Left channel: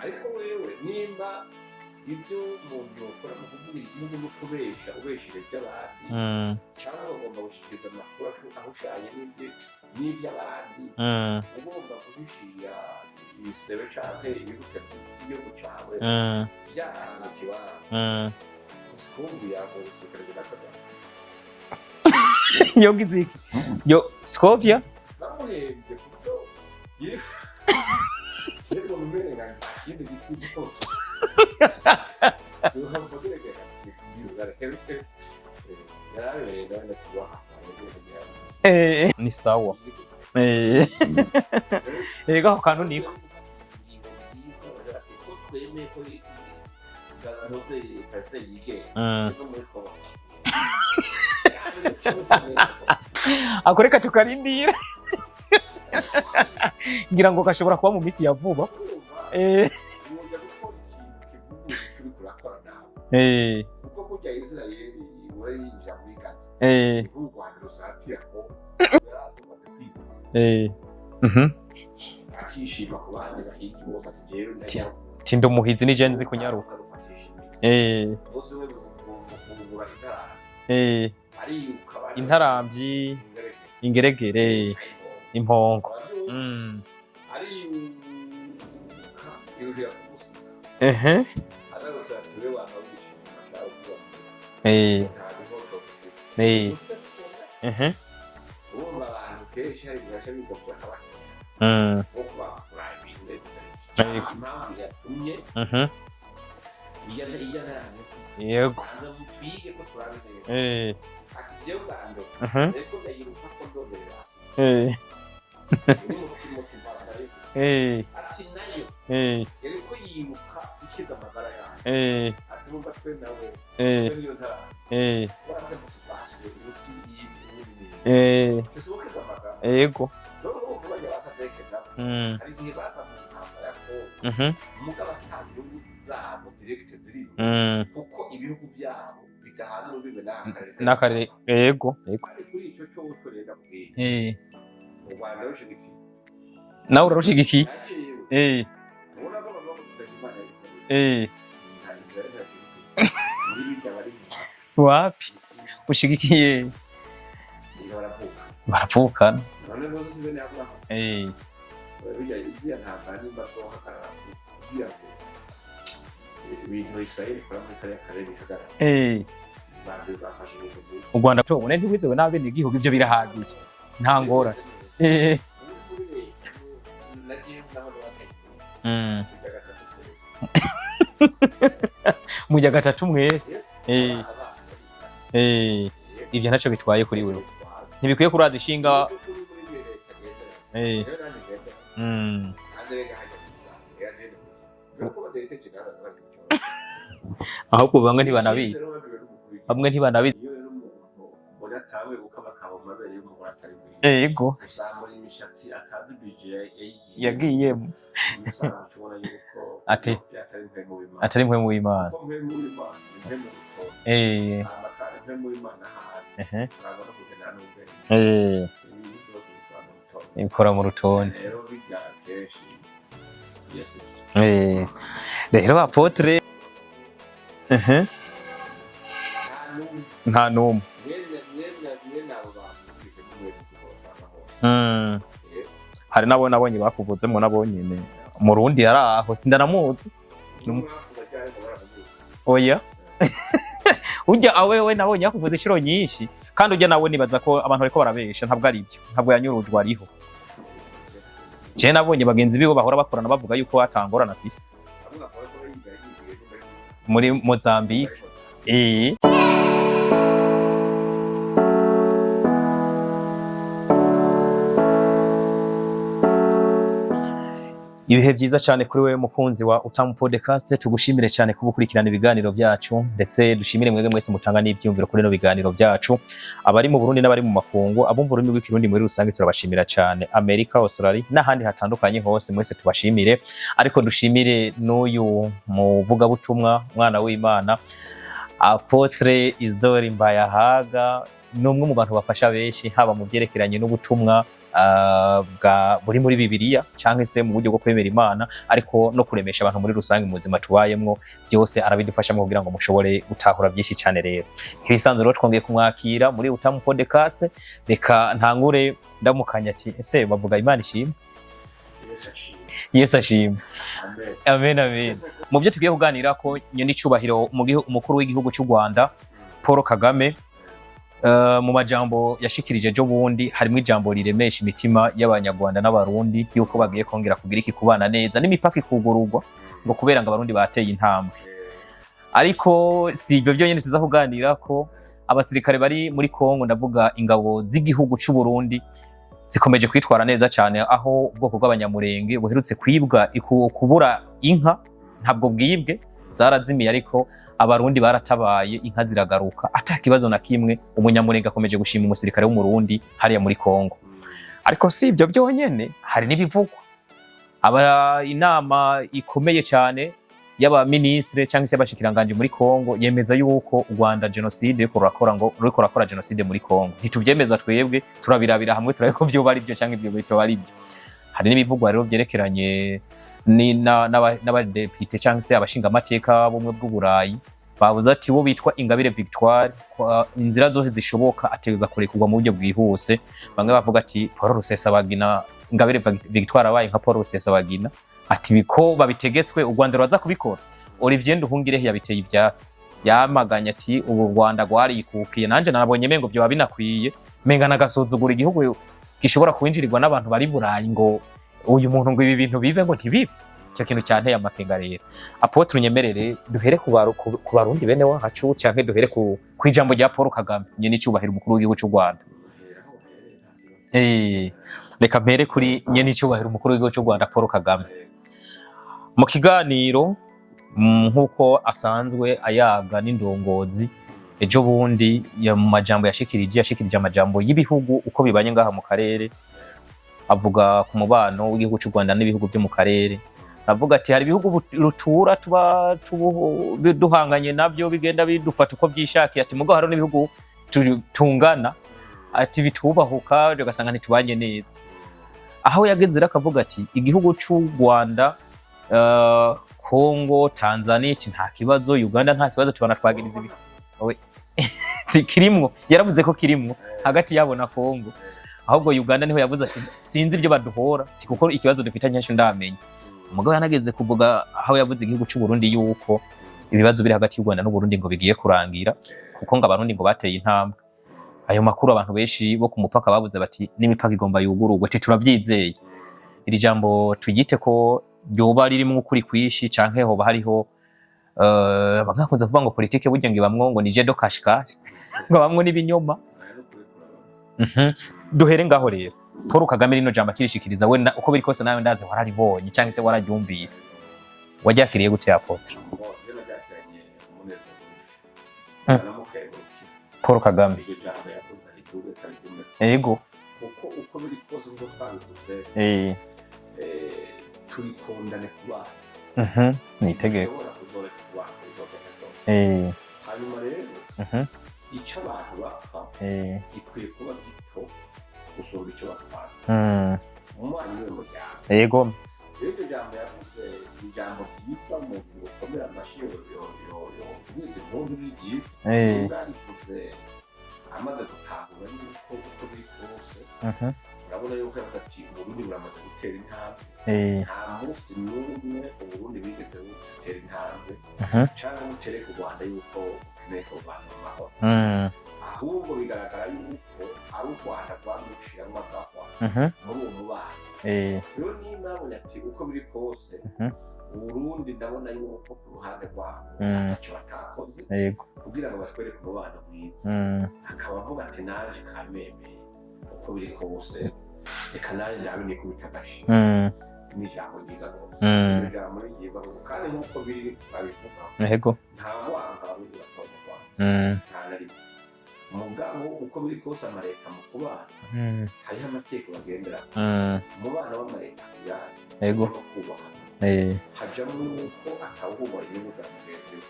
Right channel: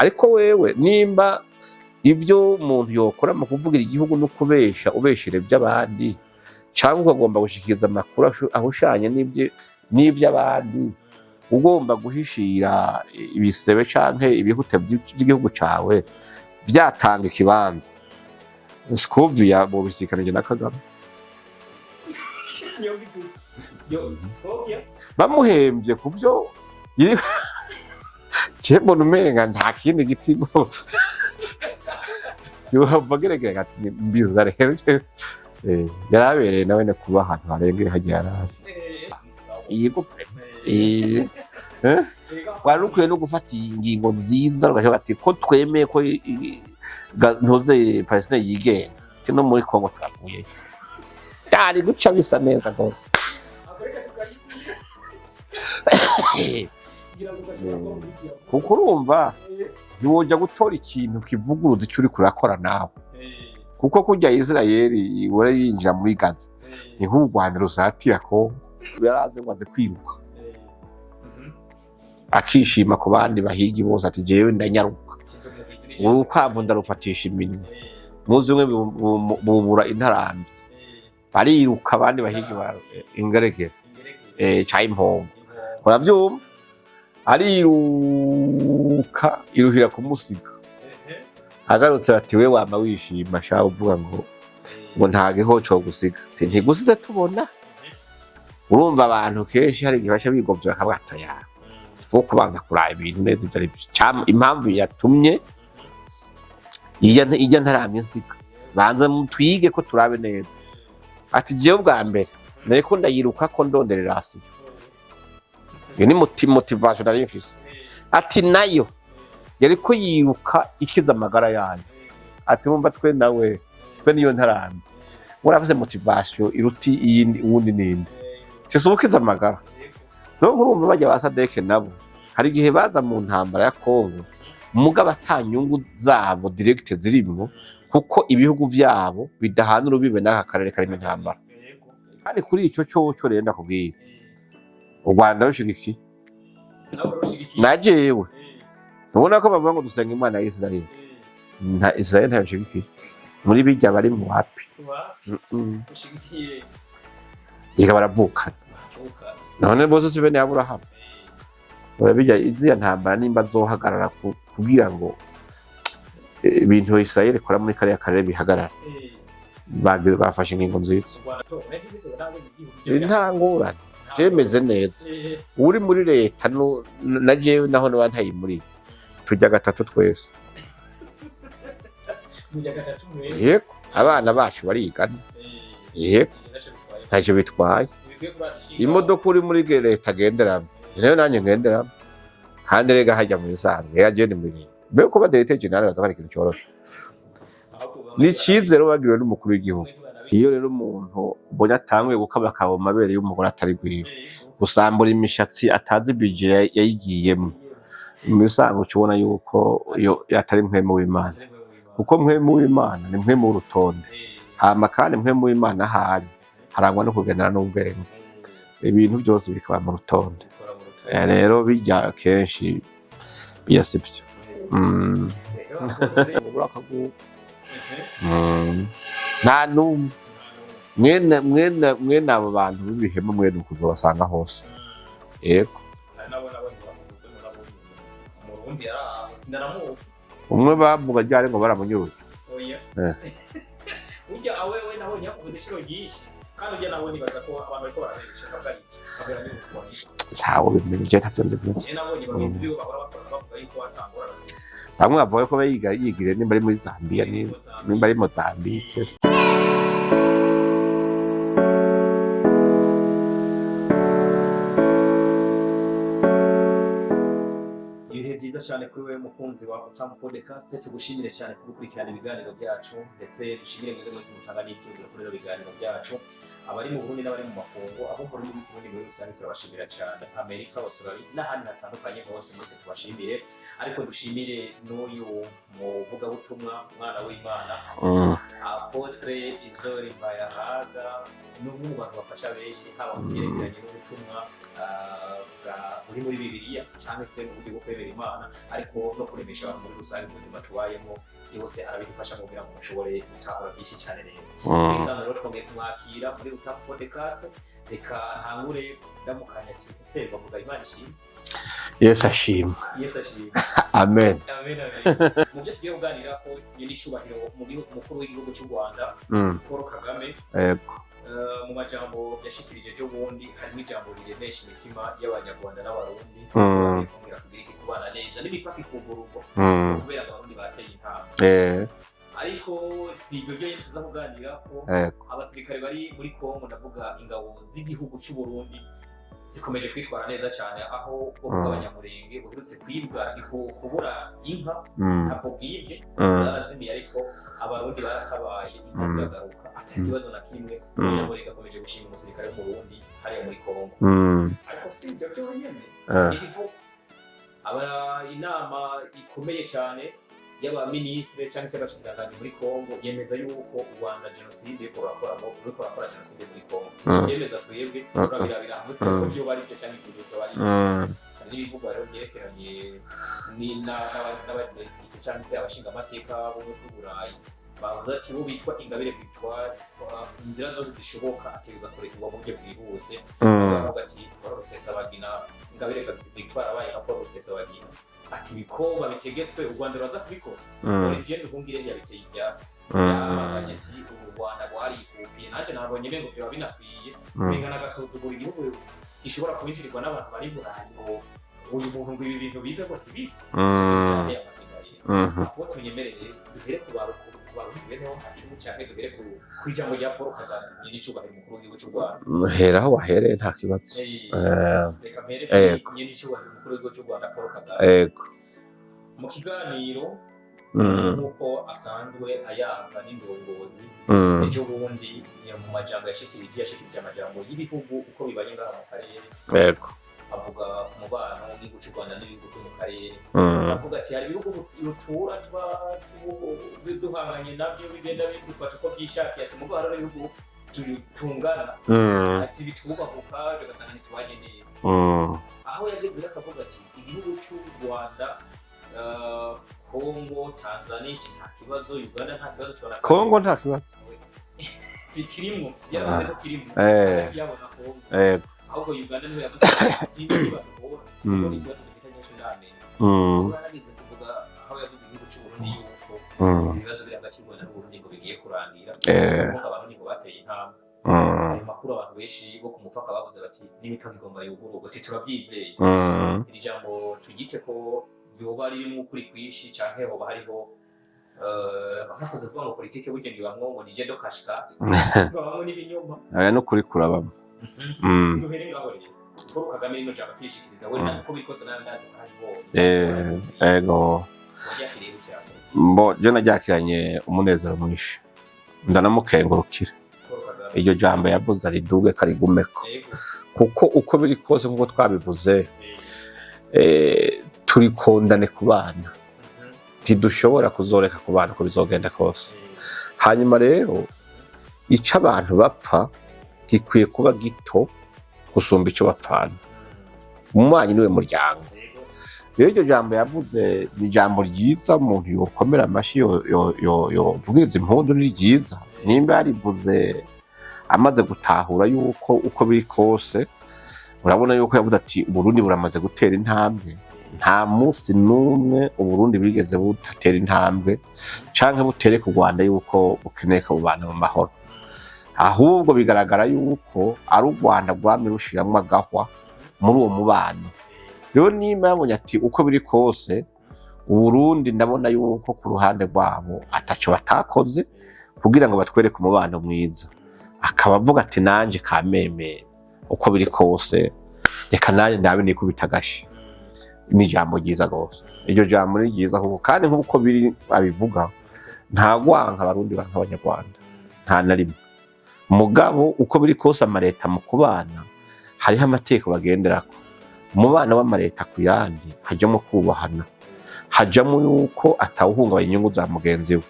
ariko wewe nimba ibyo umuntu yokora mu kuvugira igihugu no kubesha ubeshire by'abandi cyangwa ugomba gushikiriza amakuru ahushanye n'iby'abandi ugomba guhishira ibisebe canke ibihute by'igihugu cawe byatanga ikibanza Scovia bo bisikanije na Kagame yo Scovia bamuhembye kubyo Chebo numenga nta kindi gitimo yo bagerege ati mbiza rero yarabereye nawe ne kuba ahantu harengeye hajyara ni sawa yego yego kwarukuye no gufata ingingo nziza ugaje bati ko twemeye ko ntoze Palestine yige no muri Kongo twavuye cyari duca bisa neza rwose akoreka tukarindira ngira ngo kashobora kuba mu misi yavuba urumva ntiwojya gutora ikintu kivuguruza icyo uri kurakora nawe kuko kujya Israeli ibora yinjira muri Gaza niho u Rwanda rusatira ko yaraze ngo aze kwiruka akishima ku bandi bahigi bose ati jewe ndanyaruka tindo muhizi ni jenzi kuko ndarufatisha iminwe muzi umwe bubura intarambi bariruka abandi bahiga ingeregere cha impongo uravyumva ariruka iruhira kumusiga agarutse ati we wama wishima sha uvuga ngo ntage ho cyo gusiga gusiza tubona urumva abantu kenshi hari gibasha bigovye akabwatoya fo kubanza kuraba ibintu neza ibyo ari impamvu yatumye ijya ntaramye nsika banza mutwige ko turabe neza ati jewe bwa mbere nariko ndayiruka ko ndonderera hasi iyo ni motivation nari mfise ati nayo yariko yiruka ikiza amagara yayo ati mumba twe nawe twe niyo ntaramye muravuze motivation iruti iyindi uwundi ninde tisubukiza amagara yego no urumva bajya basadeke nabo hari igihe baza mu ntambara ya Kongo mugaba atanyungu zabo direct zirimo kuko ibihugu vyabo bidahana urubibe n'aka karere kari ntambara yego kandi kuri ico cyo renda kubwira u Rwanda rushigiki nawe urushigikiye najewe ubona ko bavuga ngo dusenga Imana ya Israel nta Israel nta rushigiki muri bijya bari mu wapi ushigikiye yiga baravukana none bose sibe ni Abraham urabijya iziya ntambara nimba zohagarara kugira ngo ibintu Israel ikora muri kariya karere bihagarara bafashe ingingo nziza u Rwanda tubone ntibizewe n'abene igihugu ibyo birahangura byemeze neza uri muri leta na jewe naho n'abantayi muri tujya gatatu twese mujya gatatu mwese abana bacu barigana ivyo naco bitwaye ko naco bitwaye ntibikwiye kuraza ishinga imodoka uri muri leta agenderamo nayo nanjye ngenderamo kandi rega hajya mu isange yagende muri be ko badeteje nawe bazakora ikintu cyoroshye ahubwo bamwe ntibanabizi n'ikizero bagiriwe n'umukuru w'igihugu bamwe ntibanabizi iyo rero umuntu ubonye atanguye gukaba kabo mabere y'umugore atari gwiye yego gusambura imishatsi atazi budget yayigiyemo misango cubona yuko iyo atari mpwemu w'Imana kuko mpwemu w'Imana ni mpwemu w'urutonde hama kandi mpwemu w'Imana hari harangwa no kugendana n'ubwenge ibintu byose bikaba mu rutonde ikora mu rutonde rero bijya kenshi yasibye rero apotre nta numwe mwene abo bantu b'ibihemu mwene kuzobasanga hose yego hari nabo nabonye bakuvuzemo nabonyene mu Rundi yaraho sindanamuzi umwe bavuga ryari ngo baramunyuruza oya ujya awewe nabonye yakuvuze inshuro nyinshi kandi ujya nawe nibaza ko abantu bariko barabesha ntabwo ari ibyo ntabwo yanyurujwe ariho ntawo bimenye ntabyo je nabonye bagenzi bibo bahora bakorana bavuga yuko atangorana afise bamwe bavuga ko yigire nimba ari muri Mozambique ibihe byiza cyane kuri wewe mukunzi wa Utamu Podcast tugushimire cyane kuba ukurikirana ibiganiro byacu ndetse dushimire mwege mwese mutanga n'ibyumviro kuri no biganiro byacu abari mu Burundi n'abari mu makungu abumva ururimi rw'ikirundi muri rusange turabashimira cyane Amerika Australia n'ahandi hatandukanye hose mwese tubashimire ariko dushimire n'uyu muvuga butumwa mwana w'Imana Apotre Isidore Mbayahaga numwe mu bantu bafasha benshi haba mu byerekeranye n'ubutumwa buri muri Bibiliya cyangwa se mu buryo bwo kwemera Imana, ariko no kuremesha abantu muri rusange mu buzima tubayemwo, byose arabidufashamo kugira ngo mushobore gutahura byinshi cyane. Rero twisanze rero twongeye kumwakira muri Utamu Podcast. Reka ntangure ndamukanya ati ese bavuga Imana ishimwe? Yesu ashimwe. Yesu ashimwe. Amen. Amen, amen. Mu byo tugiye kuganira ko nyene icubahiro umukuru w'igihugu cy'u Rwanda Paul Kagame, mu majambo yashikirije ejo bundi harimo ijambo riremesha imitima y'Abanyarwanda n'Abarundi yuko bagiye kongera kugira iki kubana neza n'imipaka ikugururwa mu kubera ngo Abarundi bateye intambwe. Ariko si ibyo byonyine tuza kuganira ko abasirikare bari muri Kongo, ndavuga ingabo z'igihugu cy'u Burundi, zikomeje kwitwara neza cyane, aho ubwoko bw'Abanyamurenge buherutse kwibwa kubura inka, ntabwo bwibwe, zarazimiye, ariko Abarundi baratabaye, inka ziragaruka ata kibazo na kimwe. Umunyamurenge akomeje gushima umusirikare w'umurundi hariya muri Kongo. Ariko si ibyo byonyene, hari n'ibivugwa. Inama ikomeye cyane y'abaministre cyangwa se abashikiranganje muri Kongo yemeza yuko u Rwanda genocide ruriko rakora genocide muri Kongo. Ntitubyemeza twebwe, turabirabira hamwe turabe ko byo bari byo cyangwa ibyo bito bari. Hari n'ibivugwa rero byerekeranye n'abadepite cyangwa se abashinga amateka bumwe bw'Uburayi, bavuze ati wo bitwa Ingabire Victoire, inzira zose zishoboka ateza kurekurwa mu buryo bwihuse. Bamwe bavuga ati Paul Rusesabagina, Ingabire Victoire abaye nka Paul Rusesabagina, ati biko babitegetswe u Rwanda rwaza kubikora. Olivier Nduhungirehe yabiteye ibyatsi, yamaganye ati ubu Rwanda rwarikukiye. Nanje nabonye mengo byo babinakwiye, menga nagasuzugura igihugu gishobora kwinjirirwa n'abantu bari Burayi ngo uyu muntu ngo ibi bintu bibe ngo ntibibe. Cyo kintu cyanteye amakenga rero. Apotre unyemerere duhere ku Barundi bene wacu, cyangwa duhere ku ijambo rya Paul Kagame nyene icubahiro umukuru w'igihugu cy'u Rwanda? Heraho wahereye nta kibazo. Reka mpere kuri nyene icubahiro umukuru w'igihugu cy'u Rwanda Paul Kagame. Mu kiganiro nk'uko asanzwe ayaga n'indongozi, ejo bundi mu majambo yashikirije amajambo y'ibihugu uko bibanye ngaha mu karere. Avuga ku mubano w'igihugu cy'u Rwanda n'ibihugu byo mu karere. Avuga ati hari ibihugu rutura tuba duhanganye nabyo bigenda bidufata uko byishakiye, ati mugo hari n'ibihugu tungana, ati bitubahuka ugasanga ntitubanye neza. Aho yageze akavuga ati igihugu cy'u Rwanda, Kongo, Tanzania nta kibazo, Uganda nta kibazo, tubana twagize Kongo nta kibazo kirimwo, yaravuze ko kirimwo hagati yabo na Kongo. Ahubwo Uganda niho yavuze ati sinzi ibyo baduhora, kuko ikibazo dufitanye nsho ndamenye. Ubwo yanageze kuvuga aho yavuze igihugu cy'u Burundi yuko ibibazo biri hagati y'u Rwanda n'u Burundi ngo bigiye kurangira, kuko ngo Abarundi ngo bateye intambwe. Ayo makuru abantu benshi bo ku mupaka bavuze bati n'imipaka igomba yugururwe, ati turabyizeye. Iri jambo tugite ko ryoba ririmo ukuri kwishi, canke hoba hariho bagakunze kuvuga ngo politike burya ngo ibamwo ngo ni jedo kashikashi, ngo bamwe n'ibinyoma. Aya no kuri kurabamo. Duhere ngaho rero Paul Kagame rino jambo kirishikiriza, we uko biri kose nawe ndaze wararibonye cyangwa se wararyumvise. Waryakiriye gute Apotre? Je naryakiranye umunezero mwinshi, ndanamukengurukira Paul Kagame. Iryo jambo yavuze ariduge karigumeko. Yego, kuko uko biri kose nk'uko twabivuze, turikondane ku bana. Ntidushobora kuzoreka ku bana ko bizogenda kose. Hanyuma rero icyo abantu bapfa gikwiye kuba gito gusumba icyo bapfana. Umubanyi niwe muryango. Yego. Rero iryo jambo yavuze ni ijambo ryiza, umuntu yokomera amashyi yovugiriza impundu, ni ryiza. Nimba yarivuze amaze gutahura yuko uko biri kose, urabona yuko yavuze ati Uburundi buramaze gutera intambwe. Nta munsi n'umwe Uburundi bigeze butatera intambwe canke butere ku Rwanda yuko bukeneye ko bubana mu mahoro. Ahubwo bigaragara yuko ari u Rwanda rwamye rushiramwo agahwa muri uwo mubano. Rero nimba yabonye ati uko biri kose Uburundi ndabona yuko ku ruhande rwabo ataco batakoze kugira ngo batwereke umubano mwiza, akaba avuga ati nanje kameme uko biri kose reka nanje ndabe nikubita agashi. Ni ijambo ryiza rwose. Iryo jambo ni ryiza kuko kandi nk'uko biri abivuga, nta gwanka Abarundi banka Abanyarwanda, nta na rimwe. Mugabo uko biri kose amareta mu kubana hariho amateka bagenderako. Umubano w'amareta ku yandi hajamo kubahana, hajamo yuko atawuhungabanya inyungu za mugenzi we,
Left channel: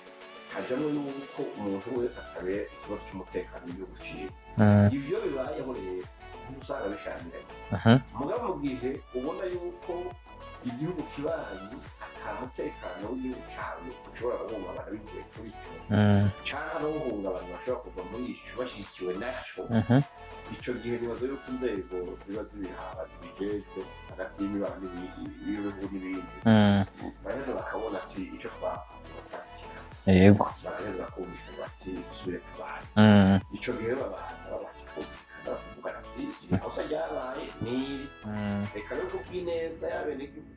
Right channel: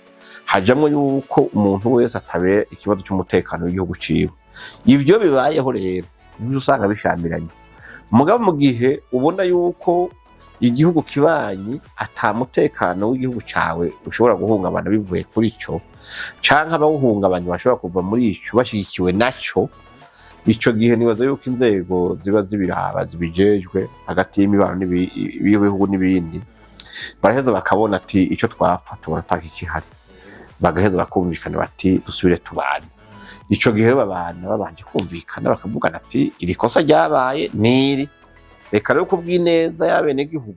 hajamo yuko umuntu wese atabe ikibazo cy'umutekano w'igihugu ciwe. Ivyo bibayeho rero nibyo usanga bishamiranye. Mugabo mu gihe ubona yuko igihugu kibanyi atamutekano w'igihugu cawe ushobora guhungabana bivuye kuri ico canke abawuhungabanya bashobora kuva muri ico bashigikiwe naco, ico gihe nibaza yuko inzego ziba zibiraba zibijejwe hagati y'imibano y'ibihugu n'ibindi baraheza bakabona ati ico twapfa tubona atakikihari, bagaheza bakumvikana bati dusubire tubane. Ico gihe babana babanje kumvikana bakavugana ati iri kosa ryabaye niri, reka rero kubw'ineza y'abenegihugu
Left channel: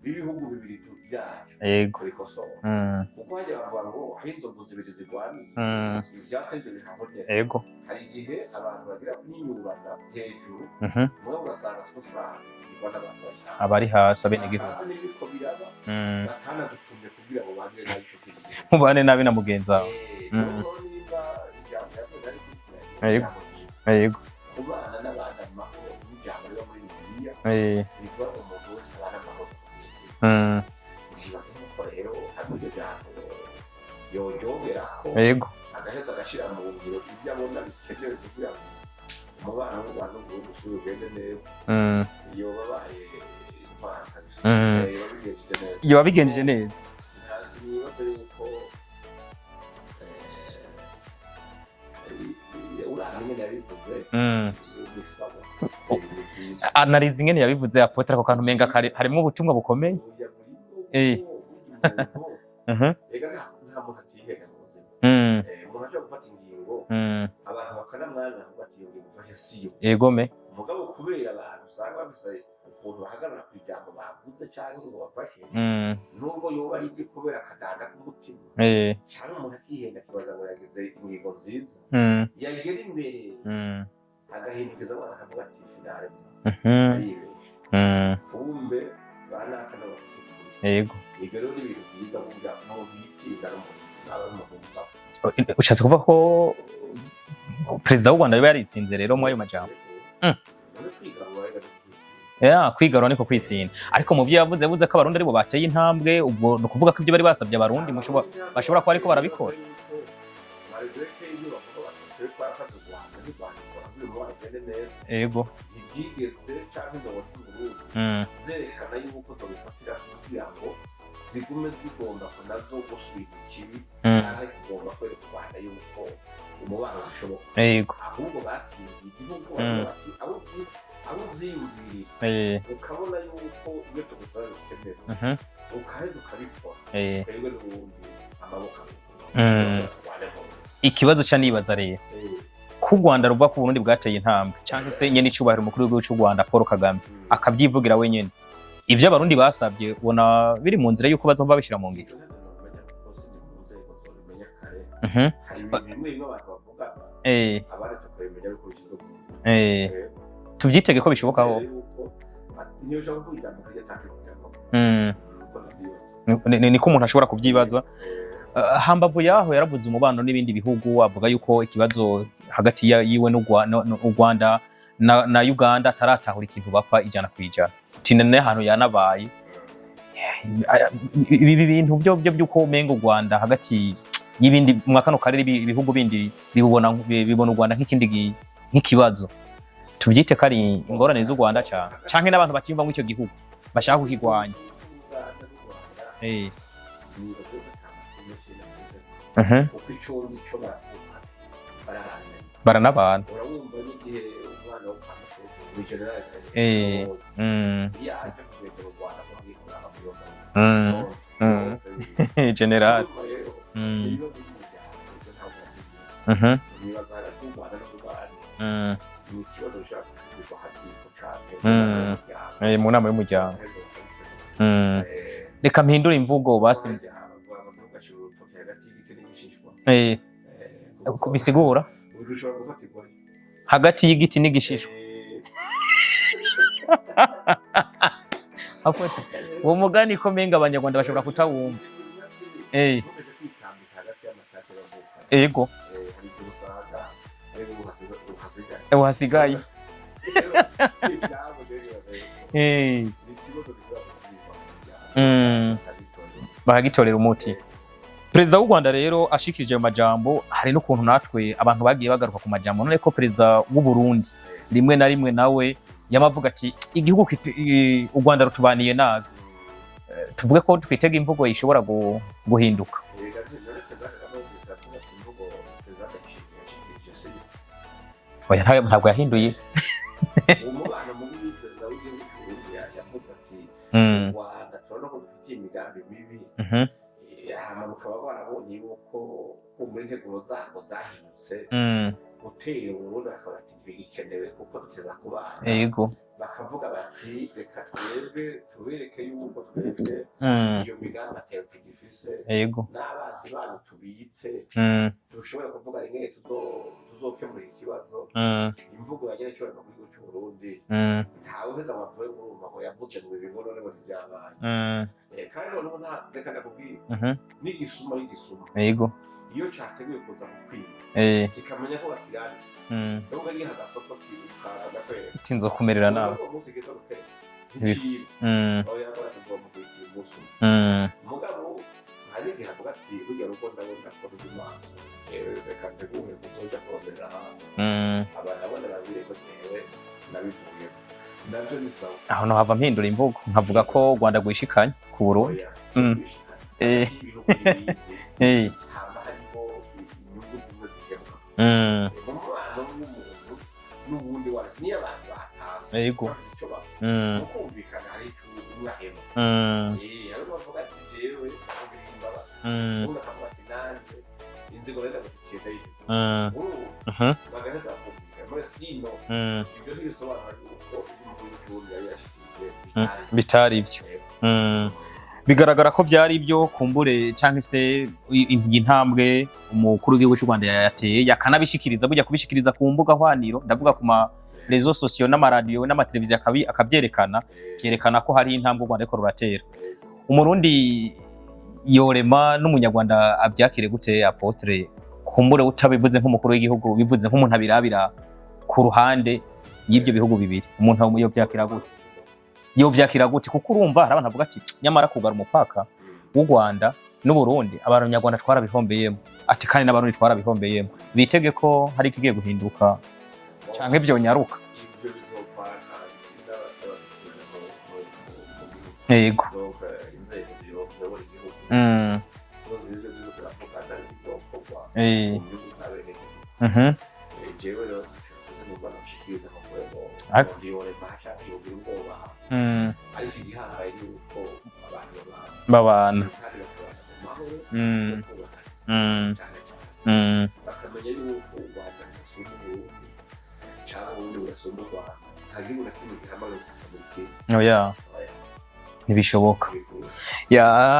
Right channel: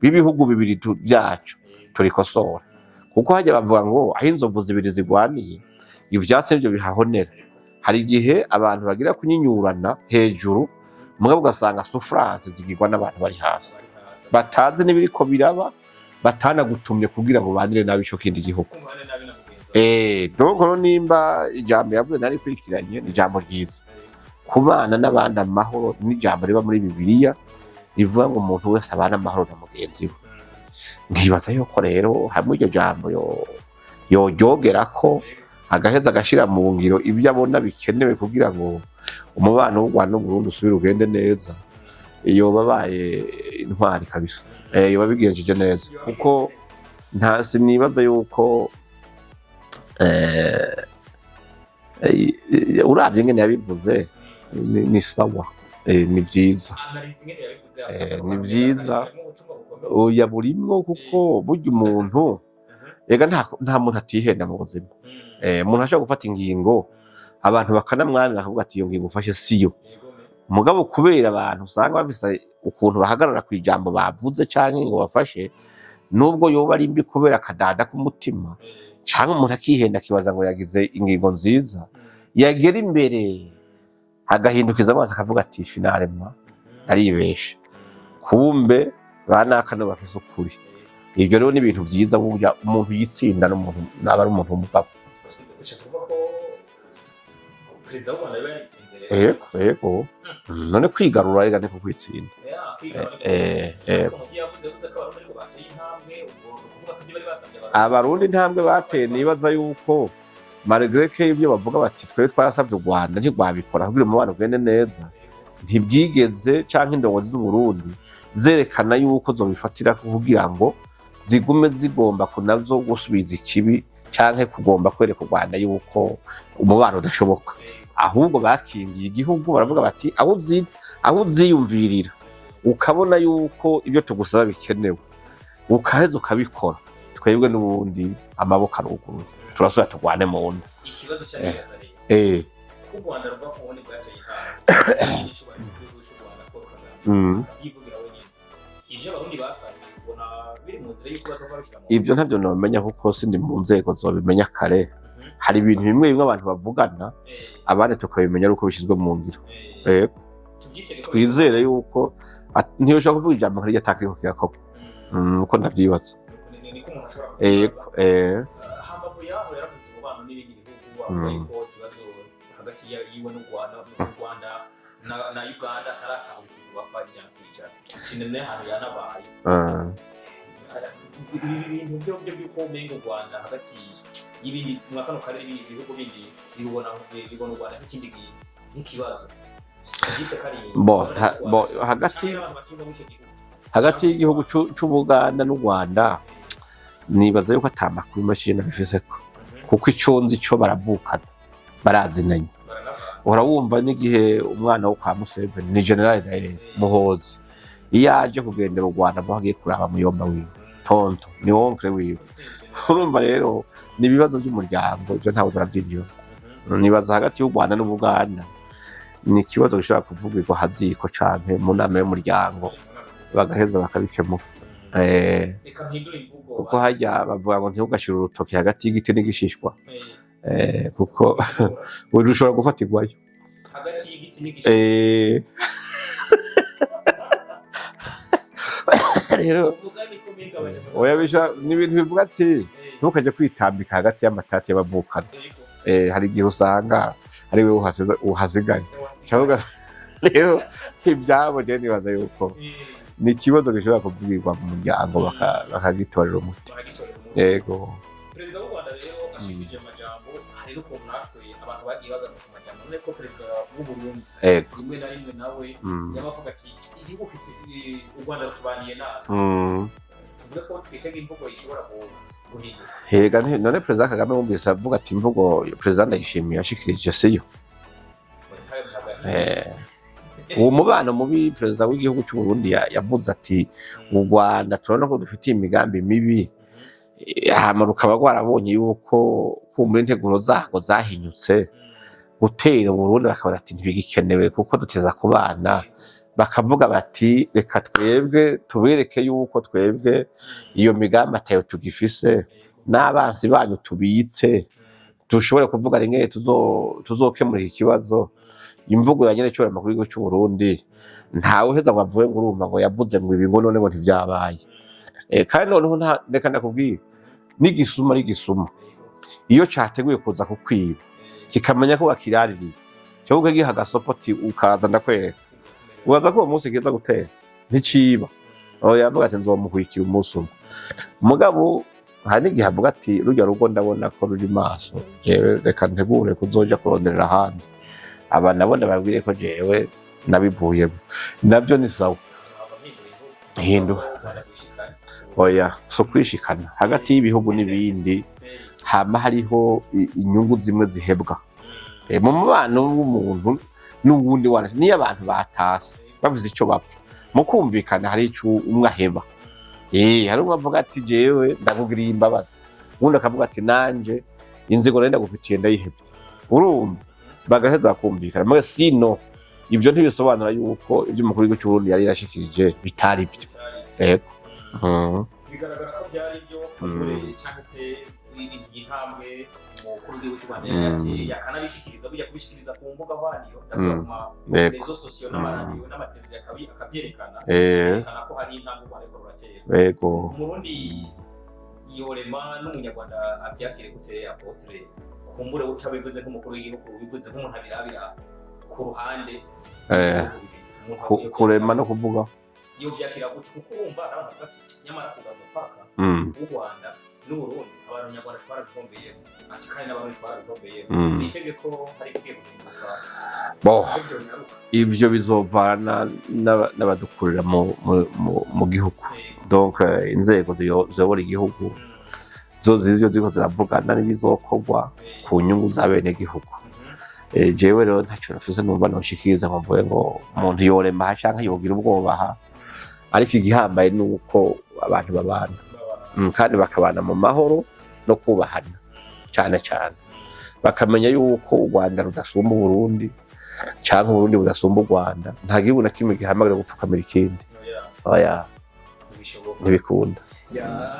b'ibihugu bibiri byacu turikosora, kuko hajya bavuga ngo aho inzovu zibiri zigwaniye ivyatsi nivyo bihahonera. Hari igihe abantu bagira kunyinyurana hejuru mugabo ugasanga souffrance zigirwa n'abantu bari hasi batazi n'ibiriko biraba, batanagutumye kugira ngo bandire nabi ico kindi gihugu, mubane nabi na mugenza. Nuko nimba ijambo yavuze nari kwikiranye ijambo ryiza, kubana n'abandi amahoro n'ijambo riba muri Bibiliya rivuga ngo umuntu wese abana amahoro na mugenzi we. Nkibaza yuko rero hamwe iryo jambo yoryogerako agaheza agashira mu ngiro ibyo abona bikenewe kugira ngo umubano w'u Rwanda n'Uburundi usubire ugende neza, iyo babaye intwari kabisa, iyo babigenjeje neza. Nta sinibaza yuko uravye ingene yabivuze ni sawa, ni vyiza. Anarize ingene yabivuze apotre ko kantu menga harimo ubutumwa bukomeye. Oya burimwo kuko burya umuntu ega nta muntu atihenda mu buzima. Umuntu ashobora gufata ingingo abantu bakanamwamira bakavuga ati iyo ngingo ufashe siyo. Mugabo kubera abantu usanga bafise ukuntu bahagarara ku ijambo bavuze canke ngo bafashe, nubwo yoba ari mbi kubera akadada k'umutima canke umuntu akihenda akibaza ngo yagize ingingo nziza, yagera imbere agahindukiza amaso akavuga ati finalema aribesha, kumbe banaka no bafise ukuri. Ibyo rero ni ibintu vyiza burya umuntu yitsinda n'umuntu naba ari umuntu w'umugabo. Ushatse kuvuga ko Perezida w'u Rwanda yaritsinze rero muri majambo. None kwigarura rega niko kwitsinda. Kwigarura niko kwitsinda. Ariko mu byo yavuze ko abarundi aribo bateye intambwe, ubwo no kuvuga ko ibyo bari basabye abarundi intambwe bateye. Nibaza yuko malgré que ibyo bavuga bati twe twarasabye u Rwanda ntigwabikora kugira umubano ugende neza, ntibwigeze canke indongozi z'u Burundi zerekana yuko zobifatira kugira ngo zigume zigomba kunazo gusubiza ikibi canke kugomba kwereka u Rwanda yuko umubano udashoboka. Ahubwo bakingiye igihugu baravuga bati aho uziyumvirira ukabona yuko ibyo tugusaba bikenewe ukaheza ukabikora, twebwe n'ubundi amaboko aruguru turasubira tugwane mu nda. Ikibazo ca nibaza rero ku Rwanda ruva ku Burundi bwateye intambwe nyene n'icubahiro umukuru w'igihugu c'u Rwanda Paul Kagame akavyivugira wenyene, ivyo abarundi basabye ubona biri mu nzira yuko bazomba bishira mu ivyo ntavyo nomenya kuko sindi mu nzego zobimenya kare. Hari ibintu bimwe abantu bavugana abandi tukabimenya uko bishizwe mu ngiro. Tuvyitege ko bishoboka, bizere yuko ntiyoshaka kuvuga ijambo nk'iryo atakiriko kirakogwa uko ndavyibaza. Niko umuntu ashobora kuvyibaza. Hambavu yaho yaravuze umubano n'ibindi bihugu, avuga yuko ikibazo hagati yiwe n'u Rwanda na Uganda ataratahura ikintu bapfa ijana kwijana, tinene ahantu yanabaye. Ibi bintu byo byuko umengo u Rwanda hagati y'ibindi mwakano karere ibihugu bindi bibona u Rwanda nk'ikindi nk'ikibazo, tubyite kari ingorane z'u Rwanda canke n'abantu batimva muri ico gihugu hagati y'igihugu c'Ubuganda n'u Rwanda. Nibaza yuko atamakuru menshi nabifiseko kuko ico nzi co baravukana, barazinanye, baranabana. Urawumva n'igihe umwana wo kwa Museveni ni General Muhoozi iyo aje kugendera u Rwanda aho agiye kuraba muyomba wiwe tonto ni onkle wiwe General. Urumva rero ni ibibazo by'umuryango, ibyo ntawe urabyinyo. Nibaza hagati y'u Rwanda n'Ubuganda ni ikibazo gishobora kuvugirwa haziko canke mu nama y'umuryango, bagaheza bakabikemura. Reka mpindura imvugo basi hajya bavuga ngo ntugashira urutoki hagati y'igiti n'igishishwa, kuko bisigura ushobora gufatirwayo hagati y'igiti n'igishishwa. Umugani ko menga abanyarwanda bashobora ni ibintu bivuga ati ntukaje kwitambika hagati y'amatati y'abavukana. Hari igihe usanga ari we uhasigaye. Rero ibyabo je nibaza yuko ni ikibazo gishobora kuvugirwa mu muryango bakagitorera umuti. Yego. Perezida w'u Rwanda rero ashikirije ayo majambo, hari n'ukuntu natwe abantu bagiye bagaruka ku majambo, none ko perezida w'u Burundi rimwe na rimwe nawe yamavuga ati igihugu u Rwanda rutubaniye nabi, tuvuge ko twitega imvugo ishobora guhinduka. None perezida Kagame wumvise avuga ati imvugo perezida Ndayishimiye yashikirije siyo? Ntabwo yahinduye. Uwo mubano mubi perezida w'igihugu cy'u Burundi yavuze ati u Rwanda turabona ko dufitiye imigambi mibi, hama rukaba rwarabonye yuko kumva integuro zago zahinyutse gutera Burundi, bakaba bati ntibigikenewe kuko duteza ku bana, bakavuga bati reka twebwe tubereke yuko twebwe iyo migambi atayo tugifise, n'abansi banyu tubitse dushobore kuvuga rimwe tuzokemura iki kibazo. Imvugo ya nyene cy'amakuru y'igihugu cy'u Burundi ntawe uheza ngo avuge ngo urumva ngo yavuze ngo ibi ngo none ngo ntivyabaye. Kandi noneho reka ndakubwira n'igisuma iyo categuye kuza kukwiba kikamenya ko bakiraririye cyo giha agasopoti ukaza ndakwereka ubaza ko uwo munsi kiza gutera nticiba yavuga ati nzomuhwikira umunsi umwe. Mugabo hari n'igihe avuga ati rujya rugo ndabona ko ruri maso, jewe reka ntegure kuzoja kuronderera ahandi, aba nabone babwire ko jewe nabivuyemo. Nabyo ni sawa, aho no hava mpindura imvugo nkavuga ko u Rwanda gwishikanye ku Burundi. Oya, so kwishikana hagati y'ibihugu n'ibindi hama hariho inyungu zimwe zihebwa mu mubano w'umuntu n'ubundi niyo abantu batase bavuze icyo bapfa mu kumvikana, hari icyo umwe aheba. Hari umwe avuga ati jewe ndakugiriye imbabazi, ubundi akavuga ati nanje inzigo nari ndagufitiye ndayihebye, urumva bagaheza bakumvikana. Mwe sino ibyo ntibisobanura yuko ibyo umukuru w'igihugu cy'u Burundi yari yarashikirije bitari ibyo. Bigaragara ko byari ibyo kumbure cyangwa se intambwe umukuru w'igihugu cy'u Rwanda yateye, yakanabishikiriza burya kubishikiriza ku mbuga hwaniro, ndavuga ku ma réseaux sociaux n'amaradiyo n'amateleviziyo akabyerekana, yerekana ko hari intambwe u Rwanda ariko ruratera. Umurundi yorema n'umunyarwanda abyakire gute Apotre, kumbure utabivuze nk'umukuru w'igihugu, bivuze nk'umuntu abirabira ku ruhande y'ibyo bihugu bibiri, umuntu kurema no kuvuga yo byakira gute? Kuko urumva hari abantu bavuga ati nyamara kugara umupaka w'u Rwanda n'u Burundi abanyarwanda twarabihombeyemo, ati kandi n'abarundi twarabihombeyemo, bitege ko hari ikigiye guhinduka nk'ibyo nyaruka. Ibyo bizovana n'abadukurira mu gihugu, donc inzego ziyobora igihugu zo ziriko ziravugana n'ibizokorwa ku nyungu za bene gihugu. Jewe rero ntacyo nafise numva noshikiriza ngo mvuge ngo umuntu yorema canke yogira ubwoba, ariko igihambaye nuko abantu babana kandi bakabana mu mahoro no kubahana cyane cyane, bakamenya yuko u Rwanda rudasumba Burundi canke Burundi budasumba u Rwanda. Nta gihugu na kimwe gihamagara gupfukamira ikindi. Oya ntibishoboka, ntibikunda.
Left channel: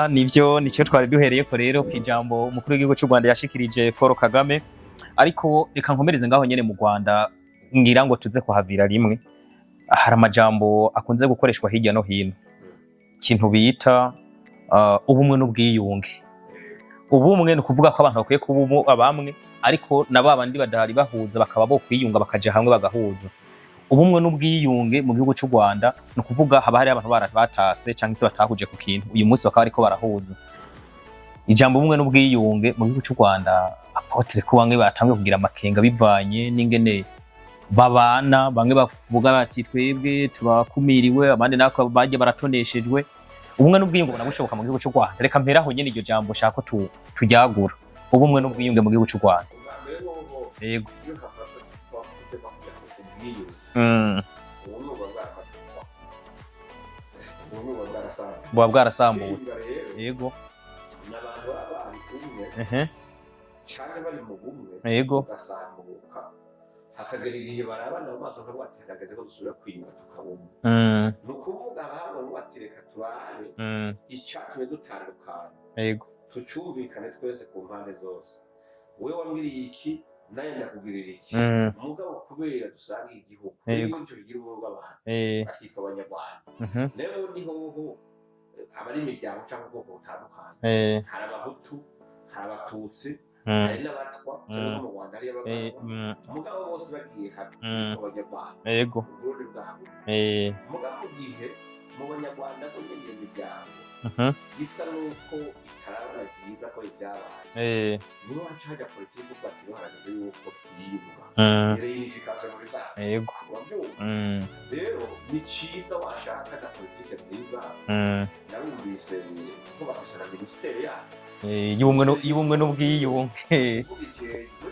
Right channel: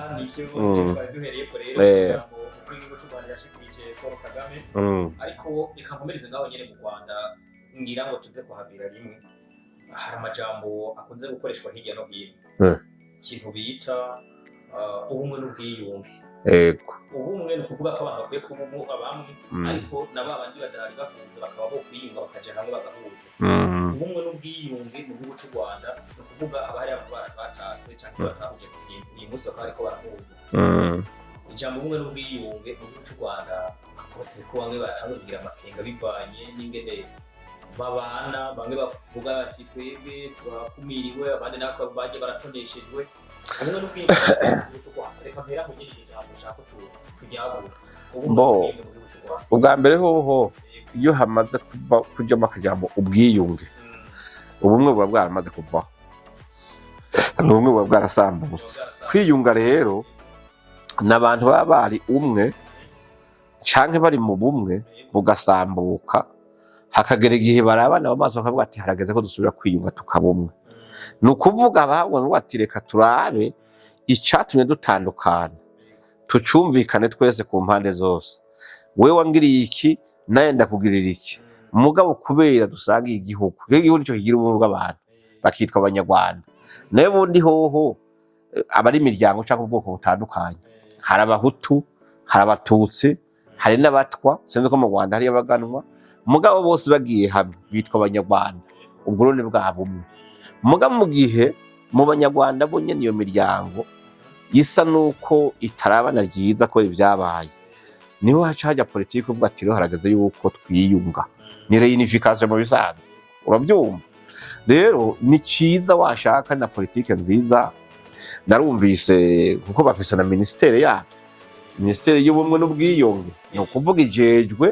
Nivyo nicyo twari duhereye ko rero ijambo umukuru w'igihugu cy'u Rwanda yashikirije Paul Kagame. Ariko reka nkomereze ngaho nyene mu Rwanda, ngira ngo tuze kuhavira rimwe. Hari amajambo akunze gukoreshwa hirya no hino, ikintu bita ubumwe n'ubwiyunge. Ubumwe ni ukuvuga ko abantu bakwiye kuba abamwe, ariko na babandi badahari bahuza bakaba bo kwiyunga bakaja hamwe bagahuza. Ubumwe n'ubwiyunge mu gihugu cy'u Rwanda ni ukuvuga haba hari abantu batase cyangwa se batahuje ku kintu, uyu munsi bakaba ariko barahuza. Ijambo ubumwe n'ubwiyunge mu gihugu cy'u Rwanda, Apotre ko bamwe batangiye kugira amakenga bivanye n'ingene babana, bamwe bavuga bati twebwe turakumiriwe, abandi nako baje baratoneshejwe. Ubumwe n'ubwiyunge bwashoboka mu gihugu cy'u Rwanda, reka mperaho nyene iryo jambo shaka tujyagura ubumwe n'ubwiyunge mu gihugu cy'u Rwanda. Ubwa mbere hoho iyo hamaze kujyamo akajambo ubwiyunge, ubumwe buba bwaramaze kuvaho, ubumwe buba bwarasambuye. Kwiyunga rero n'abantu baba bari umwe canke bari mu bumwe ugasambuka, hakagera igihe barabana mu maso bakavuga ati harageze ko dusubira kwiyunga tukabumwe. Ni ukuvuga bahabwa ngo ati reka turabe icatumye dutandukana, tucumvikane twese ku mpande zose, wewe wangiriye iki naye ndakugirira iki, mugabo kubera dusangiye igihugu, igihugu nico kigira ubumwe bw'abantu bakitwa abanyarwanda. Naye bundi hoho abari imiryango cyangwa ubwoko butandukanye, hari Abahutu, hari Abatutsi, hari n'abatwa, sinzi ko mu Rwanda hari abaganwa, mugabo bose bagiye hamwe bitwa abanyarwanda, ubwo rero ni bwa bumwe. Mugabo mu gihe mu banyarwanda bo nyene iyo miryango isa nuko itarabana ryiza ko ibyabaye niho haca hajya politiki uvuga ati rero harageze yuko twiyunga ni reunification mu bisanzwe urabyumva rero ni ciza washaka na politiki nziza narumvise kuko bafise na ministeri yabo Minisiteri y'ubumwe n'ubwiyunge ni ukuvuga ijejwe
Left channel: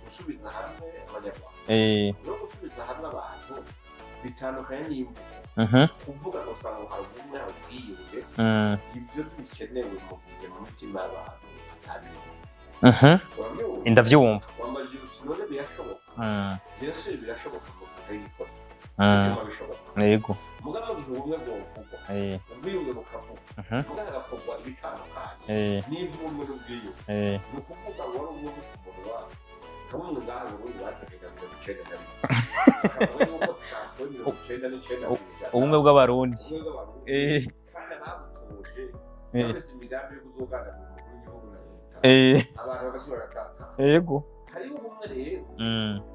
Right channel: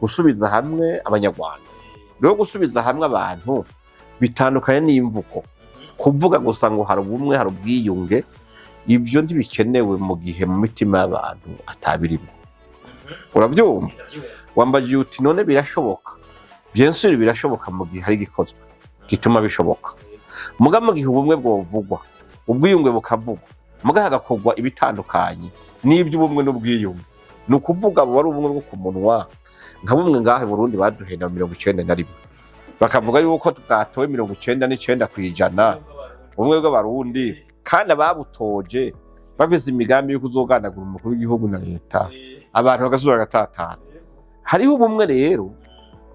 gusubiza hamwe abanyarwanda rero gusubiza hamwe abantu bitandukanye n'imvugo kuvuga gusa ngo hari ubumwe hari ubwiyunge ibyo ntibikenewe mu gihe mu mitima y'abantu atabirimo urabyumva ndavyumva wambagiye uti none birashoboka byensuri birashoboka mu gihe hari gikozwe gituma bishoboka muga mu gihe ubumwe bwovugwa ubwiyunge bukavugwa muga hagakorwa ibitandukanye n'iby'ubumwe n'ubwiyunge ni ukuvuga wari ubumwe bwo ku munwa nka bumwe ngahe Burundi baduhenda 91 bakavuga yuko tutatowe 99% ubumwe bw'abarundi kandi ababutoje bafise imigambi yo kuzoganagura umukuru w'igihugu na leta abantu bagasubira gatatana hariho ubumwe rero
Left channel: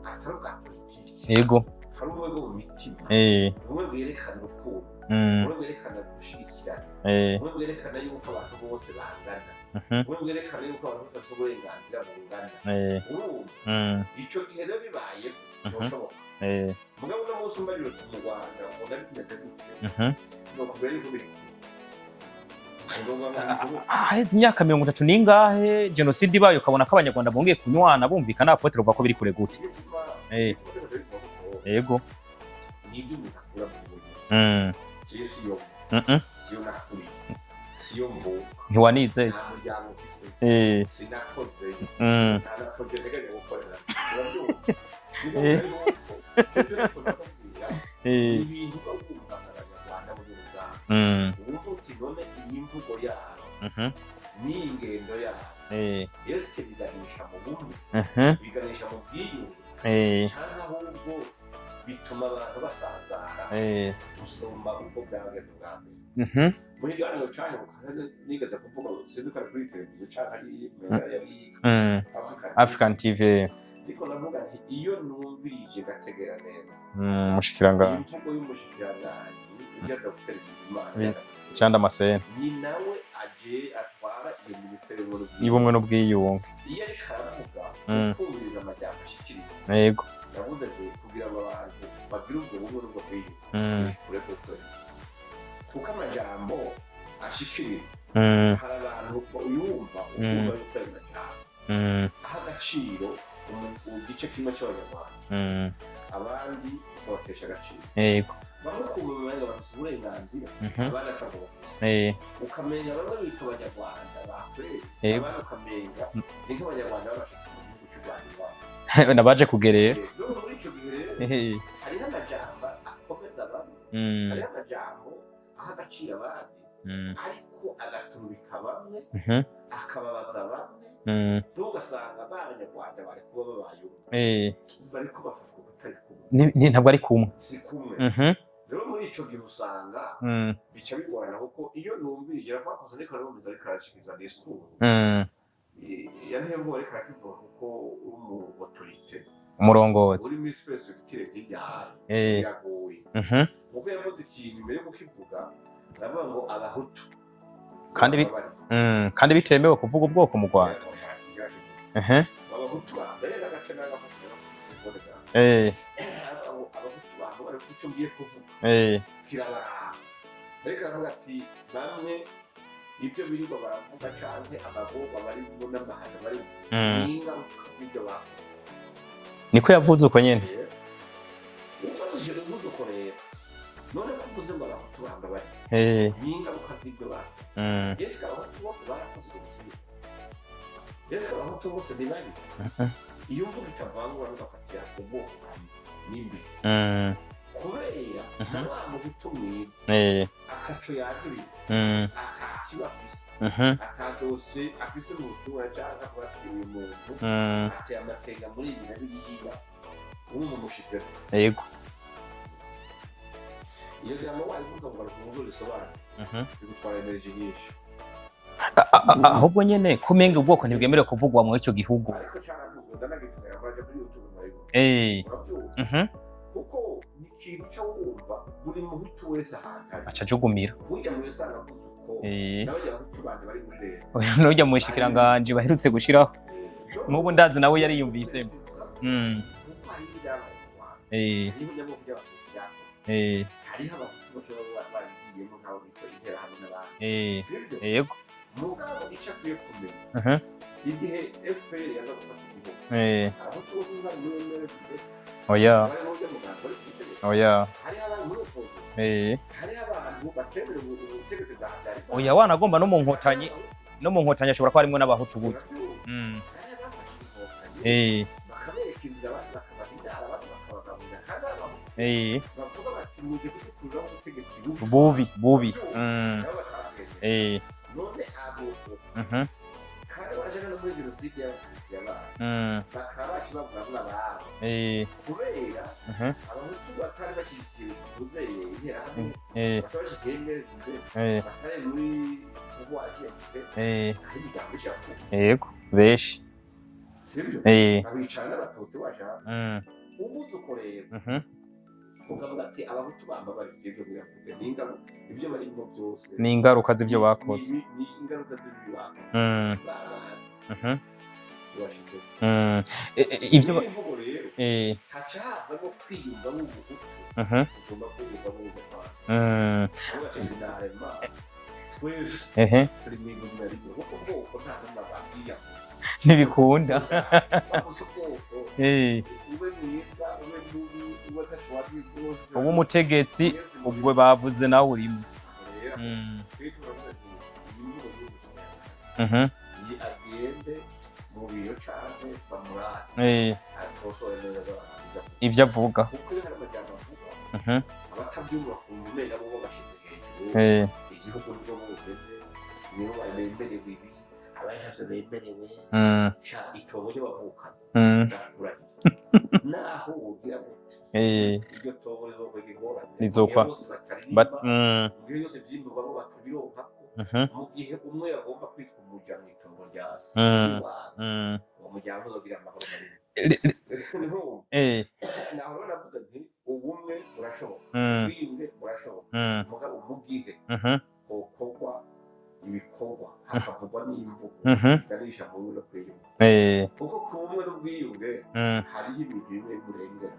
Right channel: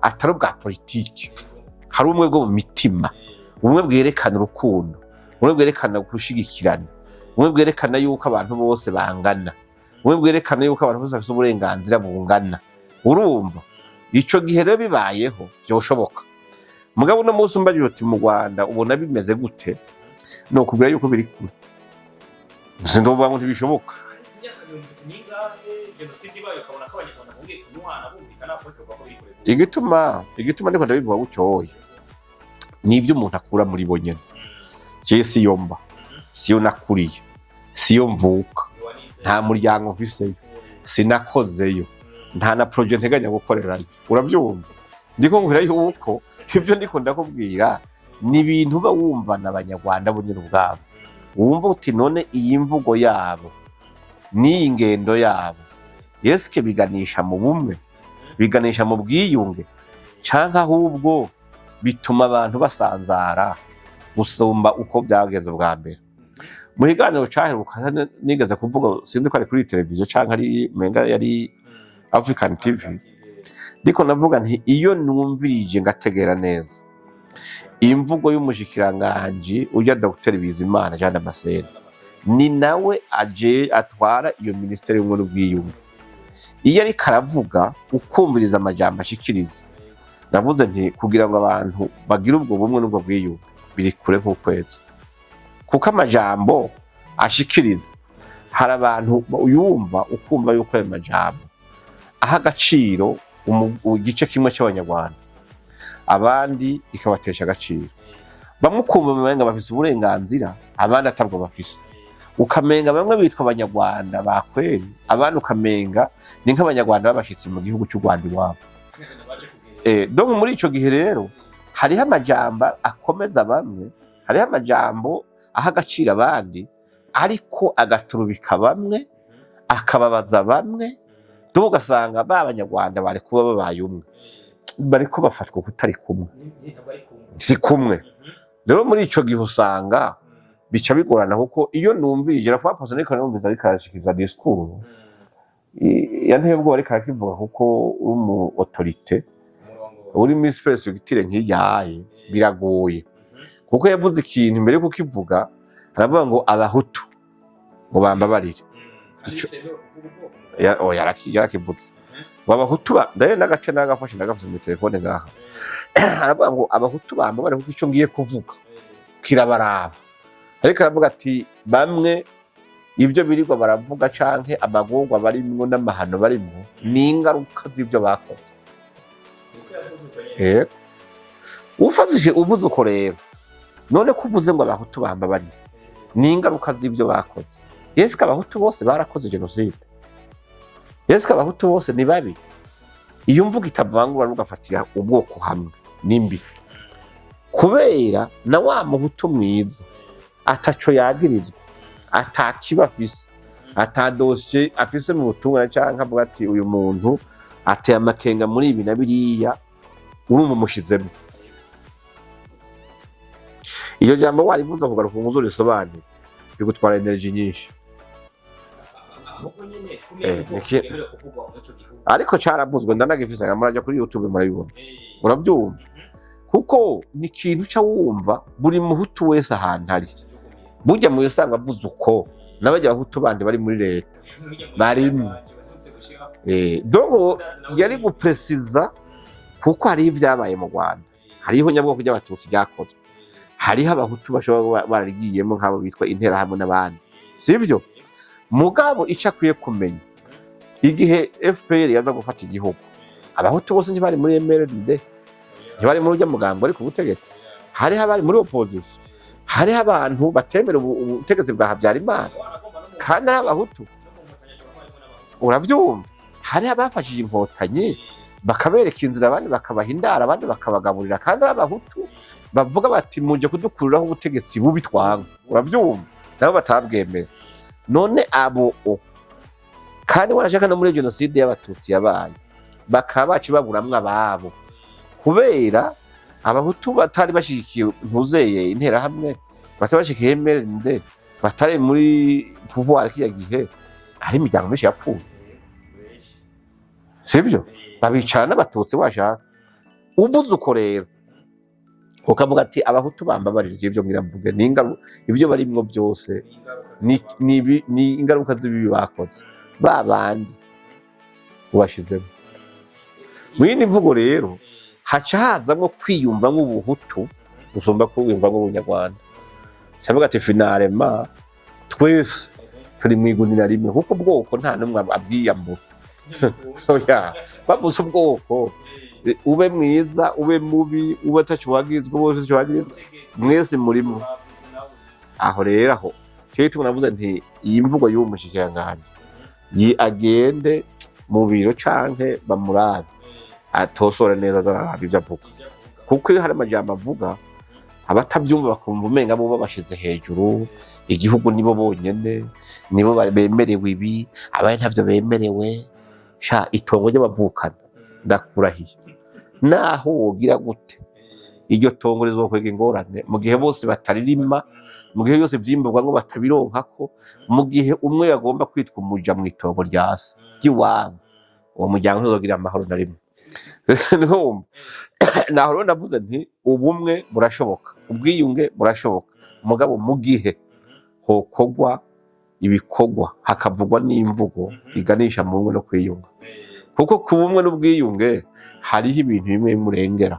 atari bwa politiki hari ubumwe bwo mu mitima ubumwe bwerekana urukundo ubumwe bwerekana gushigikirana ubumwe bwerekana yuko abantu bose bangana ubumwe bwerekana yuko abantu bose bafite uburenganzira bungana urumva ico gihe rero bibayeho byoshoboka mugabo no munsi umbajije uti mu Rwanda ubona bimeze gute no kubwira yuko biri kure sindovuga ngo ntibishoboka haheze imyaka 30 ningahe genocide ibaye ukabona ko abanyarwanda bongeye kunywana bumvikana apotre uvuga ko biri kure gute igituma ndiko ndabivuga gutyo nibyo umuntu akura muri bo nyene je siyomba siyo nakuriye siyo mvuka ntiwanize nta muryango mfise sinakozeyo nta na project nteganya gukorerayo urabyumva ndiko ngura yuko ibyo ndiko ndakubwira ni ibintu uba wumva n'abanyarwanda bo nyine ubwabo wumva uti none iyi mvugo yabo n'iyi ngendo yabo yeske biganisha mu bumwe biganisha mu bwiyunge canke ahubwo bituma abantu basanzara gusumba uko byagenze bwa mbere mu kiganiro caheruka nigeze kuvuga sinzi ko ari kuri televiziyo canke ari menga yari African TV ndiko navuga nti iyo numvirije ngategera neza imvugo y'umushikiranganji ujya Dr Bizimana Jean Damascene ni nawe aje atwara iyo ministeri y'ubumwe n'ubwiyunge iyo ari karavuga ukumviriza amajambo ashikiriza navuze nti kugira ngo abantu bagire ubwo bumwe n'ubwo bwiyunge biri kure nk'ukwezi kuko amajambo ashikiriza hari abantu yumva ukumva yuko ayo majambo aha agaciro igice kimwe cy'abanyarwanda abandi ikabatesha agaciro bamwe ukumva bamenga bafise uburenganzira abandi atabwo bafise ukamenga bamwe bitwa abanyarwanda bakweri abandi ukamenga ni nk'abanyarwanda babashitse mu gihugu cy'u Rwanda iwabo nabaje kugerera donc muri ico gihe rero hariho amajambo akomeza bamwe hariho amajambo aha agaciro abandi ariko agaturubika bamwe akababaza bamwe ugasanga b'abanyarwanda bari kuba babaye umwe bariko bafatwa kutari kumwe ntabwo ari kumwe si kumwe rero muri ico gihe usanga bica bigorana kuko iyo numvirije rafa personnel ko numvise ariko arashikiza discours yanteye ubwo ariko arakivuga kuko uri mu autorité umurongozi uri muri perspective nk'iyaye biragoye kuko yavuze ikintu mbere yo kukivuga aravuga ngo abahutu bambabarire kandi bitemewe kuvuga ubwoko mu Rwanda yarakivuze abahutu ndaye n'agace n'agafashe n'agafashe mu telefone ngaha aravuga ngo abahutu bambabarire kuko icyo ngiye kuvuga kirabaraba ariko aravuga ati bamwe ibyo birirwa baravuga canke amagorwa barimwo n'amahano barimwo ni ingaruka z'ibyo bakoze niko yavuze uko nyene ufazije uvuze uko rero none kuvuze ngo abahutu bambabarire ni ingaruka z'ibyo bakoze yeske abahutu bose barakoze genocide yeske abahutu bose ni babi iyo mvuga itavangura n'ugafatira ubwoko hamwe nimbi kubera na wa muhutu mwiza ataco yagirizwa atakiba afise atadoshe afise mu butumwa canke avuga ati uyu muntu ateye amakenga muri ibi na biriya urumva umushizemo iyo jambo warivuza kugaruka umuzo risobanura bigutwara energy nyinshi ahubwo nyene kumenga ubwoko ntigemerewe kuvugwa mu icyo gihugu ariko caravuzwe ndanagifise amaraja kuri YouTube murabibona urabyumva kuko ni ikintu uca wumva buri muhutu wese ahantu ari acajugumira burya mu usanga avuze uko n'abajya abahutu bandi bari muri leta n'ujya mu shinganje baherutse gushiraho yari gupesiza kuko hari ibyabaye mu Rwanda hariho nyabwoko by'abatutsi byakozwe hariho abahutu bashobora baragiyemo nk'abo bitwa interahamwe n'abandi sibyo mugabo icyo akwiye kumenya igihe FPR yaza gufata igihugu abahutu bose ntibari muri MRND ntibari muri urya mugambo ariko ubutegetsi hariho abari muri opposition hariho abantu batemera ubutegetsi bwa Habyarimana wanagomba no mu nkotanyi ashobora kuba harimo n'abahutu urabyumva hariho abafashije inkotanyi bakabereka inzira abandi bakabaha indara abandi bakabagaburira kandi abahutu bavuga bati muje kudukuriraho ubutegetsi bubi twabi urabyumva nabo batabwemera none abo kandi warashaka no muri genocide y'abatutsi yabaye bakaba bacibaburamwe ababo kubera abahutu batari bashikiye ntuzeye interahamwe batari bashikiye MRND batari muri pouvoir kiya gihe hari imiryango myinshi yapfuye yego benshi sibyo babicara n'abatutsi washaka uvuze uko rero ukavuga ati abahutu bambabarije ibyo mwiramvuge ibyo barimwo byose ni ingaruka z'ibyo bakoze ni ingaruka z'ibi bakoze babandi ubashizemo mwindi mvugo rero haca hazamwo kwiyumva nk'ubuhutu gusumba kwiyumva nk'ubunyarwanda cyavuga ati finalema twese turi mu igunira rimwe kuko ubwoko nta n'umwe abwiyambura ntibikunda bavuze ubwoko ube mwiza ube mubi ube atacwagizwe bose umutegetsi mwese muri bavuze nawe urimo aho rero aho cyo tunavuze nti iyi mvugo y'uwo mushikiranganje agende mu biro canke bamurabe atosora neza zararaba ivyo avuga kuko iyo hari amajambo avuga abatavyumva bakumva umenga bo babashize hejuru igihugu nibo bonyene nibo bemerewe ibi abandi ntavyo bemerewe sha itongo ryo bavukana ndakurahiye naho wogira gute iryo tongo rizokwega ingorane mu gihe bose bataririma mu gihe byose vyimburwa ngo batabironkako mu gihe umwe yagomba kwitwa umuja mu itongo rya se ry'iwabo uwo muryango ntuzogira amahoro na rimwe naho rero navuze nti ubumwe burashoboka ubwiyunge burashoboka mugabo mu gihe hokogwa ibikorwa hakavugwa n'imvugo biganisha mu bumwe no kwiyunga kuko ku bumwe n'ubwiyunge hariho ibintu bimwe bimurengera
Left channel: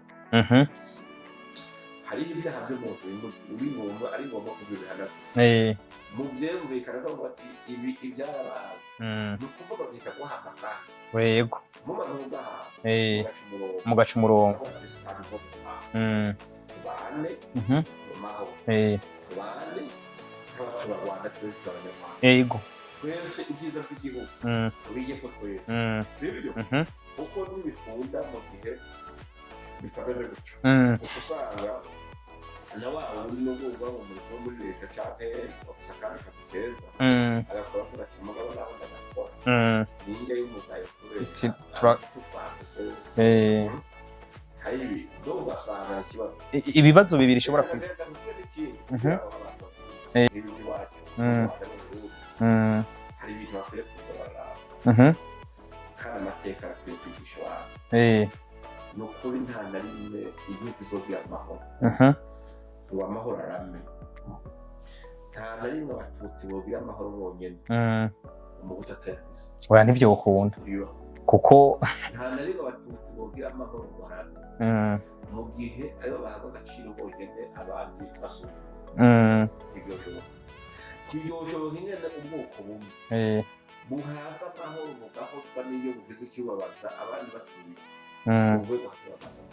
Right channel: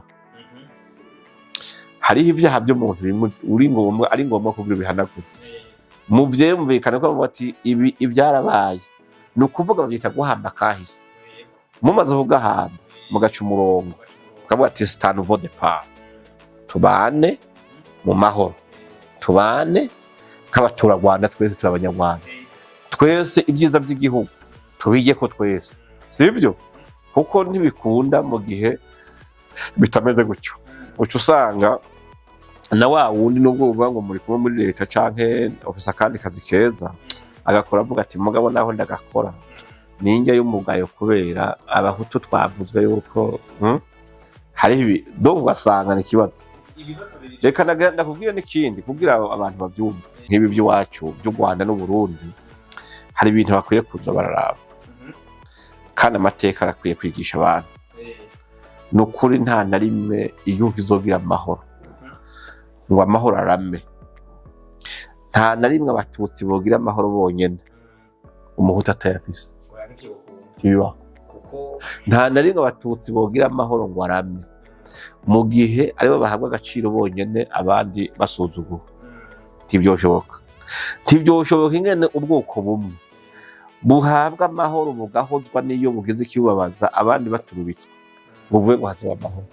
hariho ibyaha by'umuntu ari ngombwa kugira bihanagure mu vyumvikana ko bati ibi ivyarabaye ni ukuvuga bavyita guhamba kahise yego mumaze kugahamba mugaca umurongo kavuga ati stand for the power tubane mu mahoro tubane nk'abaturarwanda twese turi abanyarwanda twese ibyiza by'igihugu tubige ko twese sibyo kuko ntibikunda mu gihe bitameze gutyo uca usanga na wa wundi nubwo uvuga ngo muri kumwe muri leta canke ofisa kandi kazi keza agakora avuga ati mugabo naho ndagakora ninjya y'umugayo kubera abahutu twavuzwe yuko hari ibi do ugasanga ni ibibazo bibiri reka ndakubwira n'ikindi kugira abantu babyumve nk'ibi by'iwacu by'u Rwanda n'u Burundi hari ibintu bakwiye kuza bararaba kandi amateka arakwiye kwigisha abantu ni ukuri nta na rimwe igihugu izogira amahoro ngo amahoro arame nta na rimwe abatutsi bogira amahoro bonyene umuhutu atayafise oya nivyo ukunda biba kuko nta na rimwe abatutsi bogira amahoro ngo arame mu gihe aribo bahabwa agaciro bonyene abandi basuzugura ntibyoshoboka ingene ubwoko bumwe buhabwa amahoro bugahozwa n'iyo bugize ikibubabaza abandi baturubitswe uvuye ngo hazaba amahoro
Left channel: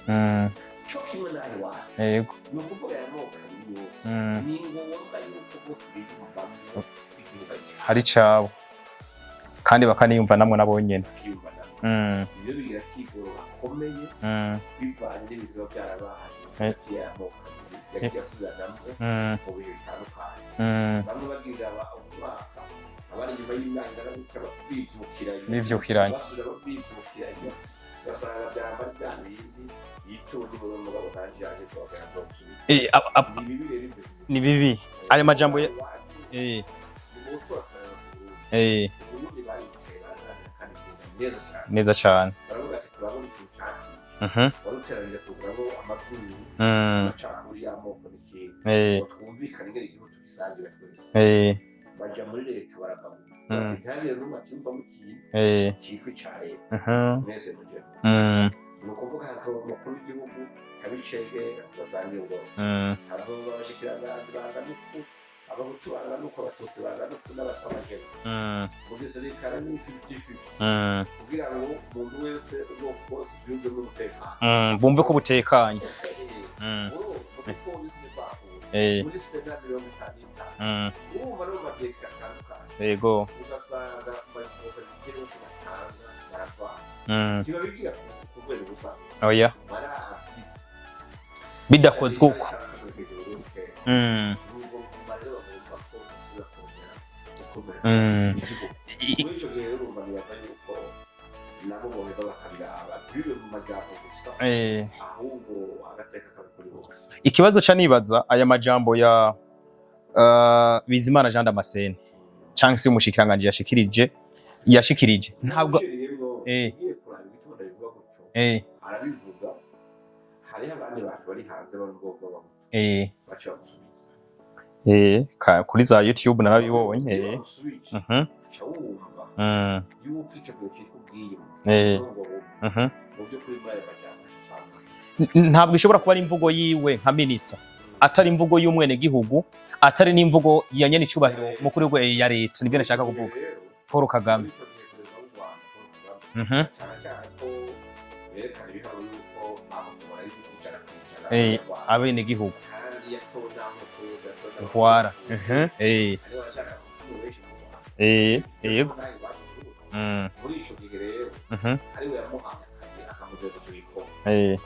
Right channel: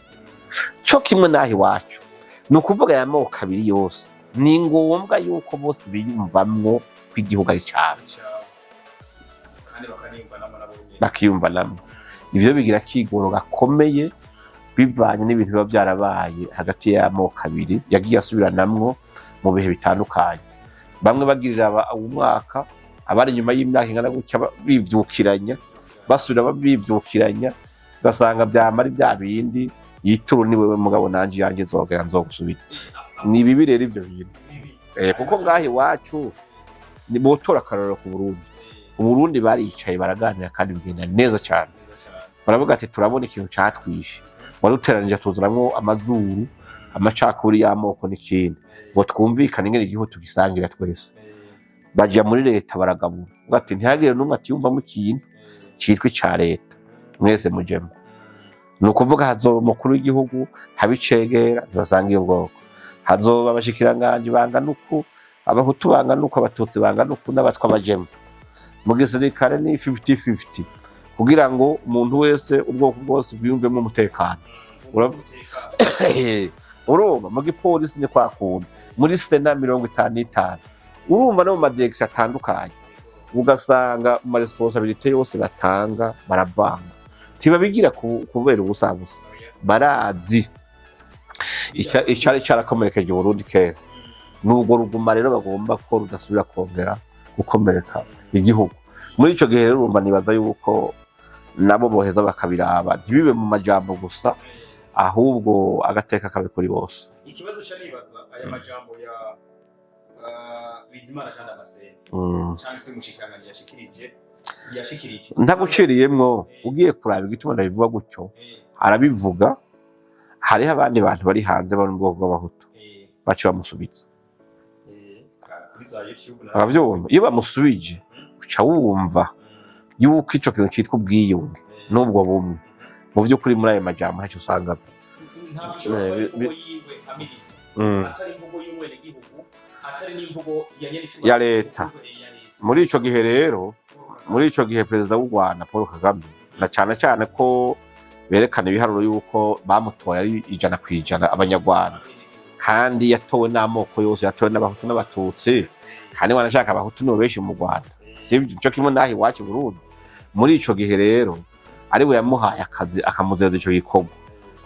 cyo kimwe naho iwacu ni ukuvuga aya moko abiri yose ni ngombwa yuko bose biyumvamwo ko igihugu ari cabo kandi bakaniyumva namwe nabonyene bakiyumva namwe ivyo bigira kigoro gakomeye bivanye n'ibintu biba byarabaye hagati y'amoko abiri yagiye asubiranamwo mu bihe bitandukanye bamwe bagirira umwaka abari nyuma y'imyaka ingana gutya bivyukiranya basubira bivyukiranya ugasanga byamara bya bindi yituru ni wewe mugabo nanje yanjye zogera nzogusubiza ni bibi rero ivyo bintu ni bibi ayo majambo iwacu ni botora akarorero ku Burundi. Uburundi baricaye baraganira kandi bigenda neza cyane. Baravuga ati turabona ikintu catwishe. Waduteranije tuzuramwo amazuru, amacakuri y'amoko n'ikindi. Ngo twumvikane ingene igihugu tugisangira twese. Baja muri leta baragabura. Bati ntihagire n'umwe atiyumvamo ikintu citwa ica leta. Mwese mujemo. Nukuvuga hazoba umukuru w'igihugu, habicegera ntibasanga iyo bwoko. Hazoba abashikiranganje bangana uku, abahutu bangana uku, abatutsi bangana uku, n'abatwa bajemo. Mu gisirikare ni 50-50 kugira ngo umuntu wese ubwoko bwose bwiyumvemo umutekano. Bumva ko butekanye. Urumva mu gipolisi ni kwakunda. Muri Sena 55. Urumva no mu madirekisi atandukanye. Yego. Ugasanga mu responsabilité yose batanga baravanga. Tibabigira kubera ubusanzwe. Oya. Barazi. Icari carakomerekeje Burundi kera. N'ubwo ruguma rero bagomba ko rudasubira kongera gukomereka igihugu. Muri ico gihe rero urumva nibaza yuko nabo boheza bakabiraba ntibibe mu majambo gusa, ahubwo agateka kabe kuri bose. Ikibazo ca nibaza aya majambo ya Bizimana Jean Damascene canke se umushikiranganje yashikirije ntaguciriyemwo ugiye kuraba igituma ndabivuga gutyo. Arabivuga hariho abandi bantu bari hanze bari mu bwoko bw'abahutu baci bamusubiza kuri za YouTube narabibonye. Iyo bamusubije uca wumva yuko ico kintu citwa ubwiyunge n'ubwo bumwe mu by'ukuri muri ayo majambo ntacyo usanga. Ntabwo ishobora kuba ari imvugo yiwe nka minister, atari imvugo y'umwene gihugu, atari n'imvugo ya nyene icubahiro mukuru we ya leta. Muri ico gihe rero Paul Kagame, muri ico gihe perezida w'u Rwanda Paul Kagame cyane ko berekana ibiharuro yuko bamutoye ari 100% abanyarwanda abene gihugu, kandi yatowe n'amoko yose, yatowe n'abahutu n'abatutsi, kandi wanashaka abahutu no benshi mu Rwanda. Sivyo cyo kimwe nahi wacu Burundi. Muri ico gihe rero ari we yamuhaye akazi akamuzeza ico gikorwa,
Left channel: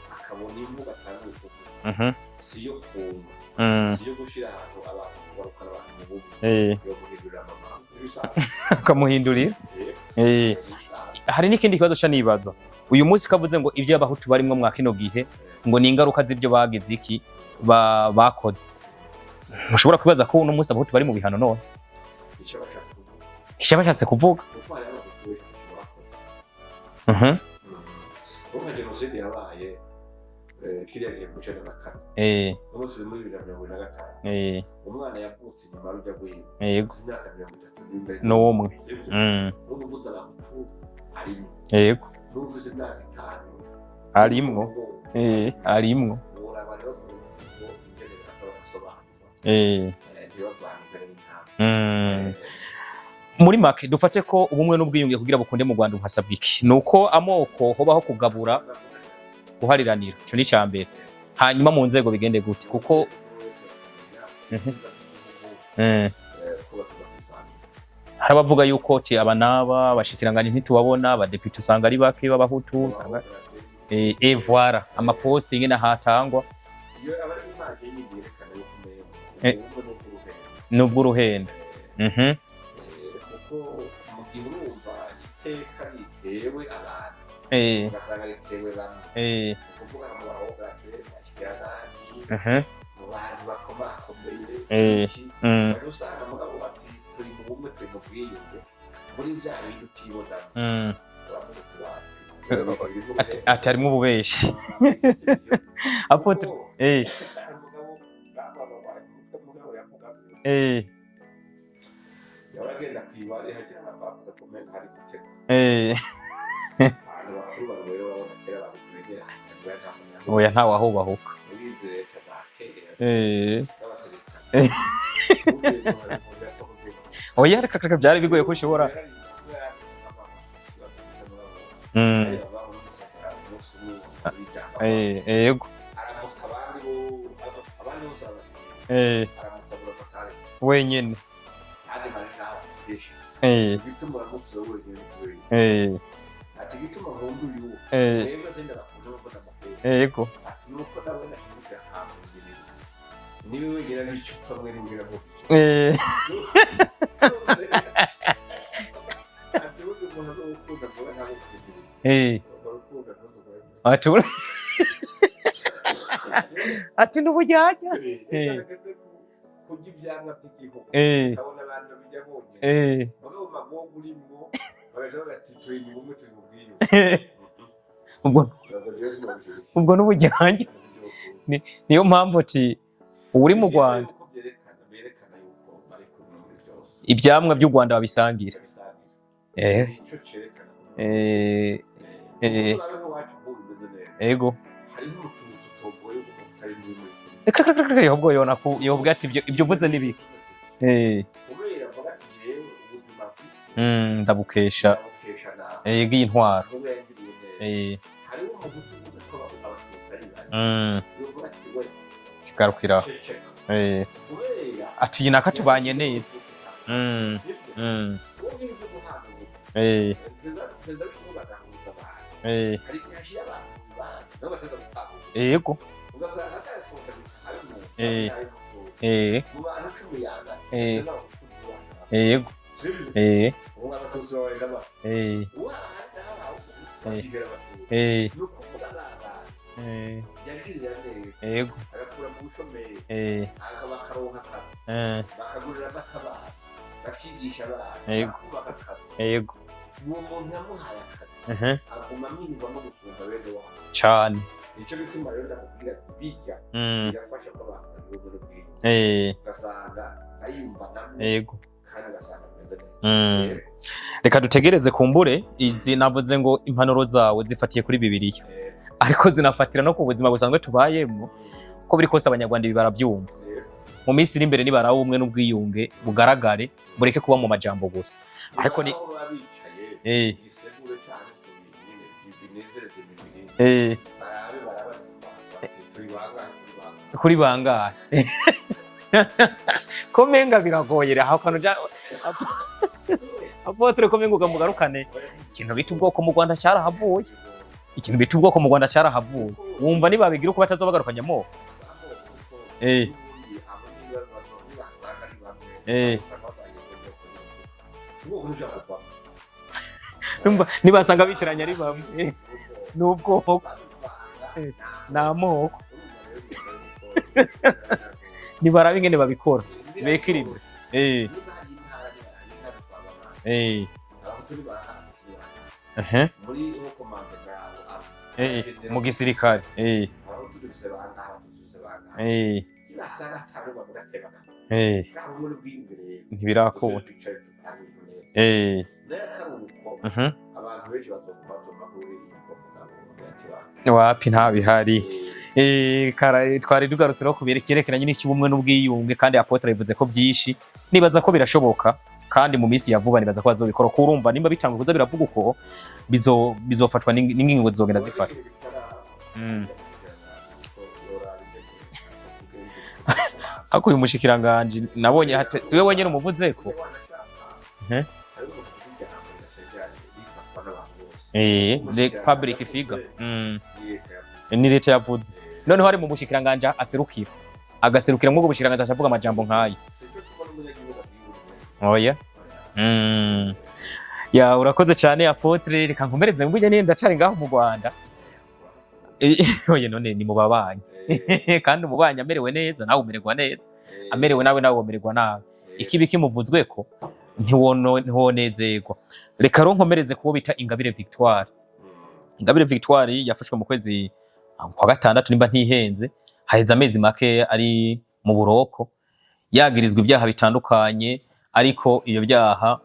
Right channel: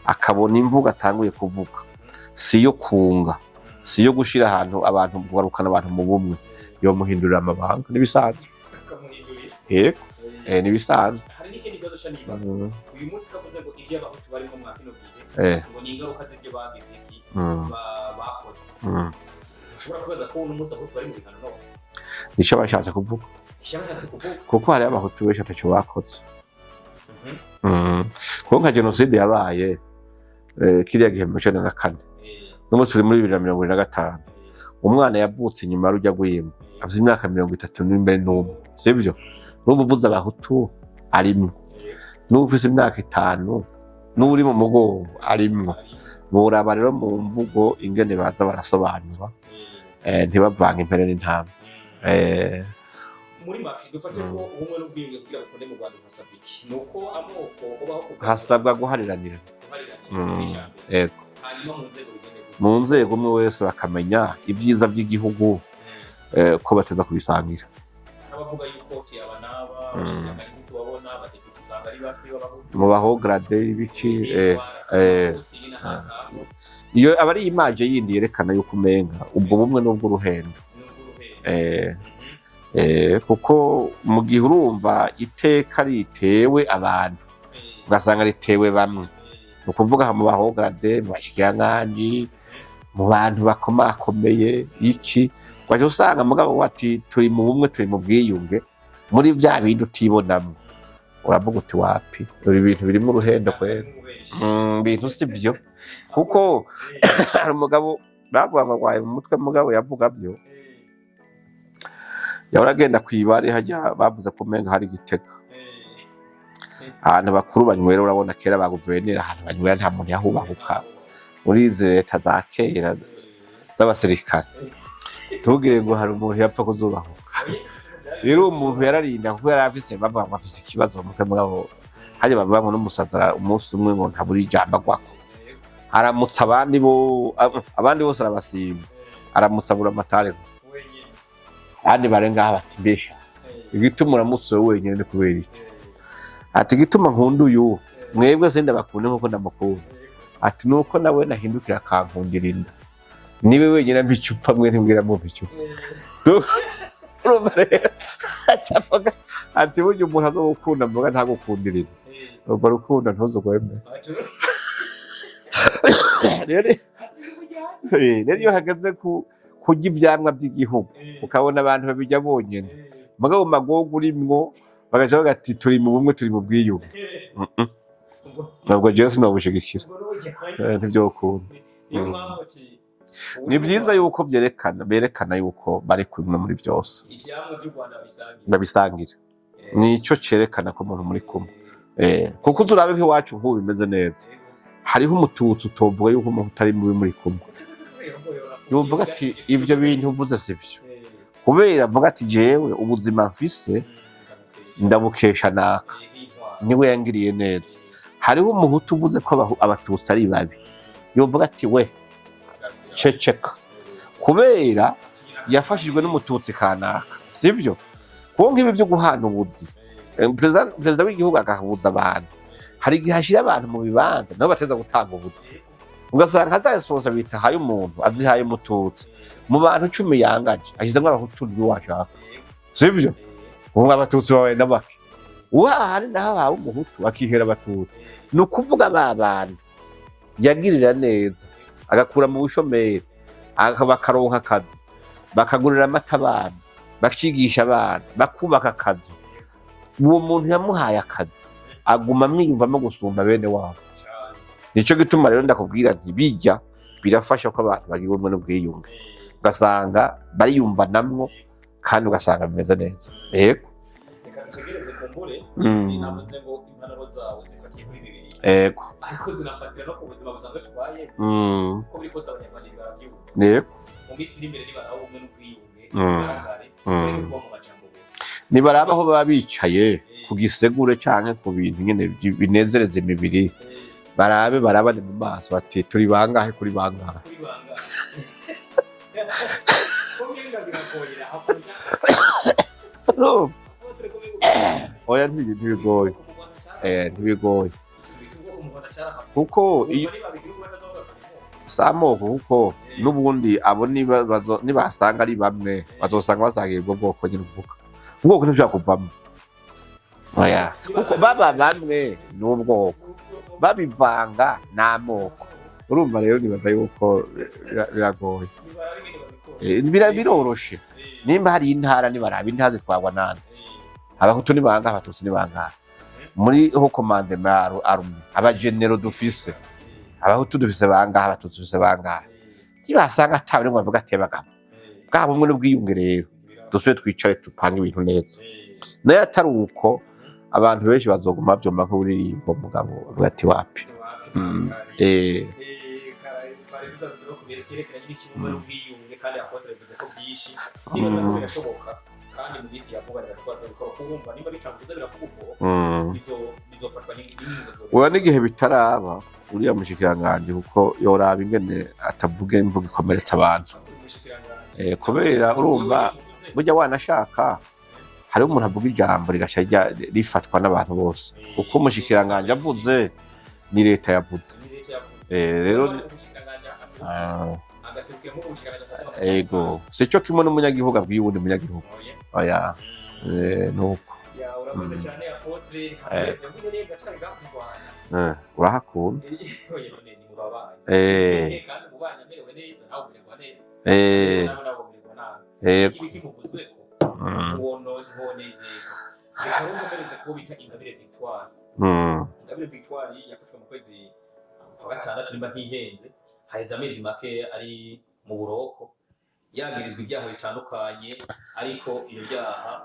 akabona imvuga atanguye kuvuga siyo kunga, siyo gushira ahantu abantu kugarukana abantu mu bumwe, yo muhindurira amabanga nibisanzwe akamuhindurira. Nibisanzwe. Hari n'ikindi kibazo ca nibaza uyu munsi kavuze ngo ibyo abahutu barimwo mwa kino gihe ngo ni ingaruka z'ibyo bagize iki bakoze. Mushobora kubaza ko uno munsi abahutu bari mu bihano none nico bashatse kuvuga. Kuko hari abahutu benshi ataco bakoze. Kuko nka genocide yabaye kiriya gihe mu 1994 n'umunsi turi muri 2025 umwana yavutse inyuma rujya gwimba afite imyaka 30 n'imbere n'umwe. Sivyo n'ubuvuza abahutu arimo, n'ufise imyaka 5 muri mu mugongo arimo. Boraba rero mu mvugo ingene baza barasobanura ntibavanga impere n'intama. Muri make dufate ko ubumwe n'ubwiyunge kugira bukunde mu Rwanda hasabwa iki? Nuko amoko hobaho kugabura, hasabwa guhariranira ni cyambere. Hanyuma mu nzego bigende gute? Mu nzego umwe wese bakamenya ibyiza by'igihugu ko bateza kubisangira. Harabavuga yuko ti abanaba abashikiranganje ntitubabona, abadepite usanga ari bake b'abahutu mu bahograde ibiki voilà amaposting n'ahatangwa. Iyo abari image yindi yerekana yuko umenga ubwo bumwe n'ubwo ruhendo. Kuko mu gihe urumva iteka ritewe abantu ugasanga ritewe bamwe, ukuvuga mu bahograde, mu bashikiranganje, mu bantu bakomakomeye iki baje usanga mugabo wati turi mu bumwe, turi mu bwiyunge, muri bya bintu utibonamo uravuga uti wapi ibi bintu birimo uruhendo atarimo ububeshi bintu sibyo. Kuko hari umugabo bavuga bagwaye mu mutwe, mugabo yavuga byo yahora kwibare hajya bavuze ko menga hari Gitega ahantu bakuru banywera. Urabona kera ba guverineri ahantu banywera nta muntu yahubahuka muri izi leta za kera z'abasirikare. Ntugire ngo hari umuntu yapfa kuzubaho. Oya reka byari bigoye kushobora yararinda kuko yari afise bava afise ikibazo mu mutwe mugabo hari bava n'umusazara umunsi umwe ngo ntaburi ijamba kwa yego aramutsa abandi bose arabasiba aramusabura amatare wenyene kandi barenga bati mbesha igituma uramutse wenyene ni kubera iki? Ati gituma nkunda uyu mwebwe senda bakunda nkuko ndamukunda. Ati nuko nawe nahindukira akankundirinda niwe wenyene mbicupa mwe ntimbwira mu bicupa. Ati burya umuntu azogukunda mvuga ntagukundirira urwo rukundo ntuzugweme. Ati n'ubujyanye rero hageze kurya ivyamwa by'igihugu ukabona abantu babijya bonyene mugabo magogo urimwo bagaca bagati turi mu bumwe turi mu bwiyunge ntabwo jewe sinobushigikira ubwo n'ubujyanye ntivyokunda niyo mpamvu ati uri mu Rwanda yuko berekana yuko bari kumwe muri byose ivyamwa by'u Rwanda babisangira nico cerekana ko umuntu muri kumwe kuko turabe nk'iwacu nk'ubu bimeze neza hariho umututsi utovuga yuko umuntu utari muri kumwe ahubwo yona yovuga ati ibyo uvuze sivyo kubera avuga ati jewe ubuzima mfise ndabukesha na intwaro niwe yangiriye neza hariho umuhutu uvuze ko abatutsi ari babi yovuga ati we ceceka kubera yafashijwe n'umututsi kana sivyo kuko nk'ibi byo guhana ubuzi perezida w'igihugu agahuza abantu hari igihe hashira abantu mu bibanza nabo bateza gutanga ubuzi ugasanga za responsabilité haye umuntu azihaye umututsi mu bantu 10 yangaje ashizemo abahutu biwashaka sivyo ubu abatutsi bawe n'abake uhari naho hawe umuhutu akihera abatutsi no kuvuga abantu yagirira neza agakura mu bushomeri bakaronka akazi bakagurira amata abana bakigisha abana bakubaka akazi uwo muntu yamuhaye akazi aguma amwiyumvamo gusumba bene wabo cyane nico gituma rero ndakubwira nti bijya birafasha ko abantu bagira ubumwe n'ubwiyunge ugasanga bariyumva namwe kandi ugasanga bimeze neza reka dutegereze kumbure izi navuze ngo impanuro zawe zifatiye kuri Bibiliya ariko zinafatira no ku buzima busanzwe tubayemo ko biri kose abanyarwanda ibi barabyumva mu minsi iri imbere nibaraho ubumwe n'ubwiyunge bugaragare bureke kuba mu majambo gusa nibaraho aho baba bicaye ku gisegure canke ku bintu nyene binezereza imibiri barabane mu maso bati turi bangahe kuri bangahe komenga biragoyera hakono Apotre komenga ugamugarukane ikintu bita ubwoko mu Rwanda cyarahavuye ikintu bita ubwoko mu Rwanda cyarahavuye umva nibabigira uko batazobagarukanyamo samoko kuko n'ubundi abo nibasanga ari bamwe bazosanga basangiye ubwo bwoko nyine uvuga ubwoko ntibyakuvamo nibasanga bamwe n'ubwoko babivanga n'amoko urumva rero nibaza yuko biragoye nibarabe ingene babikora biroroshe nimba hari intara nibaraba intara zitwagwa nande abahutu nibanga abatutsi nibanga muri ho commandement army abagenero gisirikare abahutu dufise banga abatutsi dufise banga kibasanga atabire ngo bavuga atebagamo bwabo umwe n'ubwiyunge rero dusubire twicare tupanga ibintu neza nayo atari uko abantu benshi bazoguma bavyumva nk'uririmbo mugabo ati wapi nta bihari twari tugarutse no kubyerekeranye n'ikibumwe n'ubwiyunge kandi Apotre yavuze ko byinshi nibaza ko birashoboka kandi mu minsi ya vuba nibaza ko bazobikora kurumva nimba bitanga kuza biravuga uko bizofatwa n'ingingo zizogenda uba n'igihe bitaraba uriya mushikiranganje kuko yoraba ingene atavuga imvugo ikomeretsa abantu ako uyu mushikiranganje nawe siwe wenyine umuvuze burya wanashaka hari umuntu avuga ijambo rigasha rifatwa n'abantu bose uko mushikiranganje yavuze ni leta yavuze none bari mu mushikiranganje aserukira agaserukira mu gushikiranganje avuga amajambo nkayo sico kimwe n'umunyagihugu abwiyundi munyagihugu oya ya urakoze cyane Apotre reka nkomereze mbuje nenda ndacari ngaho mu Rwanda urahakunda oye none ni mu babanyi kandi umubanyi amerewe neza nawe umererwa neza amerewe nawe umererwa nawe ikibi kimuvuzwe ko ntiwonezerwa reka ro nkomereze kubo bita Ingabire Victoire Ingabire Victoire yafashwe mu kwezi kwa 6 nimba ntihenze haheze amezi make ari mu buroko yagirizwa ibyaha bitandukanye ariko iyo byaha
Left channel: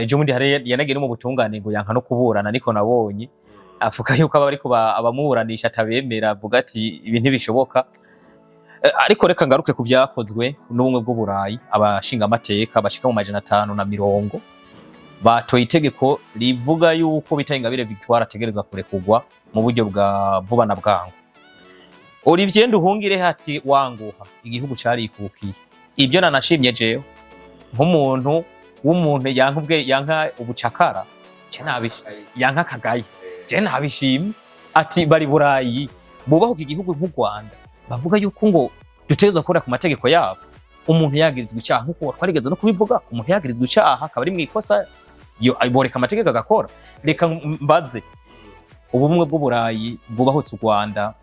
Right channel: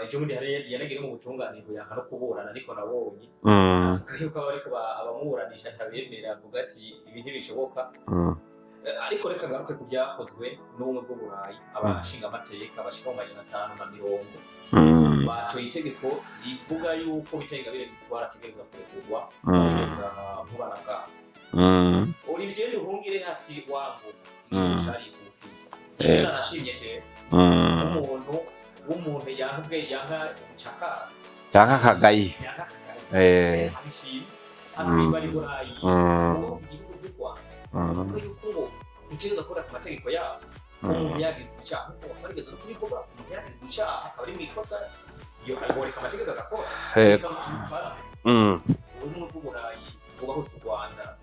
ejo mundi yanagera mu butungane ngo yanka no kuburana niko nabonye avuga yuko aba ariko abamuburanisha atabemera avuga ati ibi ntibishoboka ariko reka ngaruke ku byakozwe n'ubumwe bw'Uburayi abashinga amateka bashika mu 550 batoye itegeko rivuga yuko bita Ingabire Victoire ategerezwa kurekugwa mu buryo bwa vuba na bwangu Olivier Nduhungire hati wanguha igihugu carikukiye ibyo nanashimye jewe nk'umuntu w'umuntu yanka ubucakara yanka kagayi je nabishimye ati bari Burayi bubaho igihugu nk'u Rwanda bavuga yuko ngo dutegerezwa gukora ku mategeko yabo umuntu yagirizwa icyaha nkuko twarigeze no kubivuga umuntu yagirizwa icyaha akaba ari mu ikosa boreka amategeko agakora. Reka mbaze ubumwe bw'Uburayi bwubahutse u Rwanda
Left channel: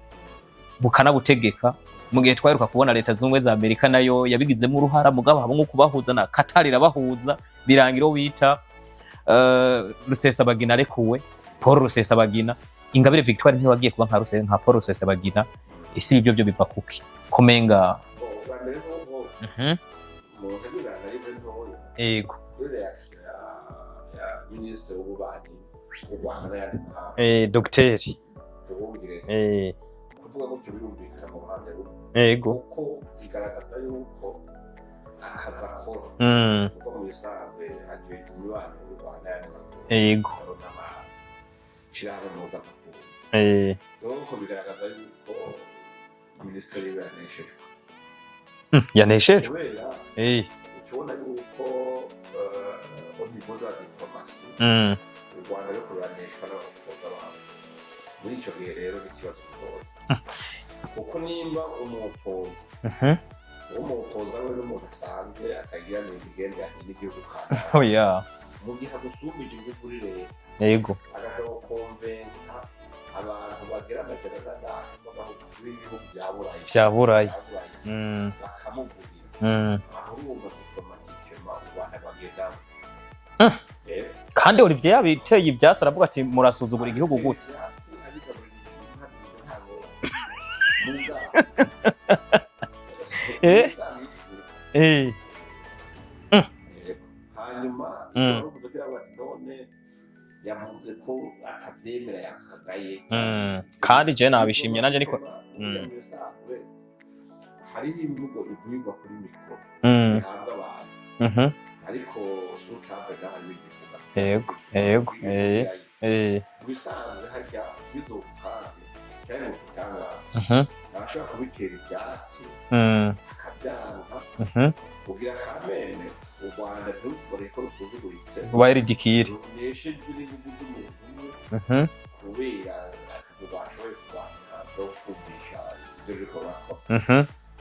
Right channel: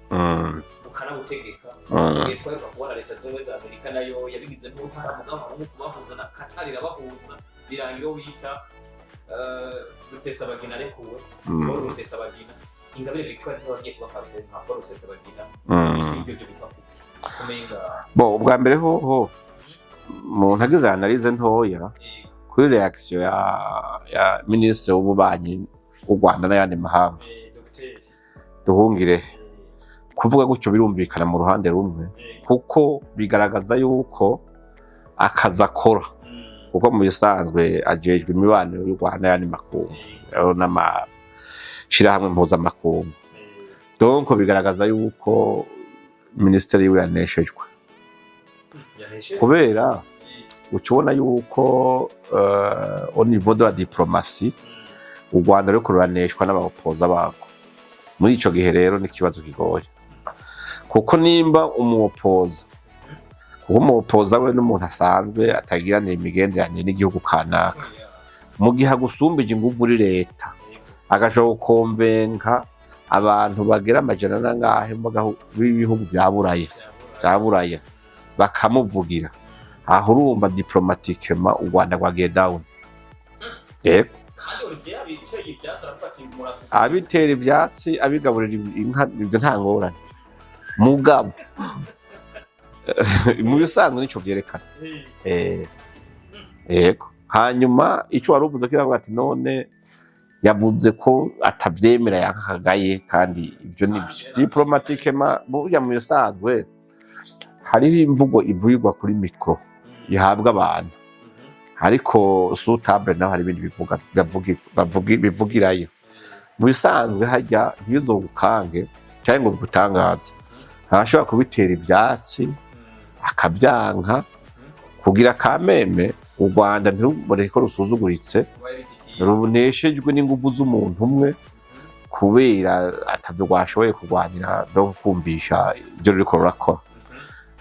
bukanabutegeka mu gihe twaheruka kubona leta z'ubumwe za Amerika nayo yabigizemo uruhara mugabo habo nko kubahuza na Qatar irabahuza birangira wita Rusesabagina arekuwe Paul Rusesabagina Ingabire Victoire ntiwagiye kuba nka Paul Rusesabagina isi ibyo byo biva kuki kumenga ubwa mbere ho mu ntagize analyse ntoya yego kuri reaction ya ministre w'ububanyi w'u Rwanda n'ayandi mahanga Dr Duhungire kuvuga gutyo birumvikana mu ruhande rumwe kuko bigaragaza yuko akaza akora kuko mu bisanzwe ajejwe imibano y'u Rwanda n'ayandi makungu n'amashirahamwe mpuzamakungu donc bigaragaza yuko ministre yiwe yaneshejwe kubera ukibona yuko au niveau de la diplomatie u Rwanda ruriko ruraneshwa n'abapoza bako muri ico gihe rero n'ikibazo kigoye kuko nimba umupoza kuko umupoza we n'umuntu asanzwe atagirana imigenderanire n'igihugu kanaka mu gihe agusumbije inguvu uri leta agashobora gukonvenka abantu bagera amajana nangahe b'ibihugu bya buraya bakamuvugira aho urumva diplomatikema u Rwanda rwagiye down kandi Olivier yabiteye ibyatsi aravuga ati murasuzuma igihugu abitera ibyatsi abigaburira inka ibyo nta ngorane mugabo muri bisanzwe nico byerekana yego hanyuma icyo wari uvuze kiravuga ati none yavuze ko atabyemera yankagaye kandi je nabishimye nanje burya mu bisanzwe hariho imvugo ivugirwa kuri mikro ihabwa abantu ariko sutable naho hari ibindi bivugirayo mu bisanzwe hajya ntibizogukange cyangwa ngo gutangaza arashobora kubitera ibyatsi akabyanka kugira kameme u Rwanda ntirubone ko rusuzuguritse runeshejwe n'inguvu z'umuntu umwe kubera atabyo rwashoboye kurwanira no kumvisha ibyo ruriko rurakora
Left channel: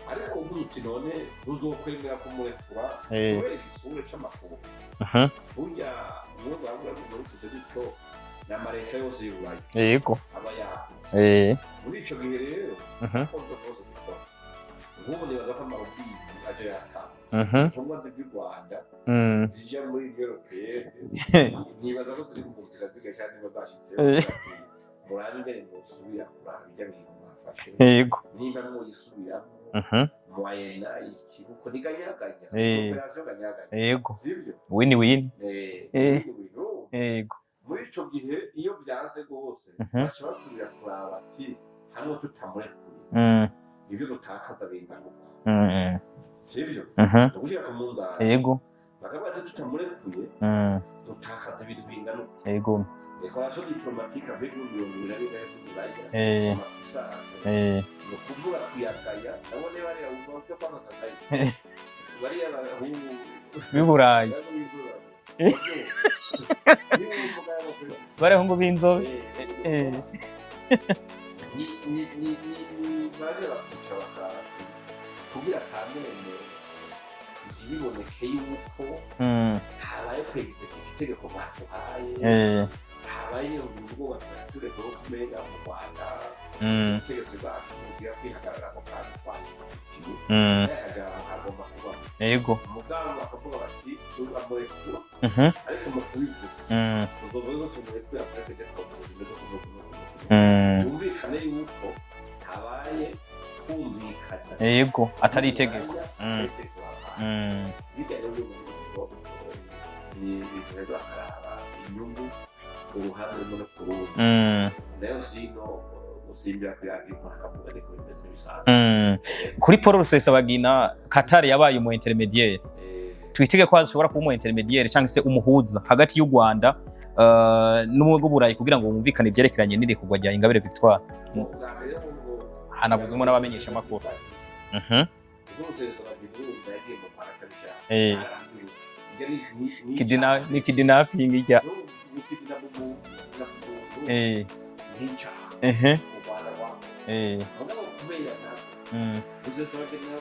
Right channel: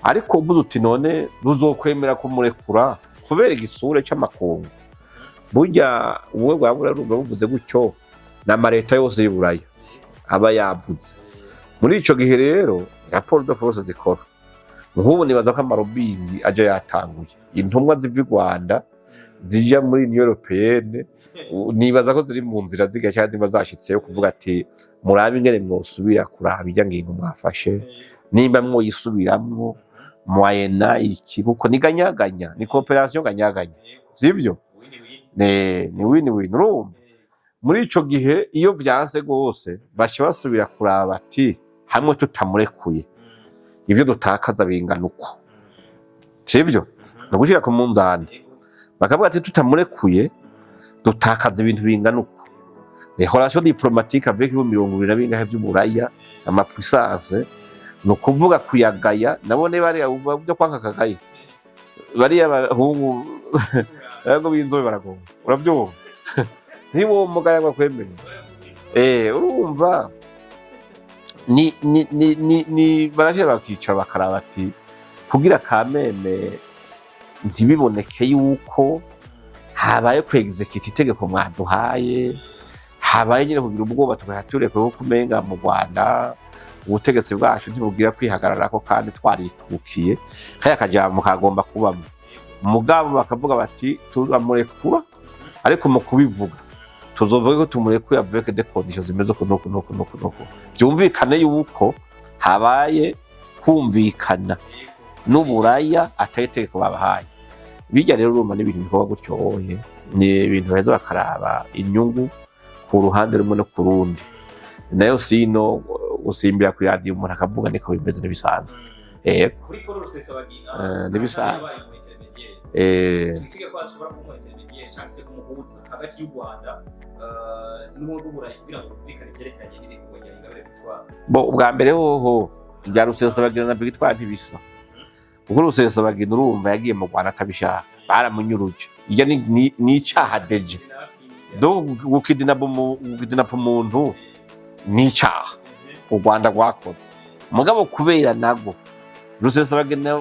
ariko uvuze uti none ruzokwemera kumurekura kubera igisure cy'amakungu burya ubumwe bwa Buraya buvuze gutyo n'amareta yose y'Uburaya aba yavuze muri ico gihe rero raporo de force zikora nk'ubu nibaza ko amarobingi aje yatanguye intumwa ziva i Rwanda zija muri Union Européenne nibaza ko ziri mu nzira ziga cyangwa ziba zashitseyo kuvuga ati murabe ingene mwosubira kuraba ijya ngingo mwafashe nimba mwoyisubiramwo moyena iki kuko ni ganyaganya ni coopération ganyaganya sivyo win-win win-win urumva muri ico gihe iyo byanse gose bashi basubira kuraba ati hamwe tutamurekuye ivyo dutakaza bingana uko sivyo no gushira ku munzani bakavuga ati tutamurekuye dutakaza ibintu bingana uko relation diplomatique avec bo 20 bingahe by'Uburaya amapuissance no kuvuga kuyagaya nabone bari byo kwanka kagaye bari abahungu y'Uburaya yego binzobe baragonga urabyumva niwo mugaya bakwemera bari ahungu binzobe urumva ni baravye bakica bakaraba ati kugira kameme ntibiboneke yuko habaye kwexecute itegeko mwaduhaye habaye nyine kugira ubwoba tugahature ko kumenga mu Rwanda ubutegetsi bwacu ntibugira kwihagararako kandi twaritukiye kaya kajambo kagomba kubamo mugabo bakavuga bati turamurekura ariko mu kubivuga tuzovuga ko tumurekura avec des conditions zimeze ko no byumvikane yuko habaye kumvikana n'Uburaya ategeteko babahaye bijya rero urumva n'ibintu bikorwa gutyoye ni ibintu beza bakaraba inyungu ku ruhande rumwe no ku rundi nayo sino usimbira kuri radio umuntu akavuga niko bimeze n'ibisanzwe kuri Paul Rusesabagina Qatar yabaye umu intermediaire twitege ko ashobora kuba umu intermediaire cyangwa se umuhuza hagati y'u Rwanda n'ubumwe bw'Uburayi kugira ngo bumvikane ibyerekeranye n'irekugwa rya Ingabire Victoire ubwa mbere hoho bya Rusesabagina na Victoire ntibisa kuko Rusesabagina urumva yagiye mu Rwanda atabishaka baramunyuruje ijya ni icaha kidnapping ijya gukidnap umuntu ni icaha u Rwanda rwakoze mugabo kubera nago Rusesabagina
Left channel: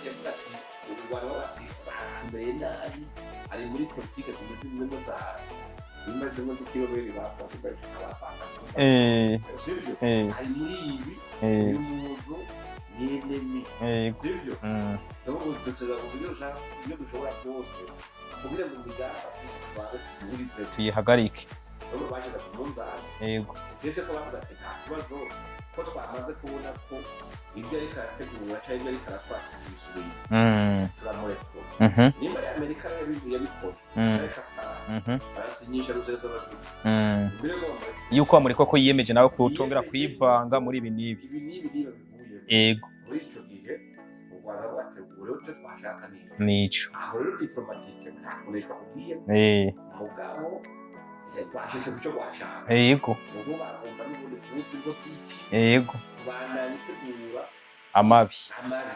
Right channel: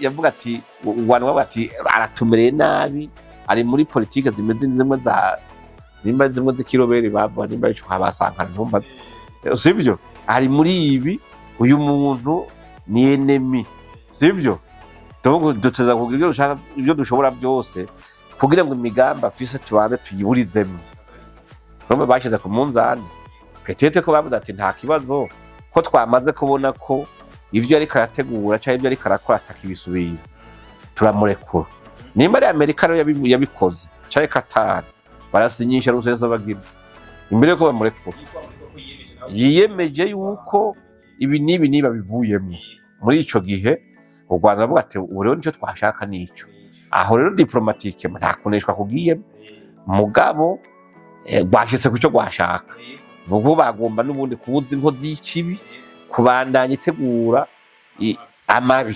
yavuga ati u Rwanda bati aratumereye nabi ari muri politike zimeze zimwe za nimba zimwe z'ikiroberi bavuga nimba ico kwabasankana ntumba sivyo ari muri ibi uyu muntu ni enemy sivyo duteza kugira ibyo dushobora byose kugira ngo imigambi afise tubanze tuyiburizemo yihagarike bamwe bashize ku munzani petete ko bavuze ati nta kibazo ko twamaze kubona ko ivyo ariko arategura cyangwa ivyo ariko arakora atakibisubiye turamurekura nimba ari Amerika rero yabikoze cyangwa Qatar barasinyisha ruseza bagira imbere ko bamurekura yuko bamurekura ko yiyemeje nawe ko yiyemeje yuko ibi nibi babivuyemo muri ico gihe u Rwanda bavuga ati ubu rero nicyo twashaka nico aho rero diplomatique nta kuneshwa kugiye mugabo bashitse kucyo gwashaka nuko bagomba nubundi kubuza inkozi y'ikibi kubandanya itegura amabi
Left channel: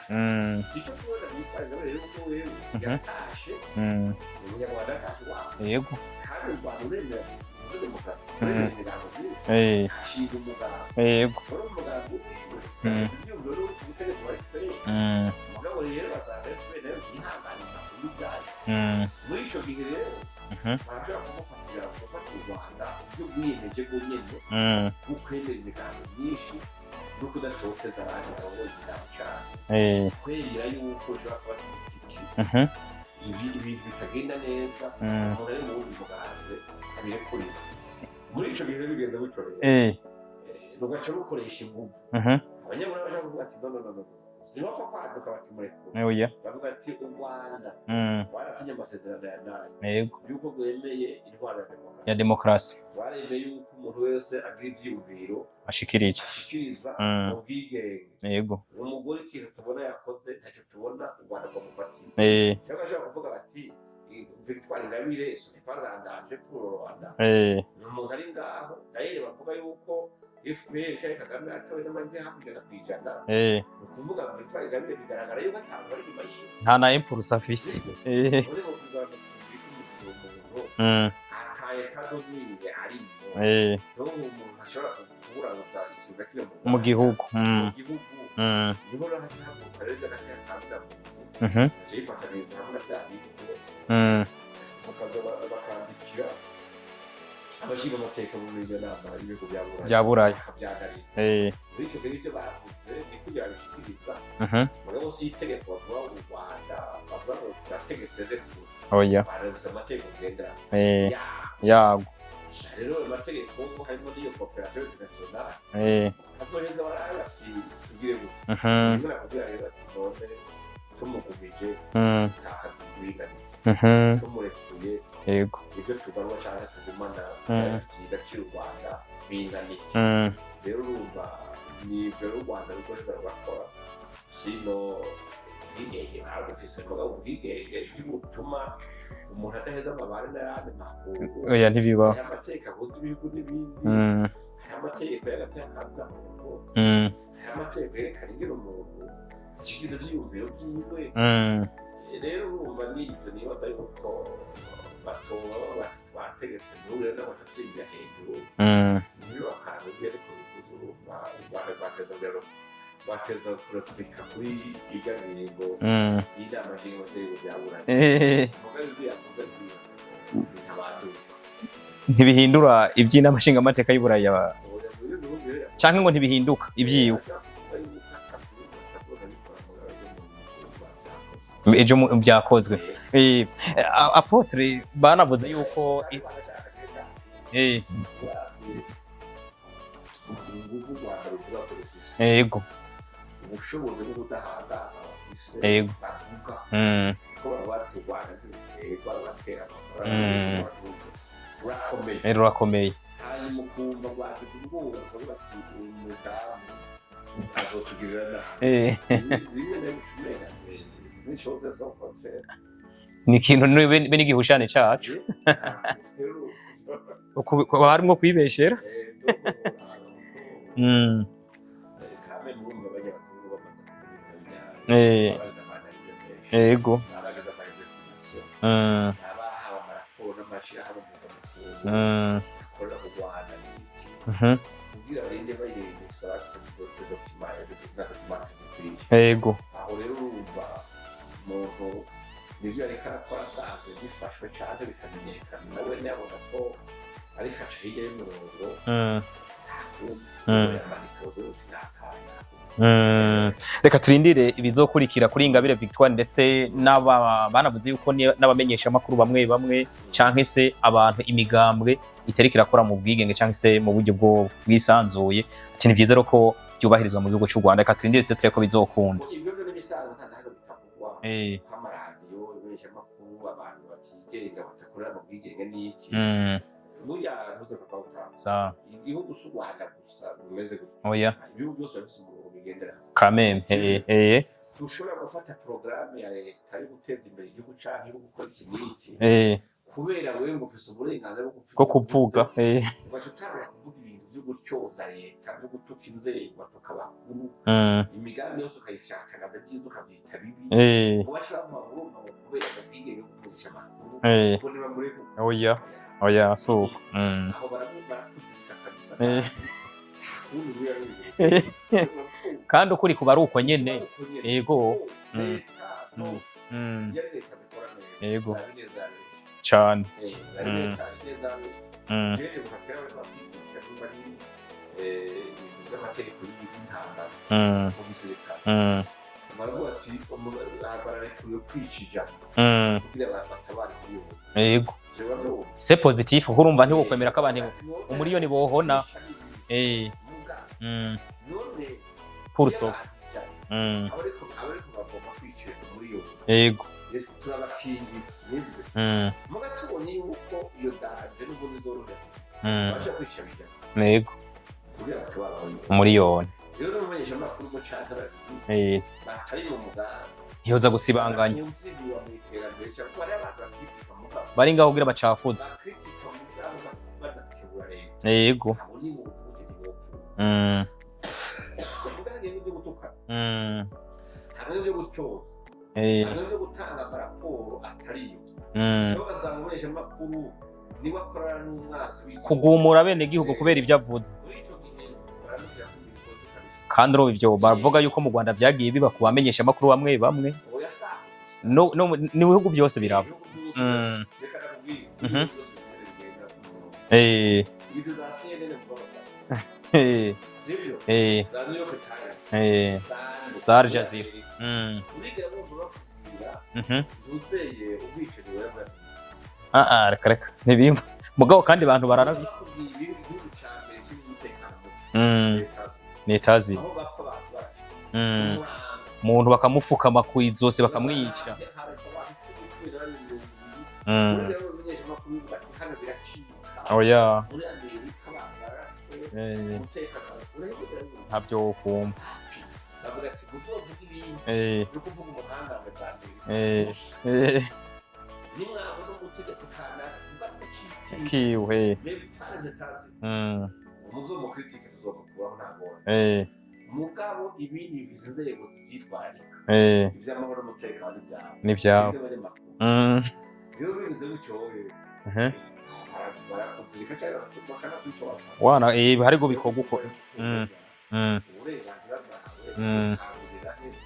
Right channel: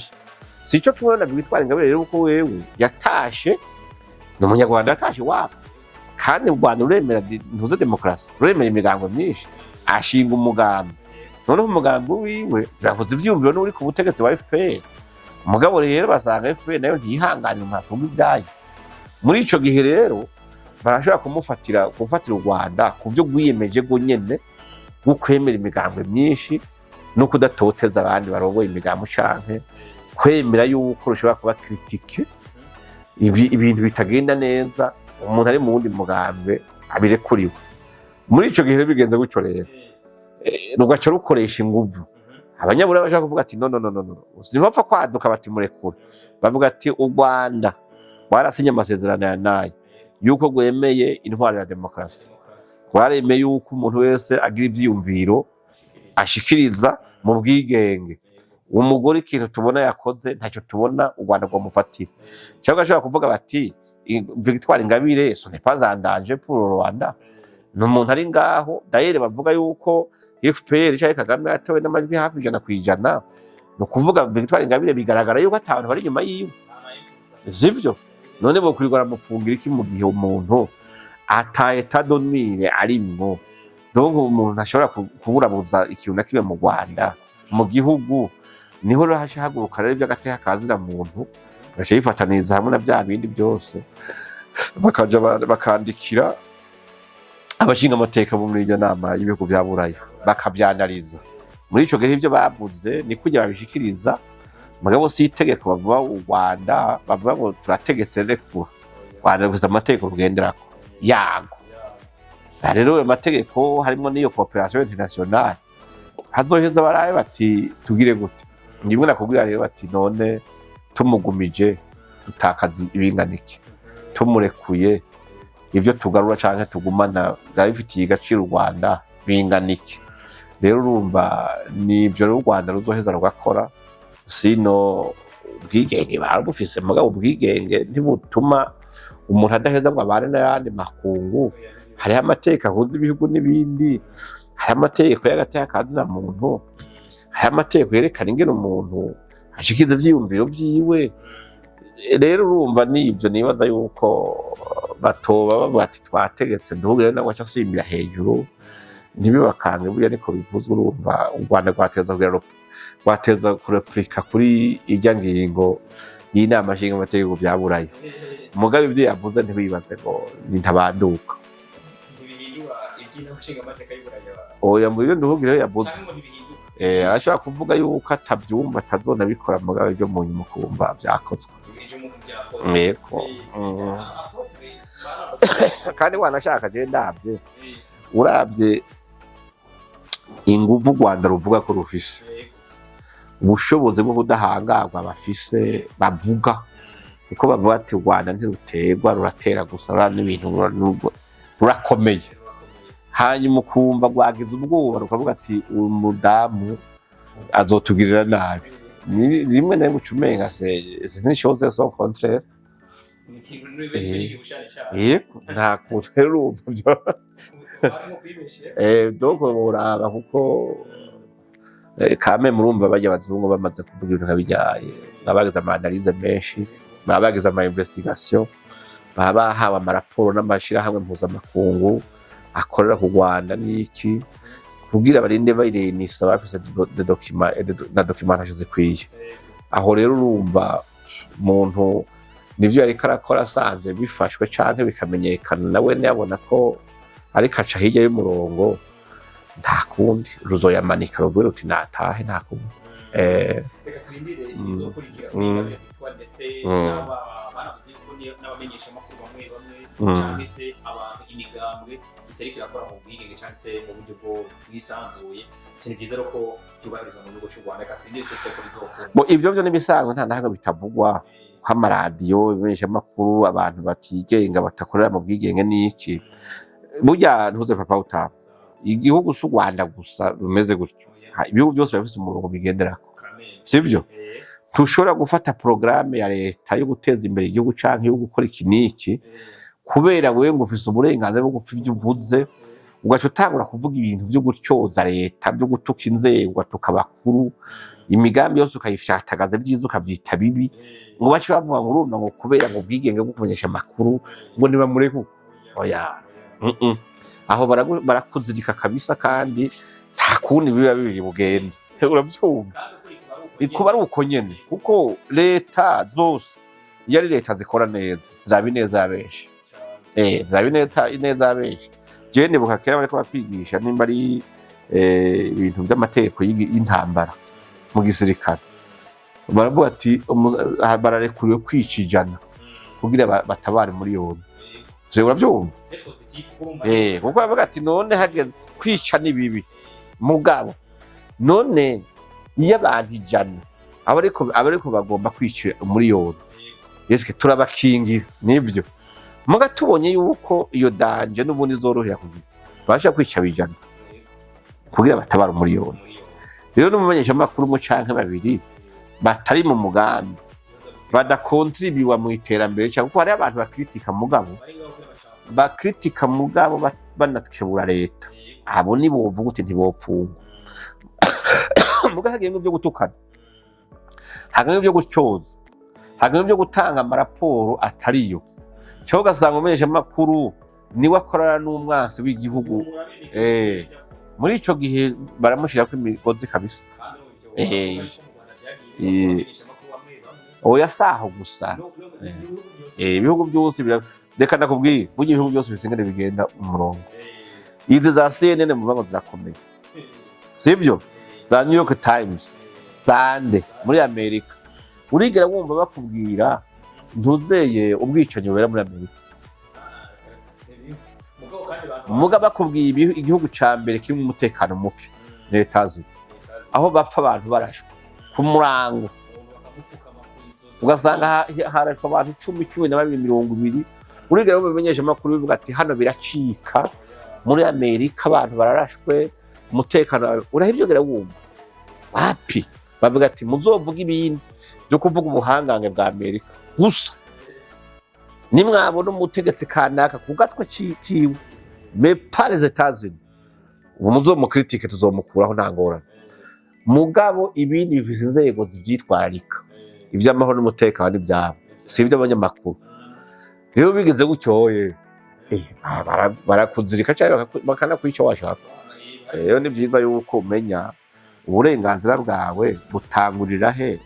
sico tubona bitwara ingabire rero uko wewe yatashe no munyarwanda yatashe wapo kandi u Rwanda uremera ntuze demokrasi uremera imigango myinshi ashinga umugambi none umugambi wiwe turakoze ivyumviro n'uri ku butegetsi wa FPR mugabo rero basanga FPR nayo ntihanganye mpavuga ibyayo muri ico gihe rero barashobora gufatira u Rwanda ku byo gwiyemeje go nyene gukwemera imigambo myinshi no kudatoteza abandi barongoye imigambo canke kwemera yuko rushobora kuba critique ibintu bitagenda neza umuntu ari mu wundi mugambe abirekuriwe muri ico gihe bigenze gutyo rero rugaca rukoresha inguvu abanyabura bashaka kuvuga ati no sinbapfa kwaduka bati murekura bavuga ati u Rwanda warasinye amasezerano ya nayo yuko gwemeye intwaro ya demokrasi waremeye yuko umuntu wese agira ivyiyumviro ashikiriza mu bwigenge umugore ikintu tubona yakoze ntacyo tubona u Rwanda rwamufatira cyangwa ashobora kuvuga bati Victoire Ingabire ce n'est pas un danger pour le Rwanda n'umuntu ari ngaho d'ailleurs bavuga yuko FPR cyangwa Kagame yatowe n'amajwi hafi 100% no kuvuga Victoire Ingabire bigaragara yuko atabantu bari nyuma yiwe nta na impulse afise sivyo none bo kurigora mupfungira iki mu gihe umuntu ataye tadonwire arimwo donc umuntu ashobora kuburabuza ikintu nakimwe mu Rwanda mu gihugu niho hahaguruka rero by'agateka kazira muntu bashifataniza hamwe na bya bindi byose bakaja bakandikira abashinga amateka bo muri iyo nama y'ibihugu bya Burayi bakabyanaliza muri ico gihe ibyo bavuze ni kujya babishikiriza mugabo si itegeko bavuga u Rwanda bavuga ngo turategetse rekura Rwanda rufite amategeko rugenderako yago rero ayo mategeko harimo n'iyo coopération internationale hazoheza baraye bati tugire gute rimwe nakubwira rero bati none tumugumije utakazi ibinganike tumurekuye ibyo tugarura canke tugumana bifitiye agaciro u Rwanda binganike rero urumva nibyo rero u Rwanda ruzoheza rugakora sino ubwigenge barabufise mugabo ubwigenge ntibutuma umuntu adaheza ngo abane n'ayandi makungu hariho amateka ahuza ibihugu n'ibindi hariho amategeko y'agateka kazina muntu hariho amategeko yerekana ingene umuntu ashikiza ivyiyumviro vyiwe rero urumva nivyo nibaza yuko batoba bavuga ati twategetse ndubwire nawe acasimbira hejuru ntibibakange burya niko bivuzwe urumva u Rwanda rwateza kurepurika kuri irya ngingo y'inama nshinga amategeko bya Burayi mugabe ivyo yavuze ntibibaze ngo ntabanduka ntibihindura iby'inama nshinga amateka y'Uburayi oya muri byo ndubwire yavuze canke ngo ntibihinduka iby'inama ashaka kuvuga yuko atabyumva atazona bikora mugabe byo mu nyuma kumva byakozwe ejo byakozwe apotre banavuze ko kandi wanashaka je ndabye urabye inguvu Rwanda ruvuga ko rufise ubushobozi bwo kudahangarwa bafise bavuga kuko bavuga ati Rwanda ntiruterwa ruratera gusa n'ibintu rurakomeye hanyuma ukumva rwagize ubwoba rukavuga ati uyu mudamu azotugirira nabi rimwe na rimwe ucumenga sinishose so contraire ni ikintu n'igihushane cyacu nta kuntu rero harimo kwibeshera donc uraba kuko kame murumva bajya abazungu bamaze kuvuga ibintu nkabijyaye babagize ama-analyse menshi babagize ama-investigation bahawe amaraporo n'amashirahamwe mpuzamakungu akorera ku Rwanda n'iki kugira barinde bayirenisa bafise na documentation zikwiye aho rero urumva umuntu nivyo yariko arakora asanze bifashwe canke bikamenyekana nawe yabona ko ariko aca hirya y'umurongo nta kundi ruzoyamanika rugwira uti natahe nta kundi. Reka turindire ibizokurikira kuri Ingabire Victoire ndetse banavuze yuko n'abamenyesha amakuru bamwe bamwe canke se abantu imigambwe itariko irakora mu bwigenge canke se mu buryo bwo bwisanzuye. Ni vyiza ko byubahirizwa mu gihugu cy'u Rwanda. Reka turindire ko bizokunda. Ibyo byo nibisanzwe nta nahaga bitavugwa ko amaradiyo ibimenyesha amakuru abantu batigenga batakorera mu bwigenge n'iki. Burya ntuze papa utapfa igihugu cy'u Rwanda gusa rumeze gutyo, ibihugu byose bifite umurongo bigenderako sivyo. Tushobora gufata programme ya leta yo guteza imbere igihugu canke yo gukora iki n'iki kubera wewe ngo ufise uburenganzira bwo kuvuga ugaca utangura kuvuga ibintu byo gutyoza leta byo gutuka inzego tukabakuru imigambi yose ukayifyatagaza byiza ukavyita bibi ngo bace bavuga ngo urumva ngo kubera ngo bwigenge bwo kumenyesha amakuru ngo niba mureko oya so aho barakuzirika kabisa kandi nta kundi biba bibiri bugende urabyumva kandi ukuri kuba ari uko nyene kuko leta zose iyo ari leta zikora neza zabi neza benshi cyane zabi neza benshi je ndibuka kera bariko batwigisha nimba ari ibintu by'amategeko y'intambara mu gisirikare baravuga ati bararekuriwe kwicijana kugira batabare muri yombi yego urabyumva c'est positif urumva ntiwokwemera ko bavuga ati none hageze kwica ni bibi mugabo none iyo abantu ijana abariko bagomba kwica muri yombi yego yeske turabakingira nivyo muga tubonye yuko iyo danje n'ubundi zorohera kugira basha kwica bijana yego kugira batabara muri yombi rero n'umumenyesha amakuru mu canke babiri batari mu mugambi yoza gusibanganya badakontribiwa mu iterambere cyangwa ko hari abantu bakritika mugabo bari ngaho kugira bacafuza bakritika mugabo banakebura leta yego abo ni bovuga uti ntibopfunga muga hagiye mu byo gutukana hagiye mu byo gutyoza hagiye mu byo gutanga amaraporo atariyo cyo gasanga umumenyesha amakuru niwe akorana n'umwansi w'igihugu kugumura bene igihugu kubera ibyo avuze muri ico gihe baramushira ko imigozi kabisa kandi ro ivyo bavuga yuko mu Rwanda byagiye biba kubamenyesha amakuru bamwe oya saho gusa no ni bihugu byose ibihugu byose reka ndakubwiye mu ibihugu byose bisengene bigenda umurongo izi za CNN mu bango zakomeye sivyo za New York Times zande muri Amerika urigera wumva bakubwira ntuzeye ubwicanyi wera muri Amerika reka ntibimwe mugabo kandi abantu muga bakubwiye igihugu ca mbere kirimo umutekano muke netazi aho bapfa abantu barashwe ku murango umuntu bakamufukama kwizose bakamwica harashwe abantu 10 na 20 urigera ubimenyesha amakuru bivuga ati hano biracika muri Amerika abantu bararashwe umutekano urahivyogera wumva ntabyo kumva happy bavuga ati muzovuga ibindi byo kuvuga ubuhangange bwa Amerika gusa nimwabona umutegetsi kanaka ku gatwe ciwe me par les États-Unis ubu muzomukritike tuzomukuraho nta ngorane mugabo ibindi bifise inzego zivyitwararika ivy'amahoro n'umutekano ivyabo sivyo abanyamakuru rero bigeze gutyoye barakuzirika cyangwa bakanakwica washaka rero ni vyiza yuko umenya uburenganzira bwawe butangurira he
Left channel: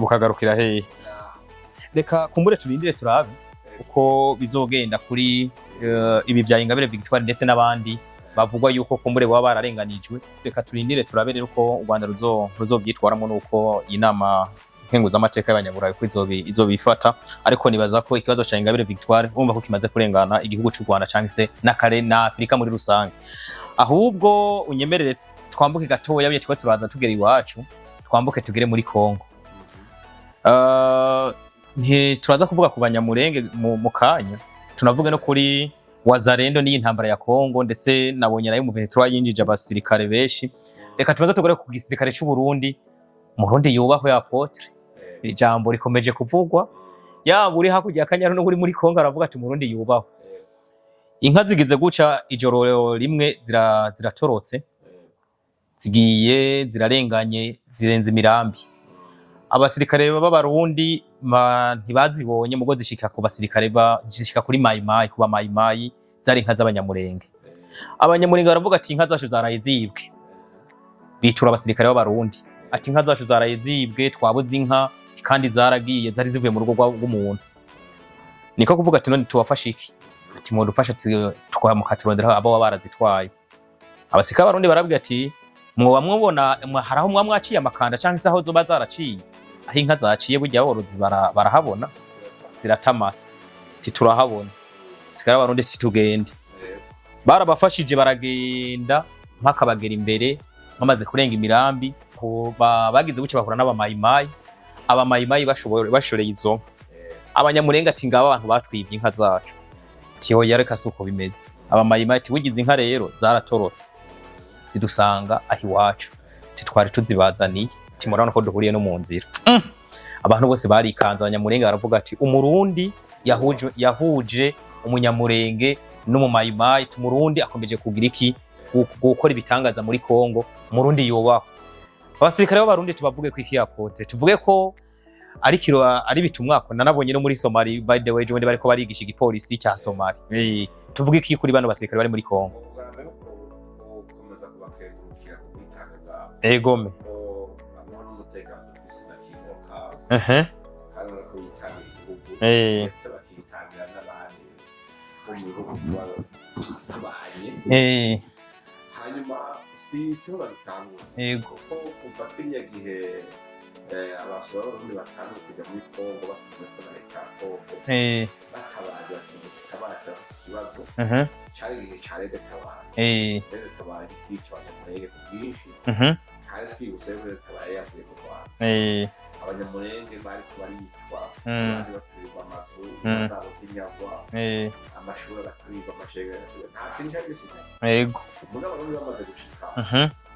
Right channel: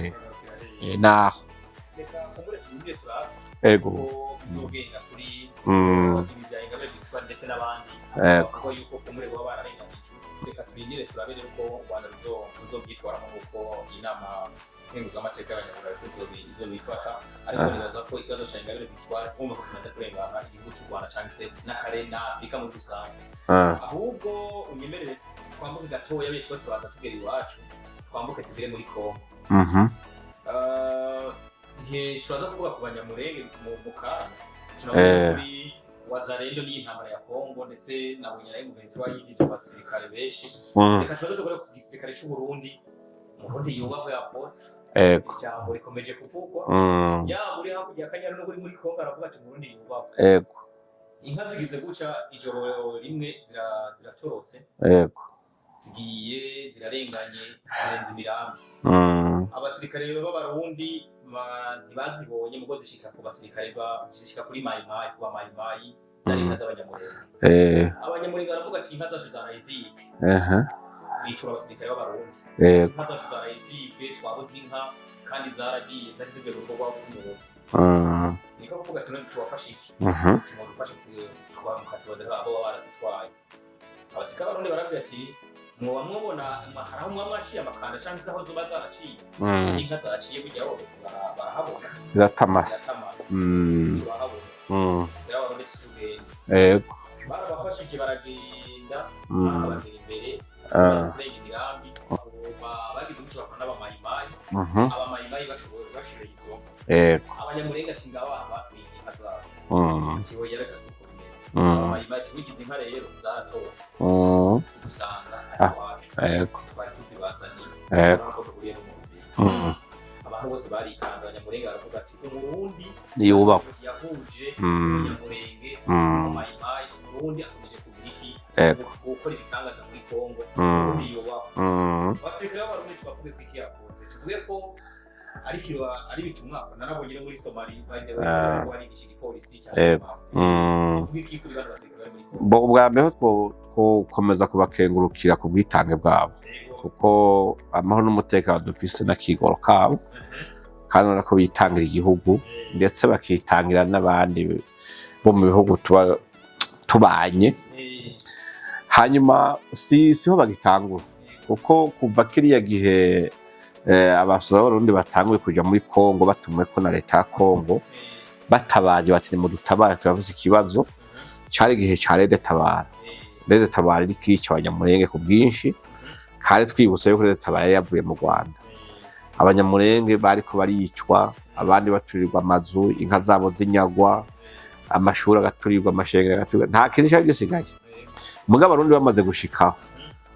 bukagarukira he naho reka kumbure turindire turabe kuko bizogenda kuri ibi bya Ingabire Victoire ndetse n'abandi bavugwa yuko kumbure baba bararenganijwe. Reka turindire turabe rero ko u Rwanda ruzobyitwaramo nuko inama nkenguzamateka y'abanyaburayi ko izobifata ariko nibaza ko ikibazo cya Ingabire Victoire umva ko kimaze kurengana igihugu cy'u Rwanda cyangwa se n'akare na Afrika muri rusange. Ahubwo unyemerere twambuke gatoya yabiye turaza tugera iwacu twambuke tugere muri Kongo. Turaza kuvuga ku banyamurenge mu kanya tunavuga no kuri Wazalendo n'iyi ntambara ya Kongo ndetse nabonye nayo mu Venezuela yinjije abasirikare benshi. Reka tubaza tugere ku gisirikare cy'u Burundi. Mu Burundi yubahwe Apotre ijambo rikomeje kuvugwa yaba uri hakurya y'Akanyaru no muri Kongo aravuga ati mu Burundi yubahwe. Inka zigize guca ijoro rimwe ziratorotse zigiye zirarenganye zirenze imirambi. Abasirikare b'Abarundi ntibazibonye mugo zishika ku basirikare zishika kuri mayimayi kuba mayimayi zari inka z'abanyamurenge. Abanyamurenge baravuga ati inka zacu zaraye zibwe. Bitura abasirikare b'Abarundi ati inka zacu zaraye zibwe twabuze inka kandi zaragiye zari zivuye mu rugo rw'umuntu. niko kuvuga ati none tubafashe iki ati mu dufasha tukamukaturondera abo barazitwaye abasika barundi barabwira ati mwoba mwubona haraho mwamwaciye amakanda canke isaho zo bazaraciye aho inka zaciye burya aborozi barahabona ziratamasa titurahabona sikara barundi titugende barabafashije baragenda mpaka bagera imbere bamaze kurenga imirambi bagize buce bahura n'abamayimayi abamayimayi bashoreye izo abanyamurenga ati ngaba abantu batwibye inka zacu tiho yareka suko bimeze abamayimayi ati bugize inka rero zaratorotse zidusanga aho iwacu titwari tuzibazaniye timurabona ko duhuriye no mu nzira abantu bose barikanze abanyamurenga baravuga ati umurundi yahuje umunyamurenge n'umumayimayi umurundi akomeje kugira iki gukora ibitangaza muri Kongo umurundi yobaho abasirikare b'abarundi tubavuge ko iki yapote tuvuge ko ari bitumwako nanabonye no muri Somalia by the way je bariko barigisha igipolisi cya Somalia tuvuge iki kuri bano basirikare bari muri Kongo ubwa mbere ko komeza kubakengurukira ku bwitange bwabo ko amahoro n'umutekano dufise na kigoro kabo kandi nako bitangira igihugu ndetse bakitangira n'abandi bo mu bihugu tubanye hanyuma siho bagitangura kuko kuva kiriya gihe abasore b'abarundi batanguye kuja muri Kongo batumwe ko na leta ya Kongo batabaje bati mu dutabara turafise ikibazo cari gihe ca Rede Tabara iri kwica abanyamurenge ku bwinshi kandi twibutse yuko Rede Tabara yavuye mu Rwanda abanyamurenge bariko baricwa abandi baturirwa amazu inka zabo zinyagwa amashuri agaturirwa amashengero agaturirwa nta kintu cyari gisigaye mugabo abarundi bamaze gushikaho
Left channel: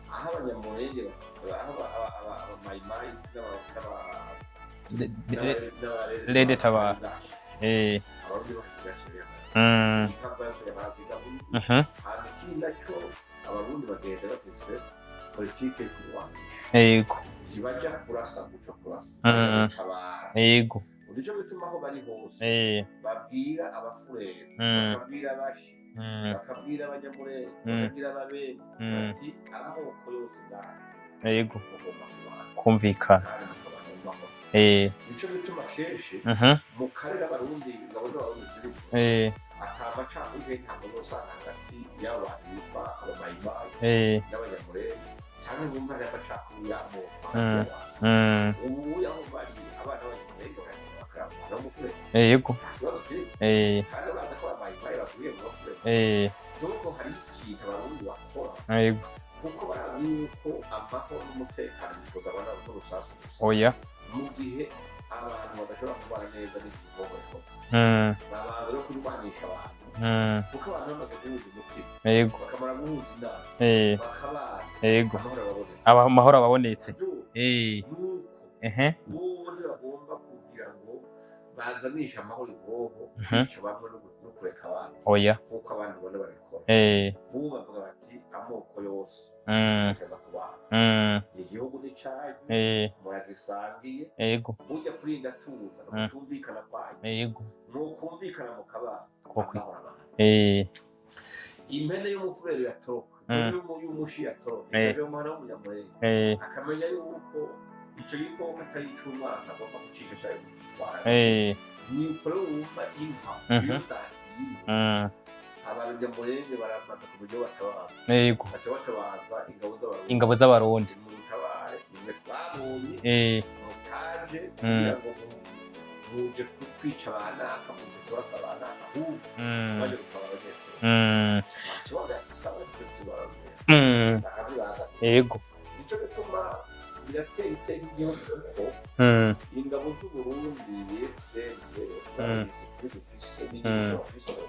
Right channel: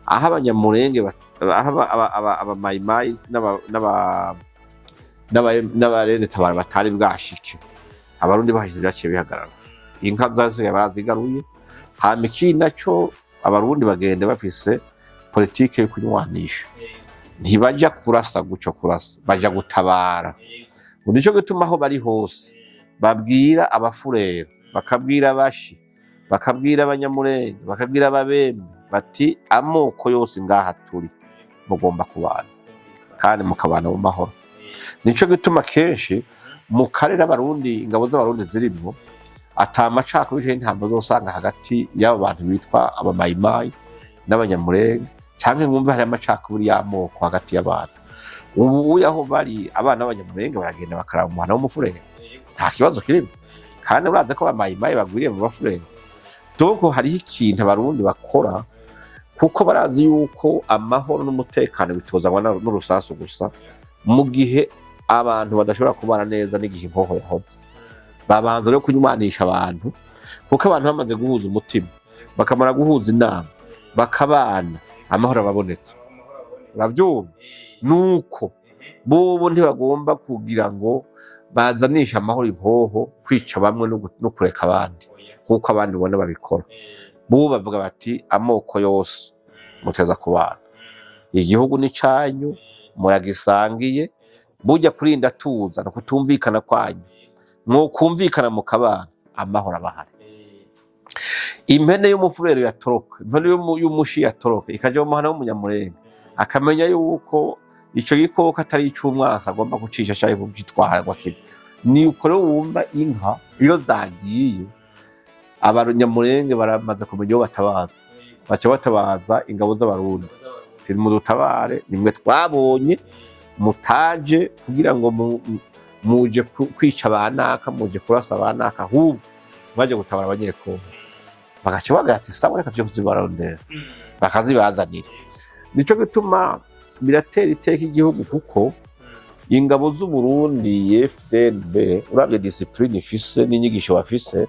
aho abanyamurenge abamayimayi n'abarede Tabara batari bwashike abarundi bahise byaciye bihagarara inka zasigaye barazigaruye hama ikindi naco abarundi bagenda bafise politike yo kunywanisha ntibaja kurasa guco kurasa baja gutabara nico gituma aho bari hose babwira abafurero bakabwira abashi bakabwira abanyamurenge bakabwira ababembe bati amoko yose ngaha turi mugomba kubana kumvikana kandi mukabana mu mahoro nico gituma kenshi mu karere abarundi ingabo z'abarundi zirimo atamacakubiri ntabwo zosanga hagati y'abo bantu bitwa abamayimayi n'abanyamurenge cyangwa ngumva hari amacakubiri y'amoko hagati y'abantu ubu yaho bari abana b'abanyamurenge baragenda bakaraba umuhana w'umufurenge nta kibazo kirimo kandi uraze ko abamayimayi bagwiriye mu bafurenge doko hariho ikintu abarundi bakora kuko barazi yuko amahoro n'umutekano bitozanwa n'urusasu gusa mu gihe abantu badashobora kubana neza n'igihe inkoho yahoze babanza rero kunywanisha abantu kuko abantu bamaze guhuza umutima bakamara guhuza inama bakabana amahoro ababonetse bavyumva nuko bobo ntibagomba kugira ngo bazanisha amahoro impoho kwica bamwe no kureka abandi kuko abandi ubona babikora bo bavuga bati amoko yose muteza kubana igihugu ni canyu muragisangiye burya kurinda tuza no kutumvikana kwanyu mwokumvikana mu kabana amahoro abahari impene y'umufurero yatoroka impene y'umushi yatoroka ikaja mu muhana w'umunyamurenge akamenya yuko ico gikoko atari ic'umwasi agomba kucisha canke kugitwara ni uko rero wumva inka iyo zagiye abanyamurenge baramaze kumenya iyo batabaza baca batabaza ingabo z'abarundi mu dutabare nimwe twabonye mutaje kugira ngo muje kwica abanaka muje kurasa abanaka ahubwo baje gutabara abanyekongo bagaca bagira ati sawa reka tuje kuzibarondera bakazibazanira nico gituma biratera iteka igihugu kuko ingabo z'Uburundi FDNB uravye discipline ifise n'inyigisho bafise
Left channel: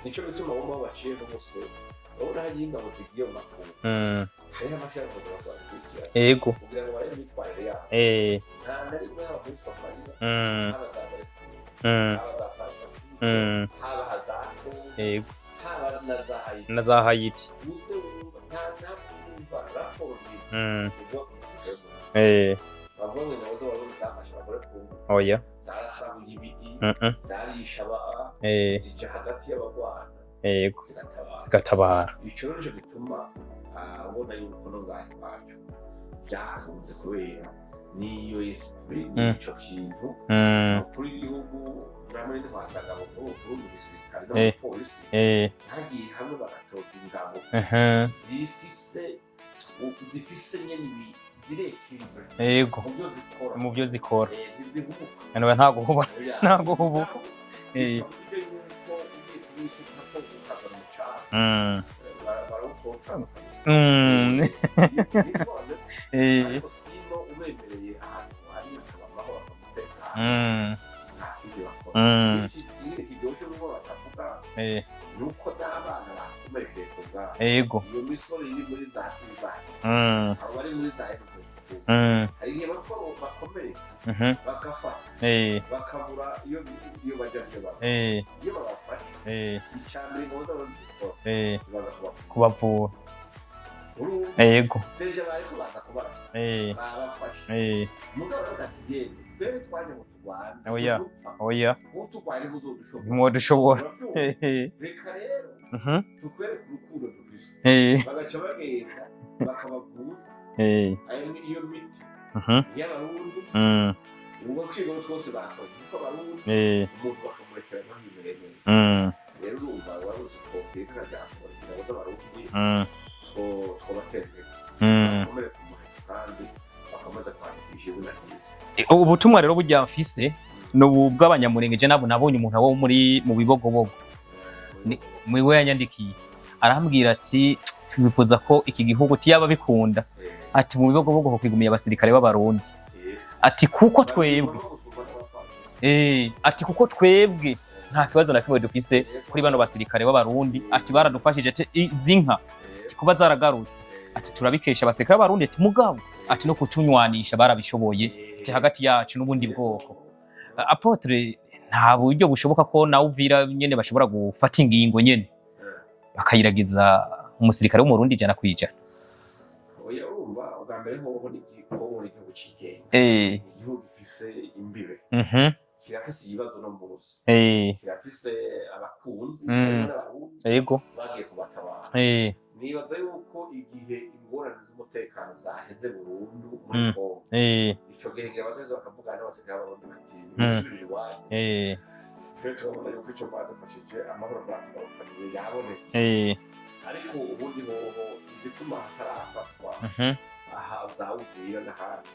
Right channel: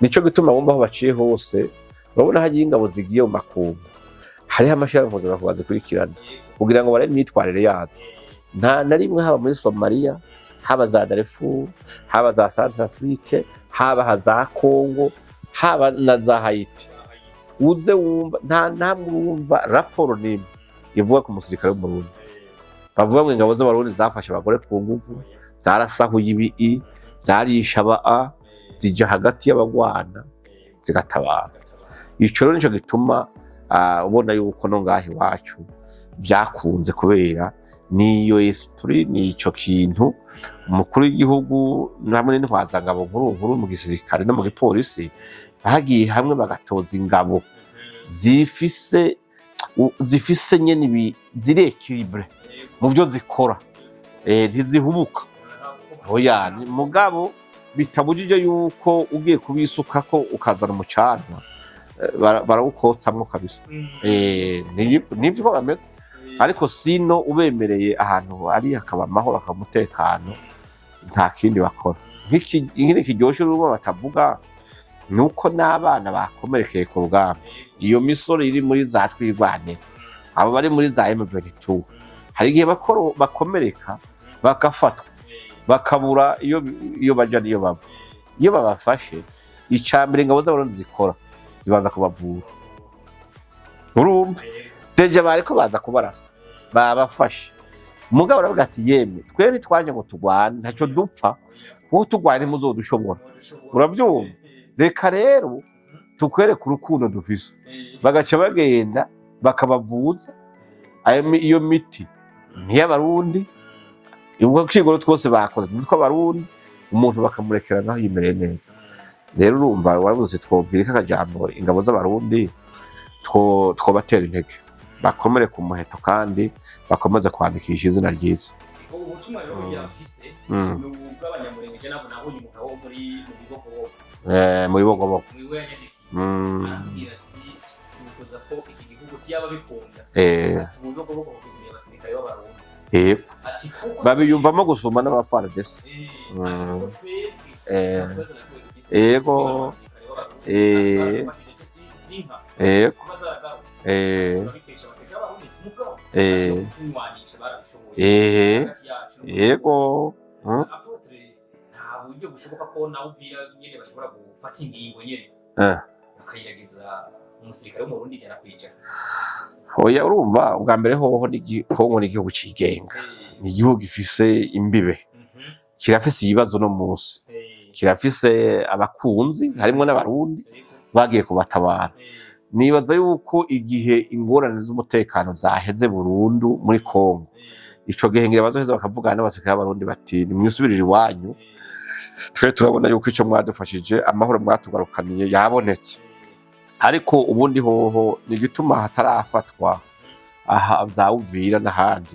nico gituma bumva aho baciye hose babona hagiye ingabo zigiye mu makungu hariho amashirahamwe mpuzamakungu zikurikirana kugira ngo bare imyitwarire yazo nta na rimwe haba muri Somalia haba za Darfur haba za Centrafrique haba za Congo haba na za Haiti uze wumva nta namwe wumva raporo nimwe ivuga ku musirikare w'Umurundi bavuga ngo ingabo z'Abarundi zafashe abagore ku ngufu zarasahuye ibi zarisha aba zija hagati y'abagwana zigatabara ico rero nico gituma ubona yuko no ngaho iwacu byakunze kubera niyo esprit nico kintu umukuru w'igihugu namwe n'intwazangabo nkuru mu gisirikare no mu polisi bagiye hamwe bagatoza ingabo zifise nyene ziri equilibre mu byo zikora ntizihubuka oya mugabo bitabujije yuko ugiye kubisukako ukazana umucana barawukotsamwo kabisa nibyo bameze ariko sino ubemereye ahantu hari hakaba amahoro akamutekano nta kindi bakora nk'ikindi kiryoshe urubo batavuga nuko n'abana bakomerekeye ku rugamba iyo misoro iri muri za twirwane abo bari muri za M22 hari igihe bakomereka bagafatwa bakabura iyo baja niyo baba iyo babafashe icambere ingabo z'abarundi zikora zibaza kubavura urumva deje bariko baza kubarasa babafashe umugabo aravuga ati yemwe twere twanje ngo tugwane ntacyo dupfa wowe tugwane muzodushobora urabyumva reka rero tukwereka urukundo dufise bagaca bagenda bakabavuza iyo miti ntiy'abarundi ubwo kwigoro twose bakoze niko abarundi umuntu bakamurekera naho yimereye neza rero urumva warabuze twobwira akajambo ingabo z'abarundi twobatera intege bakomere ku muheto kandi bakomeza kwandikisha izina ryiza ubutumwa rero burya mfise no bw'abanyamurengeje nabonye umuntu wo mu bibogobogo mwiwe yanyandikiye arambwira ati twifuza ko iki gihugu tiyaba bikunda ati mu bibogobogo ho kwigumiye abasirikare b'abarundi ati kuko twebwe gusoma n'abafaradesi ati kuko twebwe nta kibazo na kimwe dufise kuri bano basirikare b'abarundi ati baradufashije zinka kuba zaragarutse ati turabikesha abasirikare b'abarundi ati mugabo ati no kutunywanisha barabishoboye hagati yacu n'ubundi bwoko Apotre nta buryo bushoboka ko nawe uvira nyene bashobora gufata ingingo nyene bakayiragiza umusirikare w'umurundi ijana kwijana oya urumva ubwa mbere hoho Kongo ni igihugu cigenga ni igihugu gifise imbibe kirafise ibibazo no musi kirafise abakunzi harimo n'abarundi bagiye kubatabara nibaza yuko igihe ingorane z'umutekano zaheze burundu muri Kongo ico gihe ngira bazoheza bakavugana n'abasirikare b'abarundi bati nimwisubirire iwanyu twe turabona yuko ico mwadufashije amahoro mwatugarukaniye yabonetse ariko ubundi hoho ni gituma hatarafatwa aha Uvira n'ahandi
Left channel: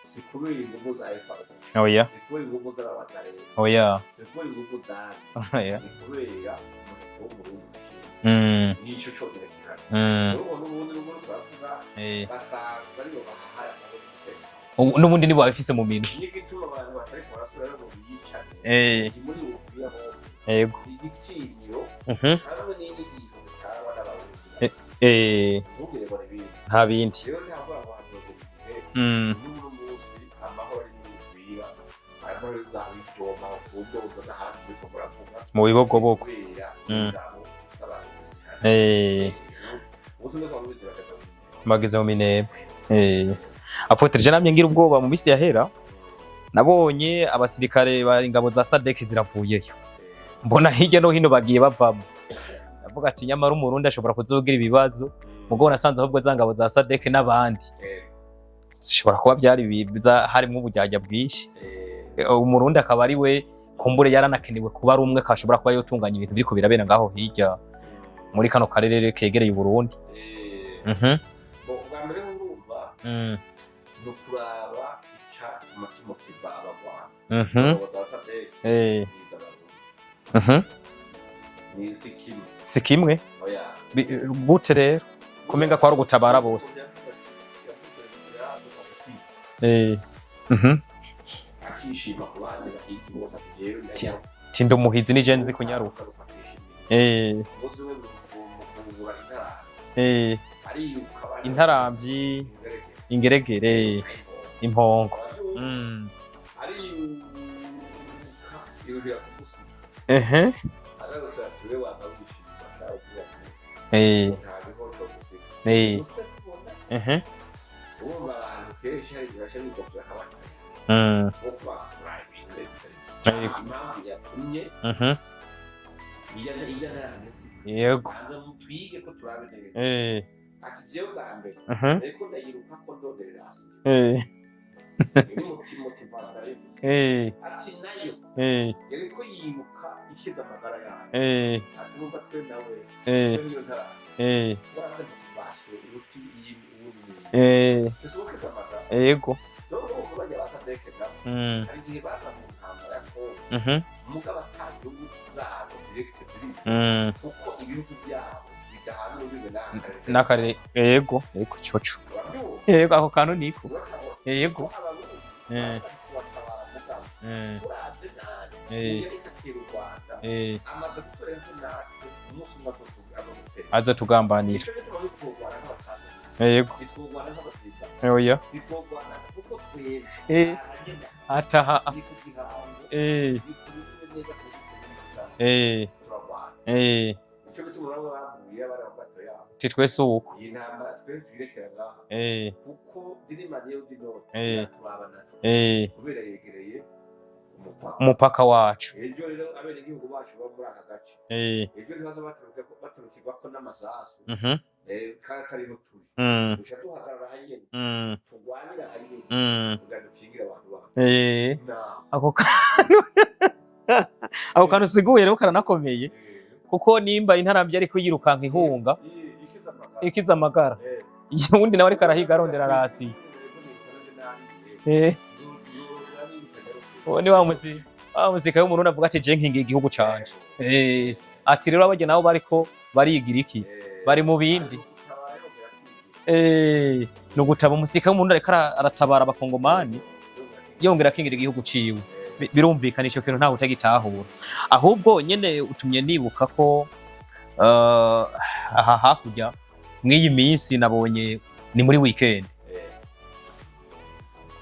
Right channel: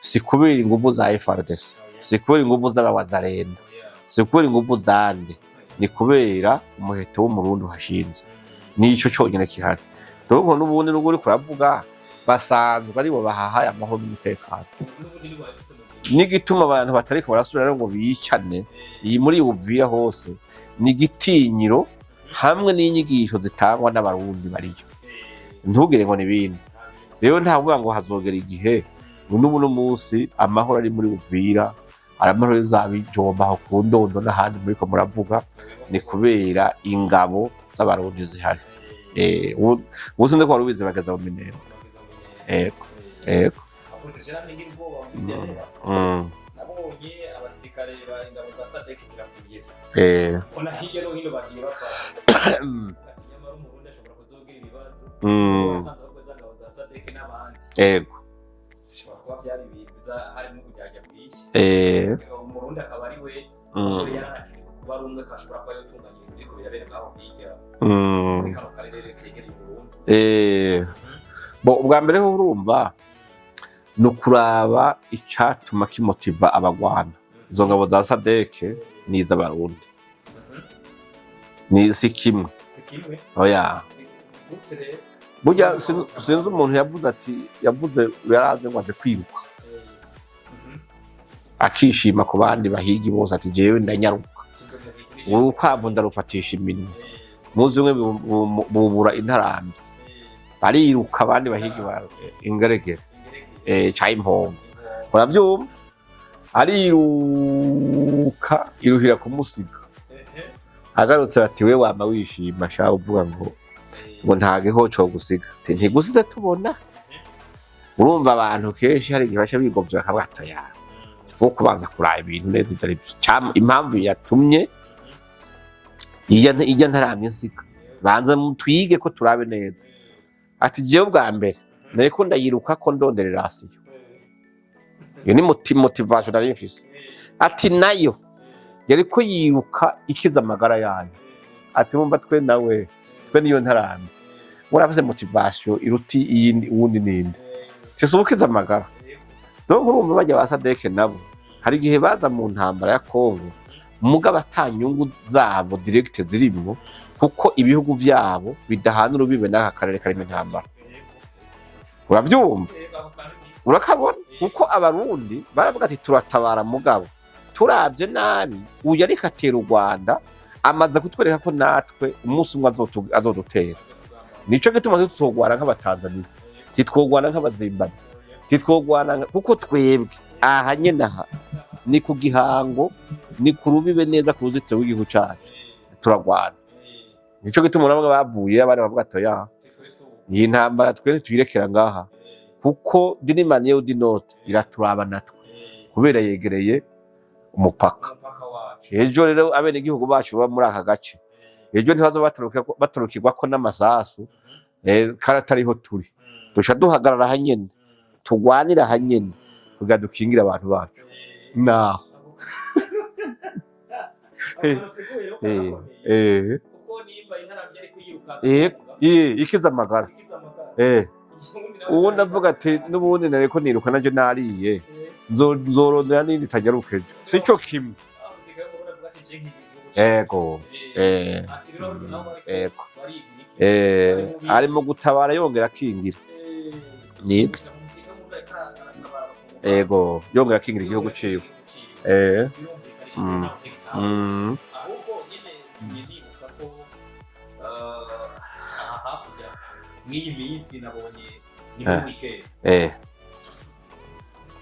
si kubera inguvu za FARDC si kubera inguvu z'abawazarendo si kubera inguvu zande ni kubera umuheto w'umurundi uhashinze nico conyene kihari rero n'ubundi n'ubwo uri kuravuga basanzwe aribo bahahaye amahoro n'umutekano n'ubundi nibo babifise mu minwe n'igituma abantu batariko barasubira ngo bicane iyi muri Uvira hose ni gitinyiro hamwe n'inyigisho zitangwa n'abarundi baryo ntugire ngo nibindi nta bindi rero ntavuga ngo hazogera igihe n'ubu no munsi amahoro ari muri Uvira aramahoro zabijomba aho ku Ndondo n'ahandi muri ko muravuga mu bibogobogo kubera ingabo z'abarundi zihari ubuze ndiko warubize bageza mu minero Apotre je namye ngira ubwoba mu misi yahera nabonye abasirikare ba ingabo za SADC ziravuyeyo mbona hirya no hino bagiye bavamo avuga ati nyamara umurundi ashobora kuzogira ibibazo ubwo nasanze ahubwo za ngabo za SADC n'abandi zishobora kuba byari harimo ubujyajya bwinshi umurundi akaba ari we kumbure yaranakenewe kuba ari umwe kashobora kuba yotunganya ibintu biriko birabera ngaho hirya muri kano karere kegereye Burundi ubwa mbere ho urumva no kuraba icatuma kimotiva abagwana izo ngabo za SADC n'iz'abarundi ni si kimwe oya gute rero burya kwa gutabara umuntu yavuze yaraze ngo aje kwiruka akishima ku bandi bahigi bose ati jewe ndanyaruka tindo muhizi ni jenzi ko ndarufatisha iminwe muzi umwe bubura intarambi bariruka abandi bahigi ingeregere cha impongo uravyumva ariruka iruhira kumusiga agarutse ati we wama wishima sha uvuga ngo ntage ho cyo gusiga ntigusize tubona urumva abantu kenshi hari igihe basha bigovya akabatoya fo kubanza kuraba ibintu neza itari impamvu yatumye ijya ntaramye nsika banza mutwige ko turabe neza ati jewe bwa mbere niko ndayiruka ko ndonderera asiyo iyo ni motivation nari mfise ati nayo yariko yiruka ikiza amagara yanyu ati mumba twe nawe twe niyo ntaramye muravuze motivation iruti iyindi uwundi nini sese ukiza amagara yego no nkurumva bajya ba Sadeke nabo hari igihe baza mu ntambara ya Kongo mugabo atanyungu zabo direct zirimo kuko ibihugu vyabo bidahana urubibe n'aka karere kari ntambara yego coco uravyumva yego ako kantu niko urakabona kuko abarundi baravuga ati turatabara mugabo turavye nabi uyu ariko atera u Rwanda amaze kutwereka ko natwe umunsi umwe azodutera azotugambana nico gituma tutogwana nk'abatanzania yego titwogwana nk'abazimbabwe oya titwogwana kuko twebwe aha nyene aha ni ku gihango ni ku rubibe neza ku ruzitiro rw'igihugu cacu turagwana nico gituma urabona bavuye abari bavuga ati ya twese uko iyi ntambara twese tuyirekera ngaha kuko dinimanye y'udinote iraturaba natwe kubera yegereye umupaka wacu ejo rero abene igihugu bacu baba muri aka gace ejo ntibazo baturukirwako n'amasasu karatariho turi duca duhagarara hanyene tugwanira hanyene kugira dukingire abantu bacu ako kantu usiguye rero karanakomeye kuko nimba intaramvye ariko yirukanka inkunga ikiza amagara ubundi nawe ariko arahigarurira hasi n'ubundi nareko niruka nanje nariye nzorondera n'indi tageruke sico kimwe musika y'umuntu avuga ati je nkingiye igihugu cyacu ati rero abajye nabo bariko barigira iki bari mu bindi ari mu gutabara yongera akingira no gutaba umusika y'umuntu ariko aratabara abakongomani yongera akingira igihugu ciwe birumvikanisha ko ntawe utagitaho ahubwo nyene utumye nibuka ko aha hakurya mw'iyi minsi nabonye ni muri weekend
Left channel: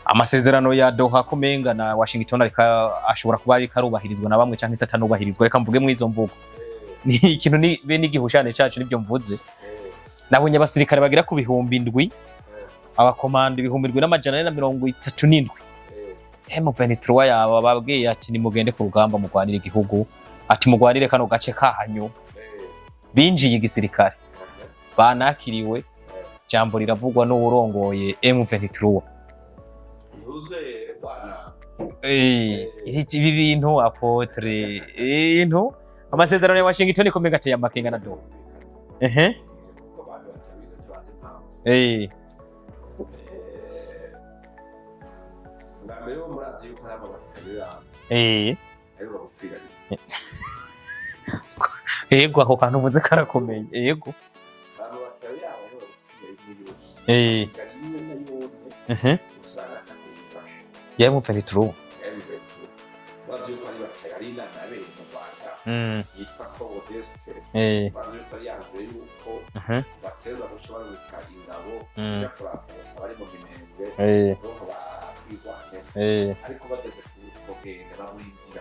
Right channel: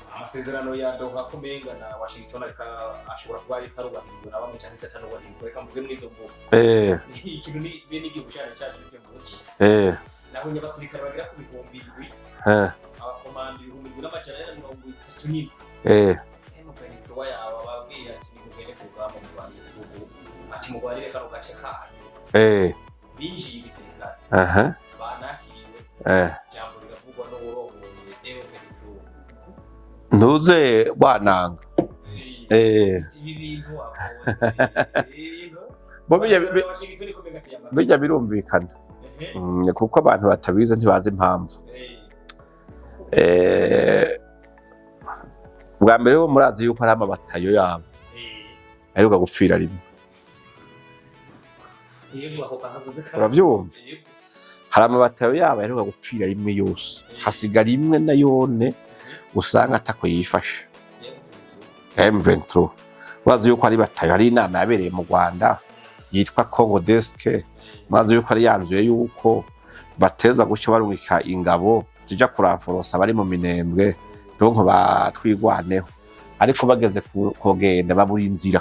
amasezerano ya Doha kumenga na Washington ashobora kuba ari karubahirizwa na bamwe canke satanubahirizwa reka mvuge mwizo mvugo ni ikintu ni be n'igihushane cacu nibyo mvuze nabonye abasirikare bagira ku bihumbi 7 abakomando ibihumbi 137 M23 yaba babwiye ati ni mugende ku rugamba mugwanira igihugu ati mugwanire kano gace kanyu binjiye igisirikare banakiriwe jambo riravugwa n'uburongoye M23 ntuze bananga ibi bintu apotre amasezerano ya Washington ikomeye ateye amakenya bijya birumvikana kuko abantu batabize ntibazi impamvu bwa mbere bo murazi yuko ari amabatayo yabo aheruka gupfira rimwe yego ako kantu uvuze karakomeye yego hari amabatayo yabo aheruka gupfira rimwe yose hasigara imwe na yone usanga atako yifashe ya M23 bazi yuko ari batayo hari inama yabereye mu Rwanda yitwa Congo Desk bazi yuko ari yanzuye yuko bateza gucyo barungika ingabo kija kuraforosa bari mu minembwe donko batwigwaneho ariko bageze kugenda babura inzira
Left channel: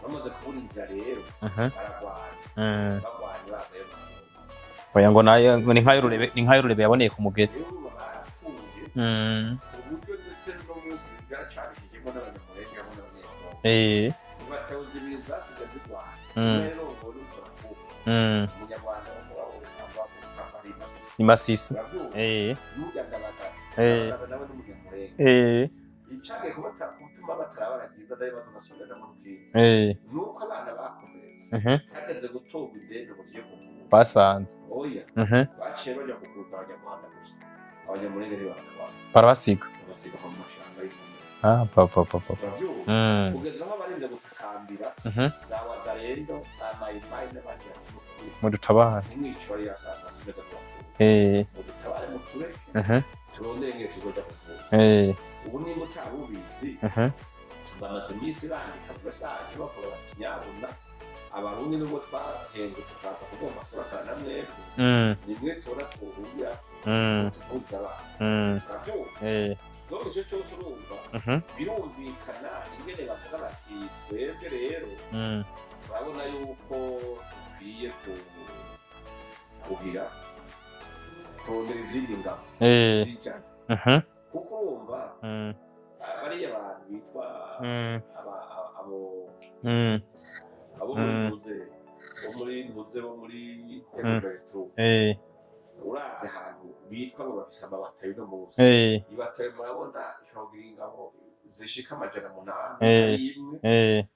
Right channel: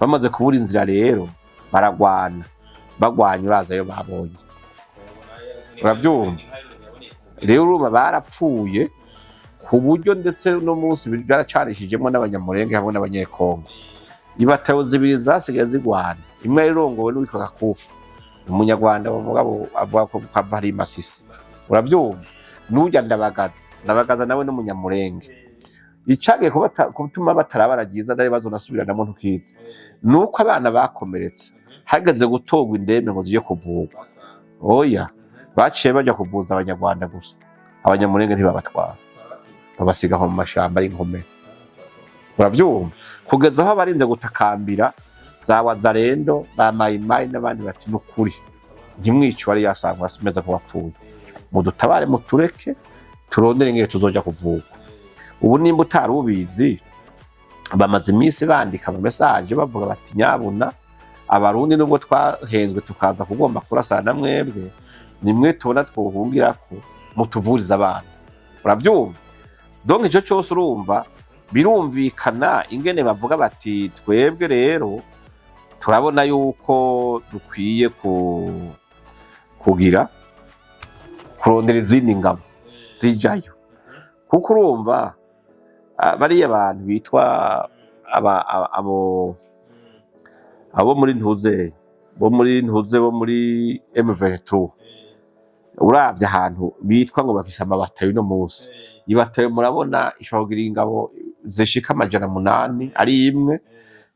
bamaze kubura inzira rero baragwana bagwanya uraza yo babonye oya ngo nayo ni nkayurebe yaboneye ku mugezi rero uruma barapfuye ku buryo ndetse no munsi byaracarishijemo n'abanyamurenge hamwe n'abanyekongo ibatayo zibiri zasigaye zigwana imwe irongowe n'uwitwa Kakufu umunyarwanda bavuga ko kava ari Masisi urabyumva n'ujya ndabagaza nawe n'umunyamurenge icyagiye gutuma batarabaragiza nayo bazonasubiranamo ntukize nuko abana bakomeretse hageze gutogwa indembe ngo zije kuvurwa basanze oya baciye bajya kuvuza abanyarwanda gusa abanyamurenge ntibabatwara babasiga aho mu mashamba ari inkomere urabyumva kugeza aho barinze gutakambira za Wazalendo ba Mayimayi n'abandi bati n'ukuri ntimwiciwe ari yasangwa asimeza ko wapfuye mudutabare mutureke turondere ngire tuzoja kuvura ubu nimba utari ubizi bamaze iminsi bandika mu message bavuga bati nyabuna abarundi nubwo twahenzwe tukaza kugomba kurasana mwebwe nimwe tubona twohungirako mutuvuriza abana urabyumva donc ico cyose urumva birumvikana ingene bavuga bati twebwe rero turabona yuko dukwiye kugira kurondera izindi ngabo zijayo kuko urumva bariya abantu bitwa abo muri ntuze bo muri M23 uravye ahantu bitwa ngo bafise amabatayo no munsi ibatayo murabona ishobora kugira ingabo zishika 800 ari imwe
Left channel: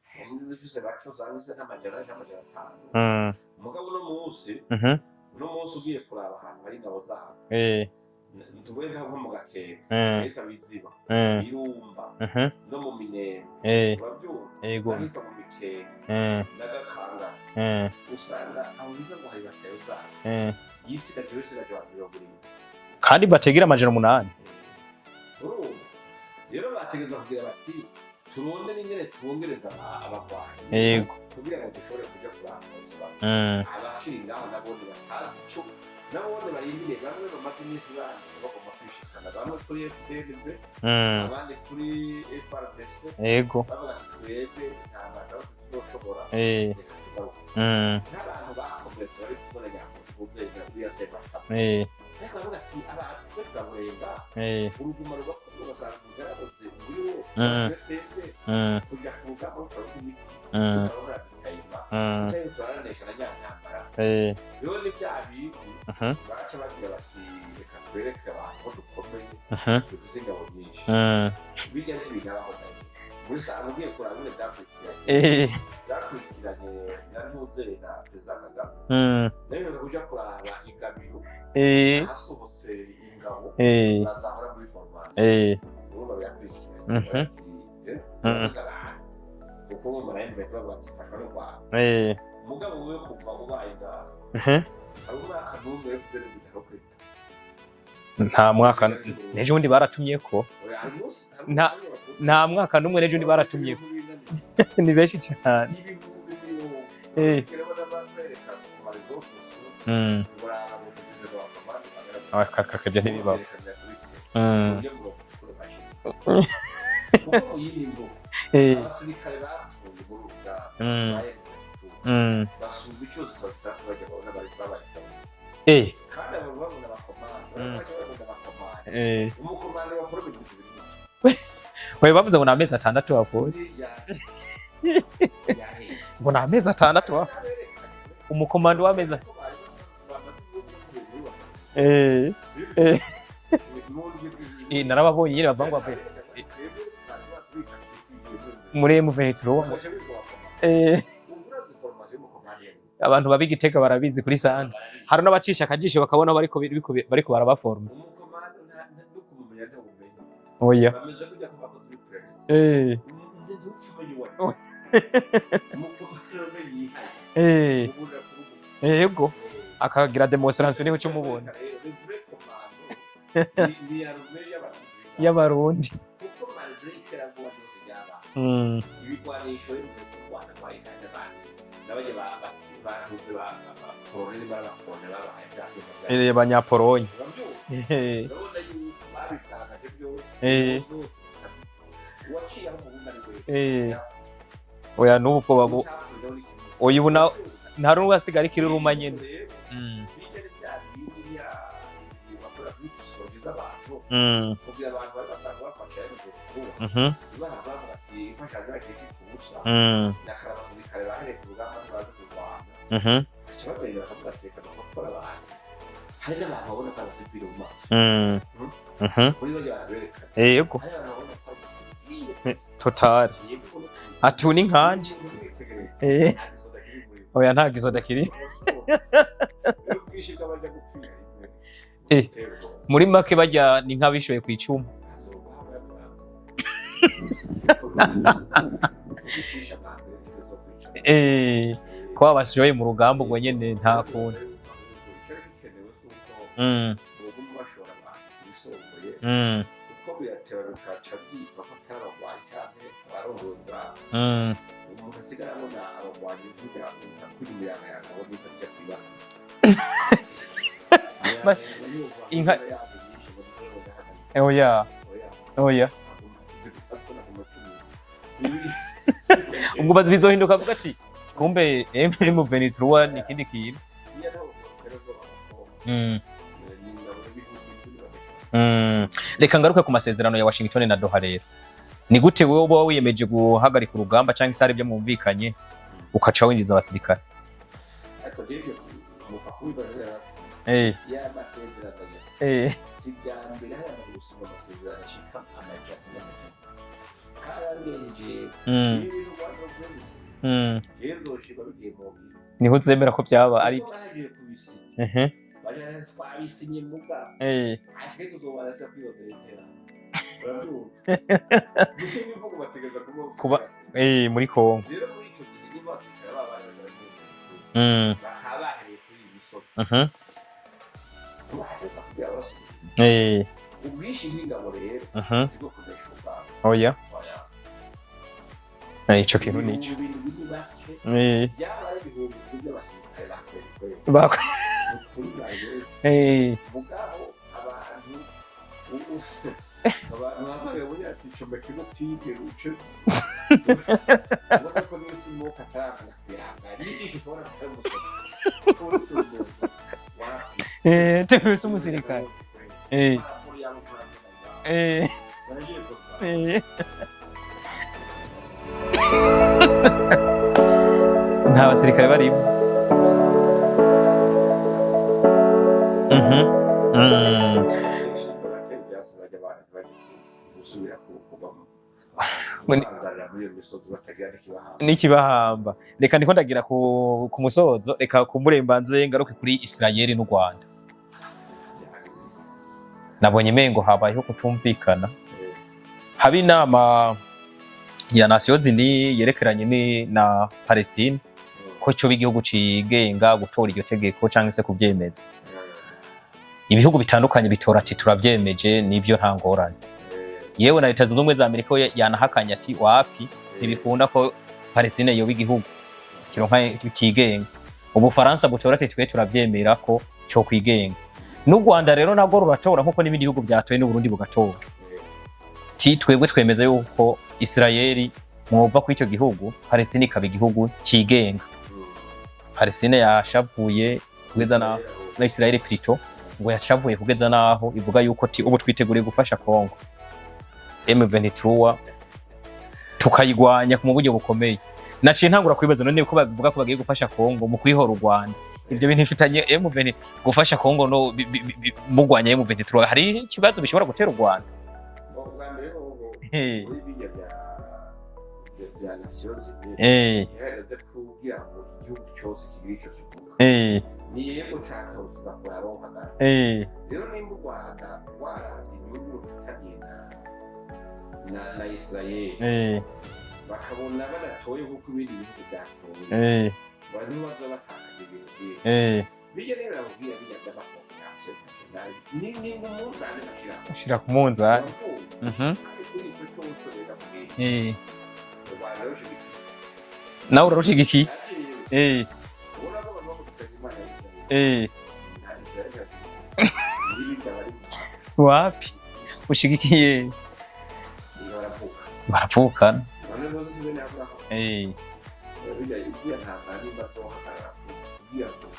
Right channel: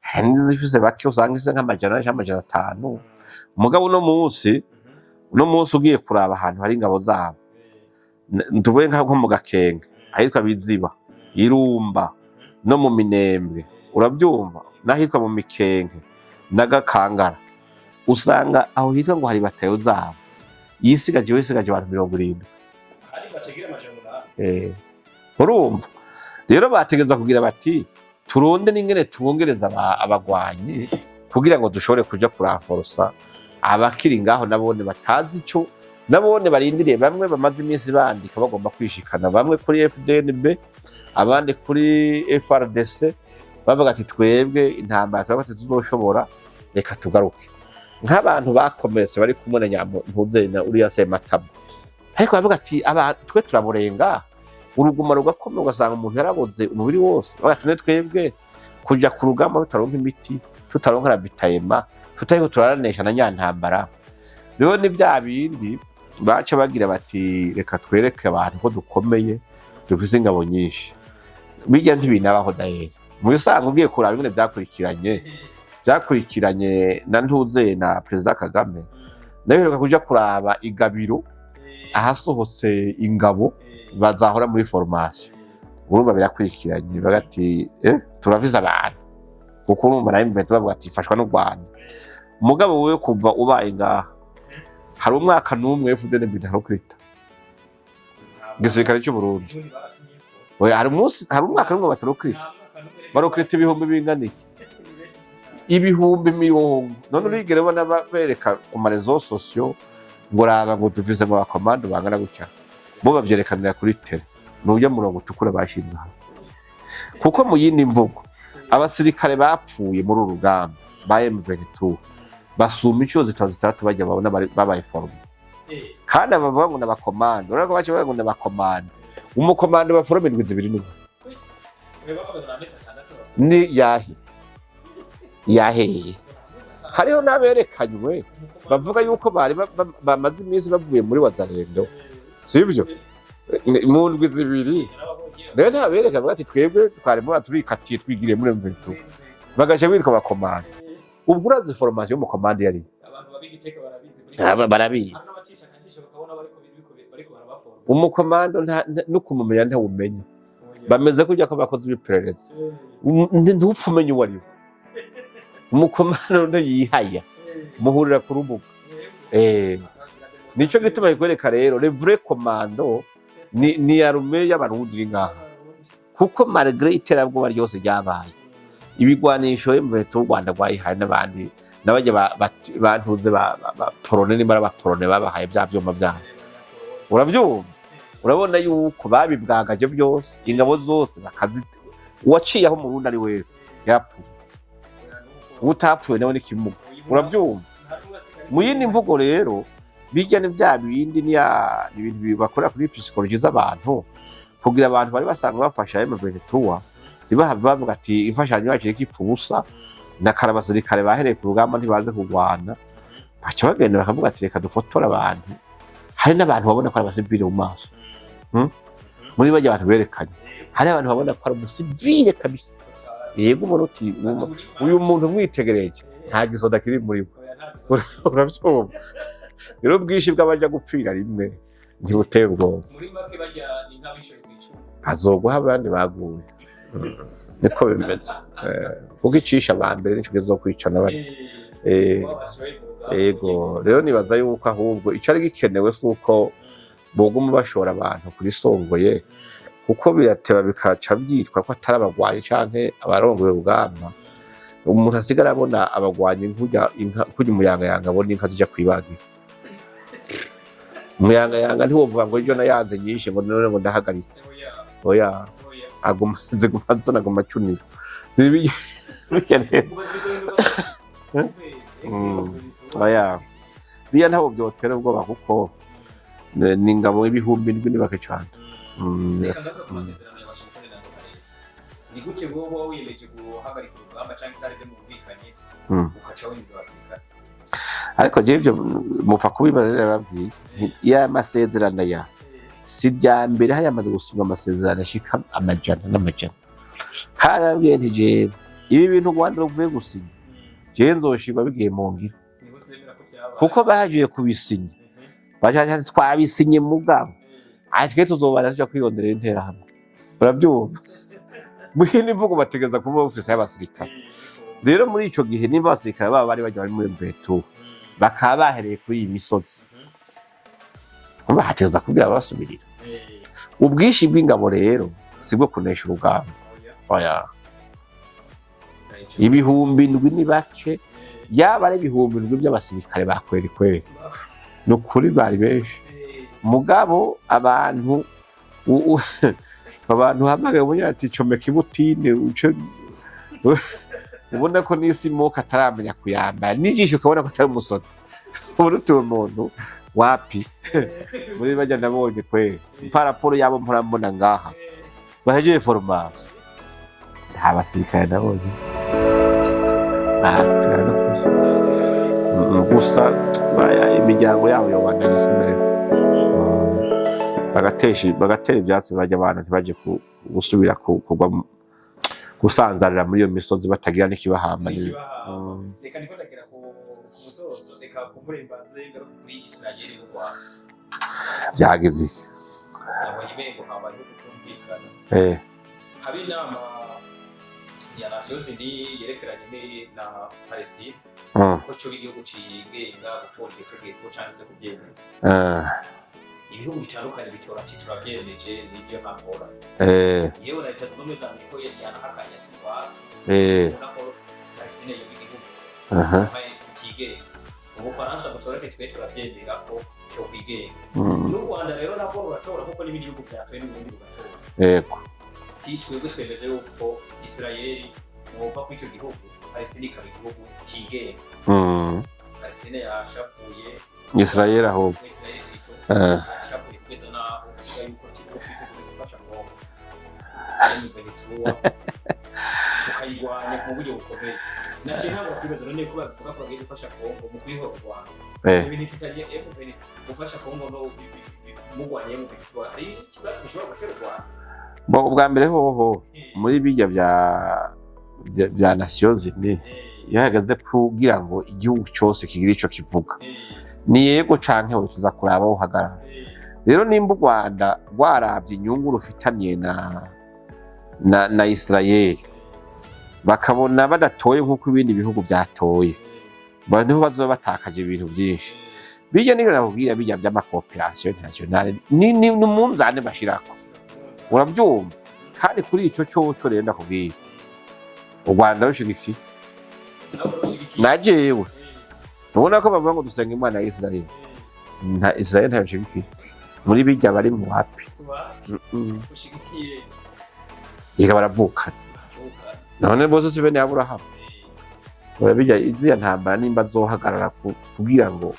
hari n'izifise bake usanga isa nk'500 mugabo no munsi ugiye kuraba ahantu hari ingabo zabo ntuvuye nko mu Gakenke ahitwa Biziba Irumba no mu Minembwe urabyumva n'ahitwa mu Mikenke n'Agakangara usanga aho hitwa ngo hari batayo zabo yisigaje abantu 70 kandi bategera 800 urumva rero bategeza kugira bati turonde n'ingene twongereza abagwanyi kugira ngo dushobore kuja kuranforsa abakiri ngaho nabone batazi ico nabone barindiriye bamwe bamaze iminsi bandika bagomba kwishikana bamwe kuri FDNB abandi kuri FRDC bavuga ati twebwe intambara twabate tuzoshobora reka tugaruke nk'abantu bakomeretse bari kumwe na Nyampuzena uriya Sematabo ariko bavuga ati twe turaburenga uruguma rugakomeye ugasanga umuntu yaraboze umubiri wose bagatine twebwe kuja ku rugamba tutaronka imiti tutaronka ravitayema tutariko turaranesha na nyantambara rero ni bya bindi baca bagira bati reka twereke abantu ko dukomeye dufise ingabo nyinshi bijya ntibinabaho daheri mu bisanzwe ugiye kuraba ibintu byakurikiranye na Ntuzena Perezida Kagame ndabiheruka kuja kuraba igabiro ahasohotse ingabo bazahora muri formation urumva birakurikiranye bagati turaviza abantu kuko urumva nayo mbere bavuga ati fashwa no Rwanda umugabo wewe kuva ubaye ngaha hari umwaka n'umwe FDN bidarokrita nta mwaka gisirikare cy'u Burundi ejo ndi baratumye ko hari umwaka n'umwe batarokrita nta mwaka n'umwe ejo baratumye ibihumbi binganiye ni benshi cyane ibihumbi mirongo none bigere bona bereka ku marezo sociaux ngo raba ngo tuvize mu bakomando bangana bo babyerekanira kuri tele n'ubyo murongo tukura bashinze kuko mu yindi mvugo abasirikare bapfuye muri urugamba ba M23 basuma inshuro zitatu bajya babona babaye forme kandi abavuga ngo n'abakomando urako bace bavuga ngo n'abakomando umukomando ba forme 2 Oya bavuze ngo n'amezi 6 bako ni yaheye ngo n'amezi 6 hariho naberekanywe umukomando bavuga yuko bari bamaze iminsi bavuye muri Wazalendo sibyo mu ndwi 2 narababonye nyine bavuga nabereka bati twebwe twarimo turikatiye twigire muri M23 bagaje bitwa bakomando ubwo urazi formation mu commande yari abantu babigiteka barabizi kuri saba barabizi hari n'abacisha akajisho bakabona bariko barabaforma umukomando no kumumenya ntawumenya bameze kujya ko bakoze ibiperereza ntupfa umenya uwo ari we umukomando yihaya muhurira ku rubuga yego akagira demonstration nico gituma igoreka rero le vrai commando ni arume y'abarundi y'abarundi kuko malgré iterabwoba ryose ryabaye ibigwanisho mu Rwanda rwayihaye n'abandi n'abajya bantuze ba Polone ni bara Polone babahaye bya byuma bya abanyapolonye urabyumva urabona yuko babibwagaje byose ingabo zose bakazite uwaciye aho mu Burundi ari wese yapfu oya n'uko utapfuye nawe n'ikimugo urabyumva nta rumwe asigara ikirumba nyine muri mvugo rero bijya ni bya bindi ni ibintu bakora kuri psychology z'abantu kugira abantu bari basanga bafasha M23 zibahava bavuga ati imfashanyo yacu ikipfu busa na karabasirikare bahereye ku rugamba ntibaze kugwana baca bagenda bakavuga ati reka dufotora abantu hari n'abantu babona ko ari abasivile mu maso muri bajya abantu berekanye hari abantu babona ko ari umusivile kabisa total yego umuntu ati uni nkanje uyu muntu mwitegereje nta gisoda kiri muri oya nta gisoda kiri rero bwishi bw'abaja gupfira rimwe ntibuteye ubwoba muri make bajya ni nk'abishoye ku icuma hazoguha abandi baguye niko bimeze kuko icisha abambere nico kizo kwicana ko abashoye mu rugamba ubwo nyene rero nibaza yuko ahubwo ico ari gikenewe suko boguma bashora abantu kuri songoye kuko birateba bikaca byitwa ko atari abagwanyi canke abarongoye urugamba umuntu asigara abona abagwanyi nkujya umuyangayanga abona inka zija kwibagira umuyangayanga ntiwovuga ngo ibyo nayanze nyinshi ngo none ngo ndahagaritse oya aguma cunira ngo bazizohinduka bati kumbe M23 ikindi kintu biya ntaho byotera ubwoba kuko ni ingabo y'ibihumbi n'ibake cyane reka ngaruke ku masezerano ya Washington na Doha rero ni gute wowe uba wiyemeje guhagarika urugamba cyangwa isari byo mumvikanye ukaca winjiza abasirikare ariko je ivyo mupfa kubibarira babwiye ya masezerano ya si rya mbere hayamaze gusinywa amasezerano ashika amajana n'amajana karabwiye nti jewe ibi bintu u Rwanda ruvuye gusinya jewe nzoshirwa bigiye mu ngiro niho uzemera ko byabaye kuko bahagiye kubisinya baje twabisinye mugabo ati twe tuzobara tuja kwironderera interahamwe urabyumva muhini imvugo bategeza kuba ofisi y'abasirikare muri Kongo rero muri ico gihe niba abasirikare baba bari baje muri Mveto bakaba bahereye kuri iyi misozi bahategeza kugira basubirira ubwishi bw'ingabo rero sibwo kunesha urugamba oya ibihumbi ndwi ni bake yaba ari ibihumbi ndwi by'abasirikare bakweri kweri ni ukuri bari benshi mugabo abantu hamagaye ubunya ati comeka ibutine ubona ko n'isi moka ataramenya kuyambara n'ijisho ukabona ko atari umusoro ubona utuye umuntu wapi muri bajya nabonye kweri paraporo yabo murambona ngaha bahejeje foromasi nta basirikare nabonye nta basirikare barimo gusa imiryango yabo yobandanyisa imbere bagatera ivyatsi bajya abantu ntibaje gusubira kugwa gusanzarira muri iyo misozi batagira n'ikibahamba reka ndiko ndagira ku musozo reka kumurembanze ngaruke kuri Israel n'u Rwanda byageze nabonye mengo habayeho kutumvikana haba inama ya Nations Unies yerekeranye na Palestine ko cyo bigihugu cigenga gutora iryo tegeko cyangwa se kubyemeza ibihugu bitandukanye bitora ati turavyemeje nibyo nta ngorane yewe na Leta Zunze Ubumwe za Amerika yanahakanya ati wapi bikunda ko Palestine yoba igihugu kigenga Ubufaransa butora ati twe turavyemera ko cyo kwigenga n'u Rwanda rero nabwo ruratora nkuko n'ibindi bihugu byatoye n'u Burundi bugatora yego twebwe twemeza yuko Israel mwumva ko icyo gihugu Palestine ikaba igihugu kigenga Palestine yashavuye Israel plutôt ngo yashavuye kugeza naho ivuga yuko ubu twiteguriye gufasha Kongo M23 tukayigwanya mu buryo bukomeye naciye ntangura kwibaza none ko bavuga ko bagiye gufasha Kongo mu kwihora u Rwanda ibyo bintu bifitanye M23 gufasha Kongo no mugwanya M23 hari ikibazo bishobora gutera u Rwanda bwa mbere hoho muri bijya bya Nations Unies yahagaze kugira ngo igihugu cyose kigira ico kivuga ni yego canke ho tuza kuraba uhagarara rero nimba u Rwanda rwaravye inyungu rufitaniye na Israel bakabona badatoye nk'uko ibindi bihugu byatoye niho bazoba batakaje ibintu byinshi bijya nigera nakubwira bijya by'amakooperation internationale ni umunzane bashira ku munzane urabyumva kandi kuri ico cyo rero nakubwira u Rwanda rushigikiye nawe urarushigikiye najewe ubona ko bavuga ngo dusenga Imana ya Israel nta Israel ntabishigikiye muri bijya bari mu wapi ushigikiye yiga baravukana none bose si bene Aburahamu urabijya iziya ntambara nimba zohagarara kugira ngo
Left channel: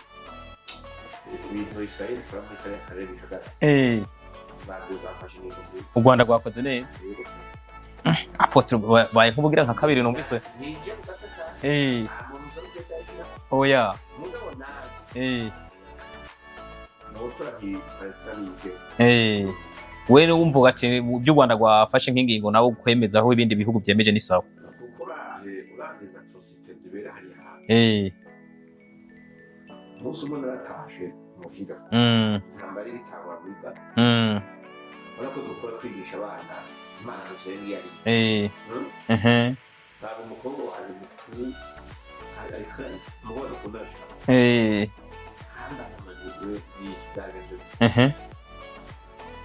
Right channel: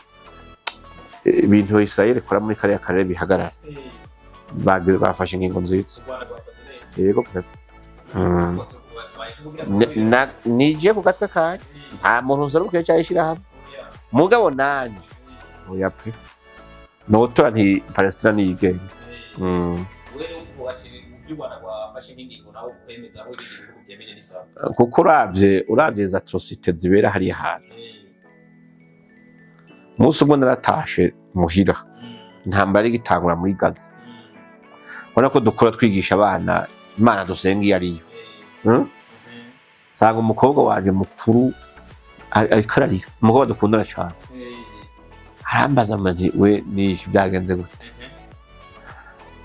ibintu Israel ikora muri kariya karere bihagarara bafashe ingingo nziza u Rwanda rwakoze neza yego baye kubugira nka kabiri n'umusore nije ku gatwe kanje muntu uzarukiye cyayishira hamwe oya mugabo nanje oya pe notora nti Palestina niyigenge we wumvuga ati by'u Rwanda rwafashe nk'ingingo nawe kwemeza aho ibindi bihugu byemeje ni sawa kuko uravye za atrocité zibera hari hantu musi umwe naratashe muhira ntambara igitangura muri Gaza ubona ko dukora twigisha abana Imana dusenga iyo ariyo sanga umukobwa wanje mukuru ariko ararira umukobwa dukundana cyane arambaza ati we nishi byagenze gute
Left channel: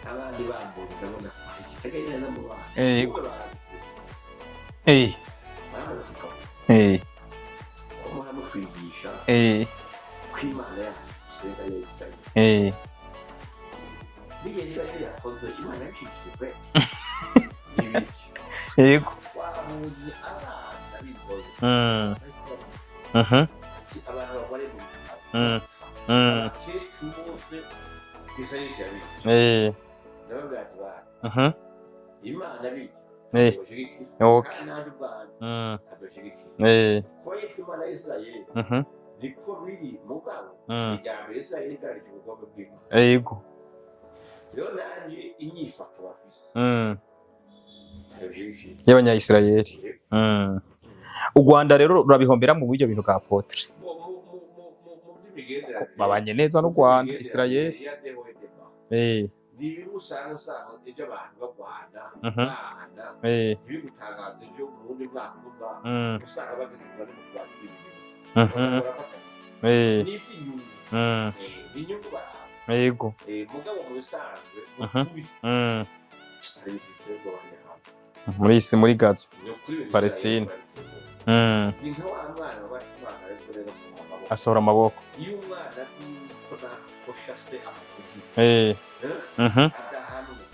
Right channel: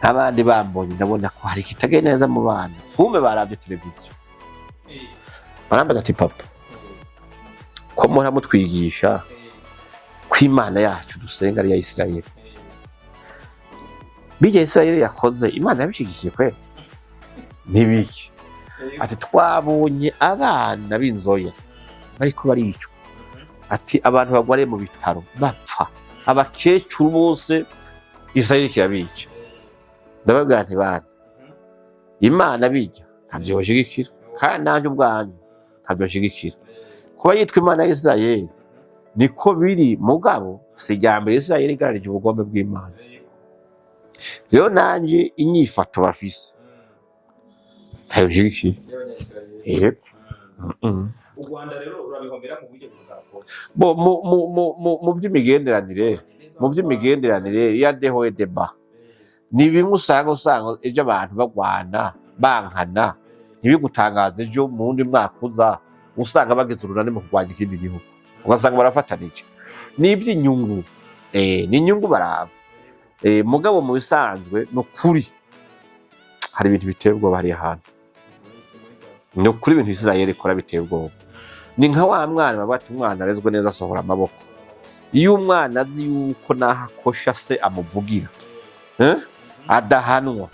abandi bambonye ndabona ko hari kitagenda neza mu bana kumbe baravye televiziyo barambaza ati papa ko muhora mutwigisha ko Imana yacu dusenga ari ya Israel bijya Israel yakoze Imana yabishigikiye kwe nibiki ati twabonye abana b'inzoya bariko baricwa ati abantu bagware mu bitaro bapfa abakecuru bose Israel kirabica ndababwira nti bana Imana bijya ntabyoshigikira kandi nanje ubwanjye ntabyoshigikira kuba yitwa Imana ya Israel niko biri mugabo si irya mbere Isirayeli igararije ubugome bw'Imana. Yego. Rero nanje inyifato bafise tayujiki y'Abanya-Isirayeli. U Rwanda rero rurabihombera mu buryo bintu bwa Apotre. Mu by'imigenderanire ya dehoye deba. Ni bimwe usanga ejo abantu bagwana bankana ntibigutangaza ejo mu wundi mwaka uza usanga bageze urunani mu kurwanya ikindi gihugu ugasanga barafatanije ni iby'inyungu ni inyungu baraba mugabo mu bisanzwe ni ukuri hari ibintu biteye ubwoba hariya hantu muri Gaza ni ukuri ibintu Isirayeli ikora biteye ubwoba ni nka wa mwana baba bati umwana arezwe neza asohora amaboko iyo umwana azi yuko naho akosha se amuvugira adahanwa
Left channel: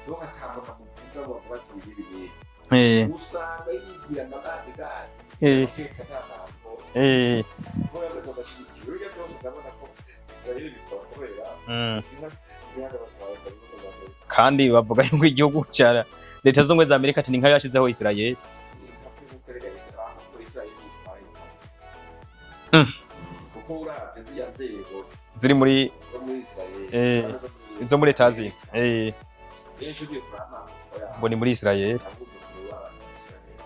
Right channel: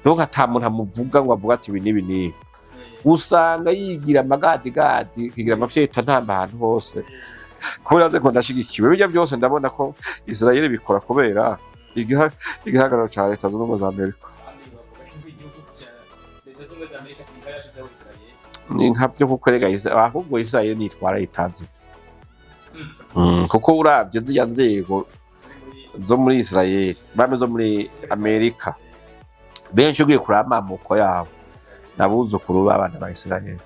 ntuko atamuntu amuvuga ngo avuga ati ibi n'ibi n'ibi usanga yigira amagadigadi kigira amafyeta ntamba ahantu hose kubera ko ndashigikiwe bijya byose ndabona ko Isirayeli bikora kubera igihagararo cya Leta Zunze Ubumwe za Amerika kandi bavuga yuko igihugu cya Leta Zunze Ubumwe za Amerika ati ni nka yashizeho Isirayeli ni nka byo kukorega ahubwo Isirayeli nitwara itazi kuko uravye zya nzego ziri muri Isirayeli bame zo muri Amerika benshi ugiye kurama amoko yabo ni muri Isirayeli nabuzukuru b'abana ba Isirayeli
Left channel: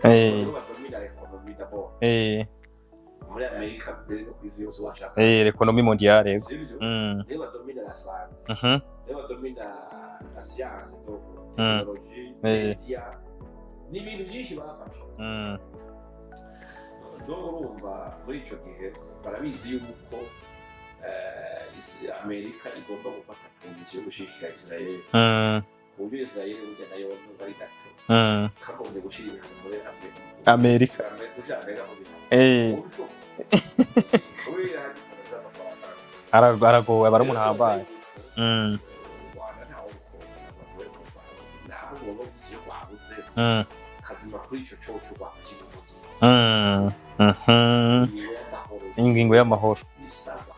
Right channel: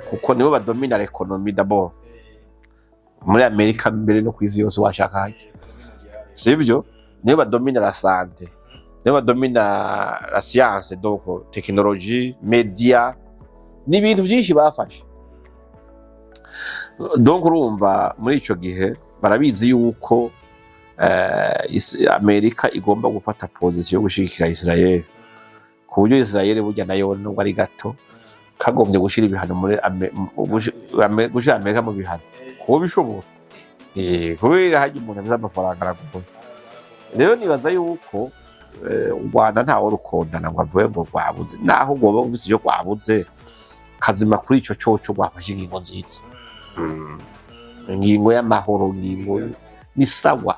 kuko nibo badomina l'economie d'abord muri Amerika mbere no kw'isi yose washaka l'economie mondiale sivyo nibo badomina la santé nibo badomina la science donc technologie media n'ibintu byinshi bafashe donc urumva muri ico gihe barabizi yuko Amerika igomba gufata position yo gushigikira Isirayeli ku buryo Isirayeli burya nayo nubwo ari gato kagombye gushira ibihano muri gushira Amerika mu bihano uwo bishobora kubera haje umuntu abiza amafaranga aragowe rero nibaza yuko u Rwanda ntawe rukondana ngo avuye ngo rwabuze naho ngoba ufise iyo rwabuze kazima kuri ico coco rwafashe ingingo nziza ingingo y'amahoro ni sawa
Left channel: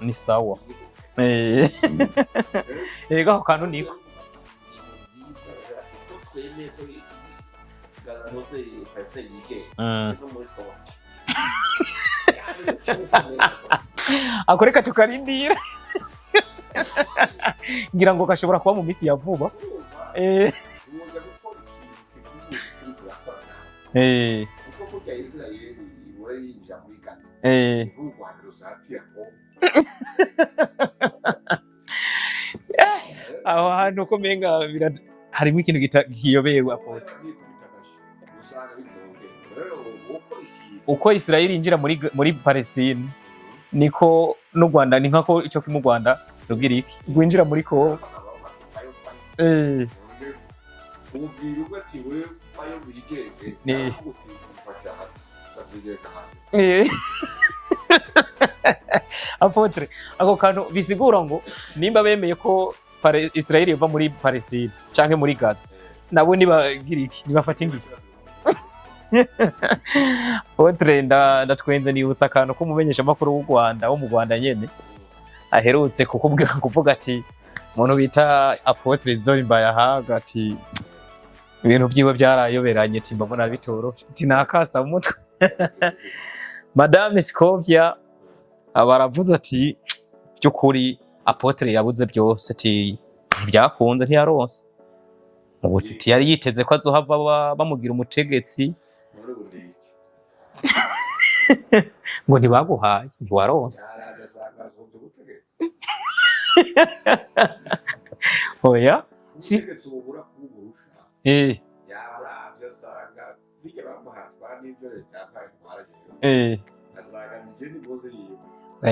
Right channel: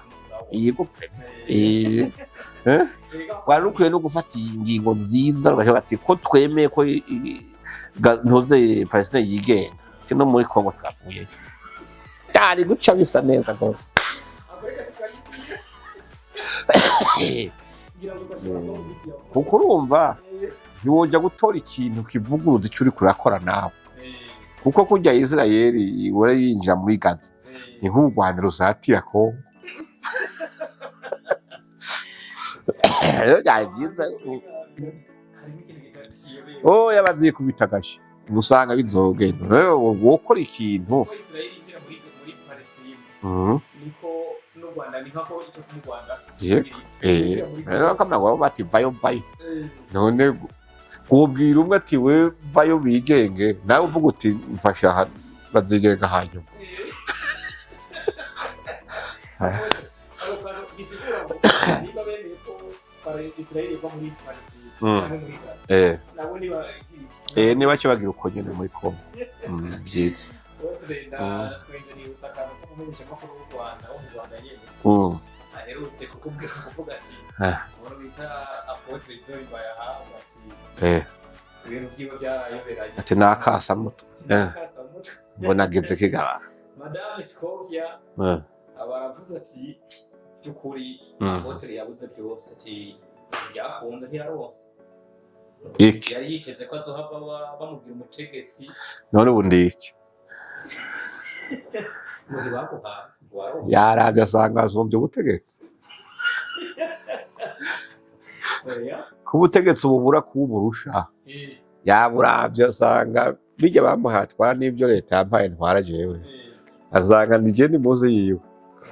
yego karukuye no gufata ingingo nziza bashaka ati ko twemeye ko ntoze Palestine yigenge no muri Kongo twavuye cyari duca bisa neza rwose akoreka tukarindira ngira ngo gashobora kuba mu misi ya vuba urumva ntiwojya gutora ikintu kivuguruza icyo uri kurakora nawe kuko kujya Isirayeli wari yinjira muri Gaza niho u Rwanda rusatira Kongo aho hantu ko menga harimo ikintu kiyobeye yabaziye kubitagaje usanga bizogenda rero wokora ikintu uko Isirayeli injira muri Palestine niko no Rwanda ni nkako icyo mu Rwanda kugira iki winjira muri Kongo kamna wabo bati bayo none ubwira umwe ati we vayo bigenge nawe uvuga uti mfasha bazigenga hanyuma Apotre ako kantu bisigura ngo nimba bemeye ko Isirayeli iva muri Palestine canke muri Gaza nabo nibagira iki niba cyo bagira uko nyine muri Kongo Apotre ndatwenze nibutsa akantu ko mumenyesha makuru w'u Rwanda wo mu Rwanda nyene aherutse kuvuga ati umuntu bita Apotre Isidore Mbayahaga ati ibintu byiwe byarayoberanye tinakasa umutwe mbona gite kigaba Madame Scovia abaravuze ati byukuri Apotre yabuze byose ati ntibyakunze ntiyaronse yari yiteze ko azohava bamugira umutegetsi none ubundi iki ngo ntibaguhaye ntiwaronse yaravye asanga azombye ubutegetsi oya kubutegetsi ububura kuburusha yaburavye asanga bijya bamuhatwara n'ibyo leta yampaye ntwara jewe asanga nije ni muze yiwe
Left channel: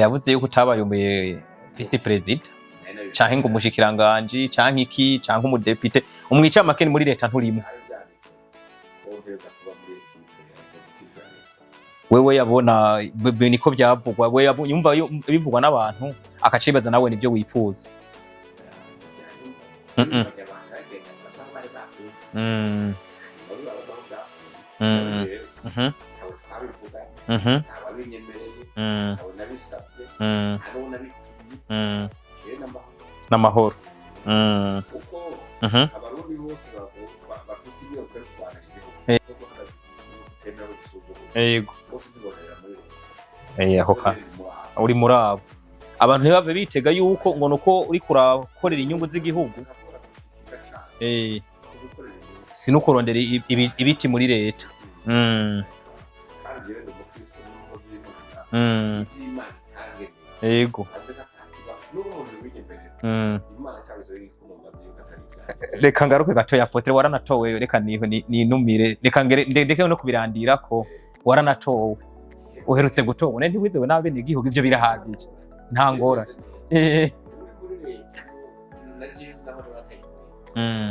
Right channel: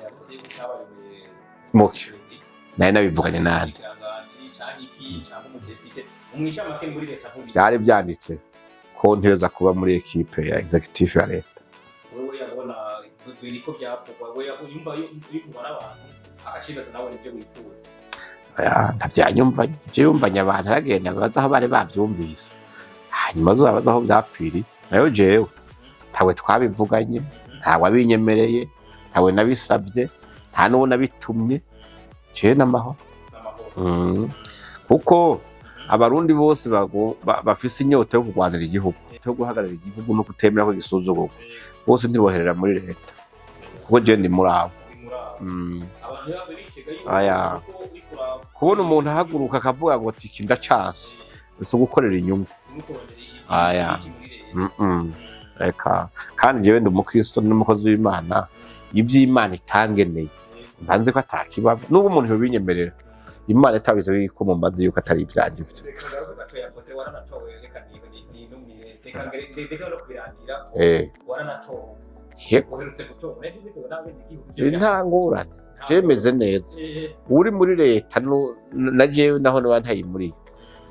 yavuze yuko utabayomeye vice president canke umushikiranganje canke iki canke umudepite umwica makeni muri leta nturimo cyari byanditse ko nteza kuba muri equipe ya executive ya leta wewe yabona niko byavugwa we yumva bivugwa n'abantu akacibaza nawe nibyo wifuza ndavyanyumva byumvanya abantu aragenda baza aho bari bavyumvise hanyuma zobaza aho byapfiri nayo jewe ntawe twabivuganye ntawe abinyemereye ntawe nabisabye nta n'uwo nabitumye je n'amahoro kuko abarundi bose bafise inyota yo kurwanira igihugu yo guhagararira igihugu no kutemera ko gisuzugurwa bose ntiboherera muri leta ko je ndi murabo uri murabo abantu ntibave bitega yuko umuntu ko uri kuraba ko umuntu haguruka akavuga ngo tiki ndacase so gukorera inyungu sinukurondera ibiti muri leta reka kandi jewe ndi umukristo n'umukozi w'Imana ivy'Imana itangeneye yego banze ko atakibaba n'ubu umuntu yobinyemerera Imana itabize ko mu mazi yuko atari ivyanje reka ngaruke gato ya Apotre waranatowe reka ninumire reka ndeke no kubirandira ko waranatowe uherutse gutora ntiwizewe n'abene igihugu ivyo birahangura byemeze neza uri muri leta na jewe naho n'abantayi muri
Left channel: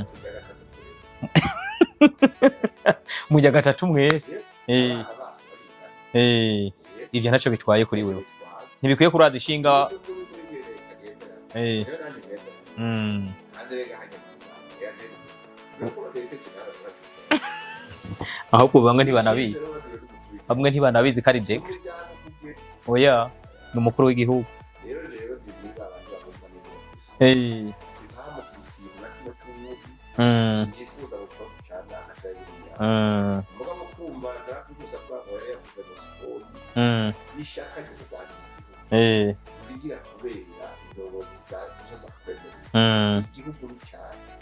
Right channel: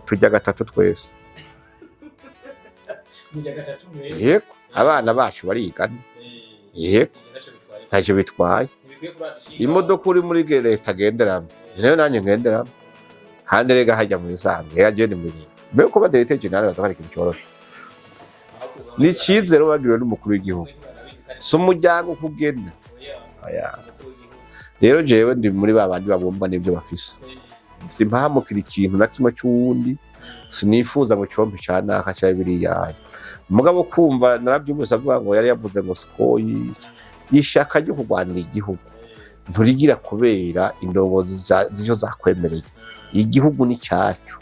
tujya gatatu twese mujya gatatu mwese abana bacu barigana ivyo naco bitwaye ko naco bitwaye ntibikwiye kuraza ishinga imodoka uri muri leta agenderamo nayo nanjye ngenderamo kandi rega hajya mu isanzwe yaje ni muri mbe ko baderete general batwara ikintu cyoroshye ahubwo bamwe ntibanabizi n'ikizero bagiriwe n'umukuru w'igihugu bamwe ntibanabizi ko ari so umuryango kugenda oya n'umukuru w'igihugu rero jewe ndi muri babandi babumba n'ibyo bafise simpamukira ikintu na kimwe cy'uwundi sinifuza ngo cyombe cyana akaca biriya mugabo kumva narabyumvise avuga ngo yari yavuze ngo sikoyi yishaka ryo kurwanira igihugu nturigira kubera indongozi zijo zakwemereye igihugu ni cyacu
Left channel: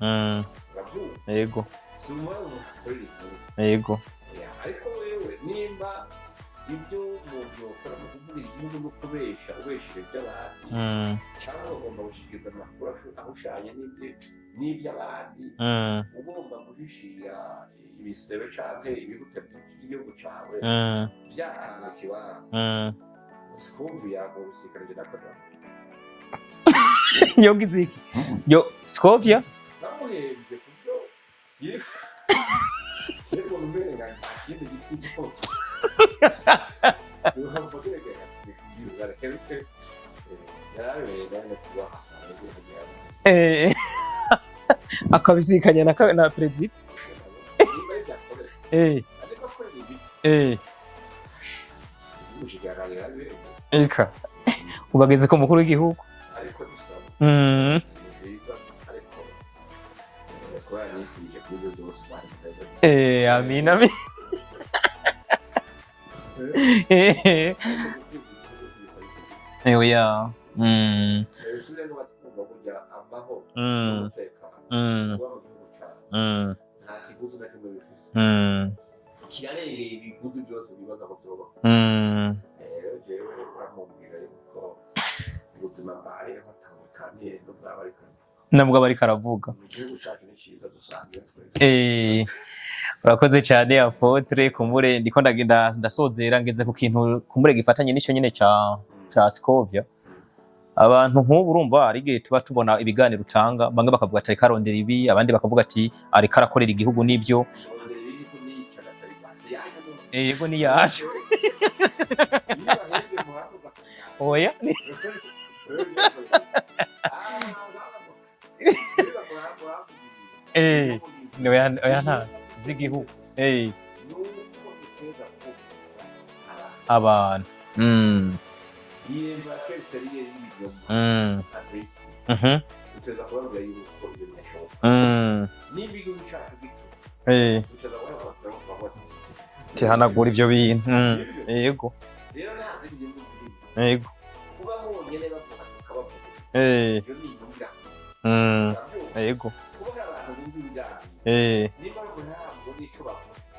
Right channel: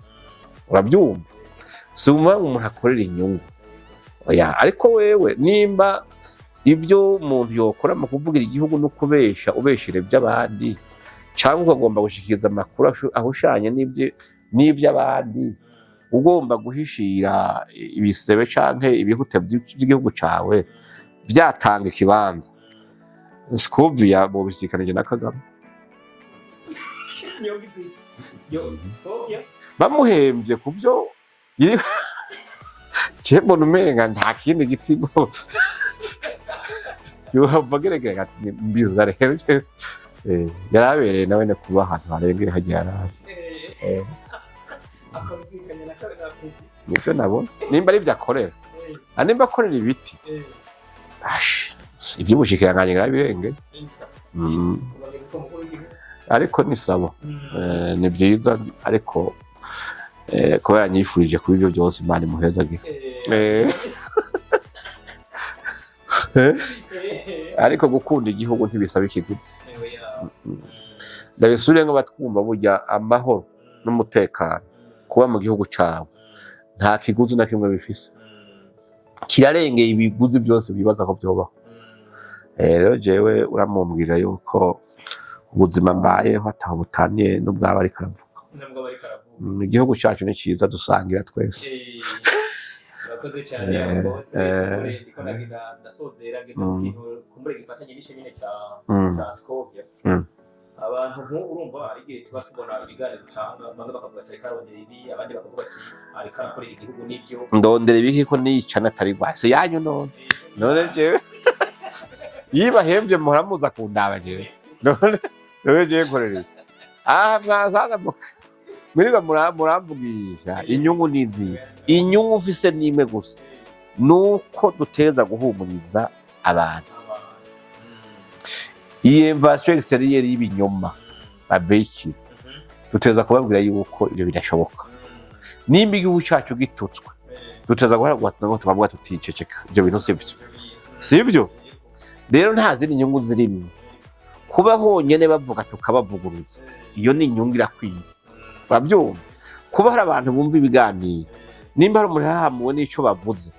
urabyumva yego si umuntu akorera inyungu yego oya ariko wewe nimba ibyo umuntu yokora mu kuvugira igihugu no kubesha ubeshire by'abandi cyangwa ugomba gushikiriza amakuru ahushanye n'iby'abandi ugomba guhishira ibisebe canke ibihute by'igihugu cawe byatanga ikibanza Scovia bo bisikanije na Kagame yo giziki yo Scovia bamuhembye kubyo Chembo numenga nta kindi gitigo yuhavugerega ati mbiza rero yarabereye nawe ne kuba ahantu harengeye hagera akabisikanya na president nico nabo nimba ari byakorera nimba akorera ibiti iby'ubushikiranganje ngabirenge eka ubageze ko mukuru w'igihugu ariko ni sabo ni byiza ariko kuba yanyifurije kuri ibyo byose Imana imuhezagire amin ariko gukunda igihugu ntibisaba ikiguzi oya ndabisubire ngo batwumva burya amahoro n'umutekano kuba mu gihugu cyawe nta kiguzi na kimwe bifise kirarengeye ibiguzi byose bibaza ko byobaho rero jewe uramumbwira yuko ubuzima mbayeho ataho butaniye n'ubwaba ariko aravuga nabwo bari karavuga igihugu cyacu ni cyiza dusangira twese urakoze cyane Apotre kumure ndiko ndagenda ndasozera ngeze ku kintu kumure gifatanye n'icyo nyine cya Scovia abantu nk'ubu urumva ari gihe tuba tubona ibiganiro utanga bamwe bakavuga ati karondera ibi abandi bakavuga ati ari karakorera igihugu n'ibyo ndondera ibi ko nicana atari rwase yanyu none yego ni yaje yibahembye muharamuza kundaba oya none je korera mwazaga Miriga muramvugisha inyungu nizi inyungu ufise n'imwe gusa nuko duteza guhumuriza abantu iyi invasion extérieure y'ibinyoma babeki duteza kubabwira yuko ibyo bidashoboka nimba igihugu cyacu gitutswe duteza guhagarara ngo tubavuga tuticeceka ibyo bintu sibyo yego rero nta zindi nyungu zirimo yego kuba honyene bavuga tukabavuguruza iyo ni inyungu irakwiye babyumva kuba hari abantu bumva ibiganiro nimba hari umuntu hahamuwe n'icyo bavuze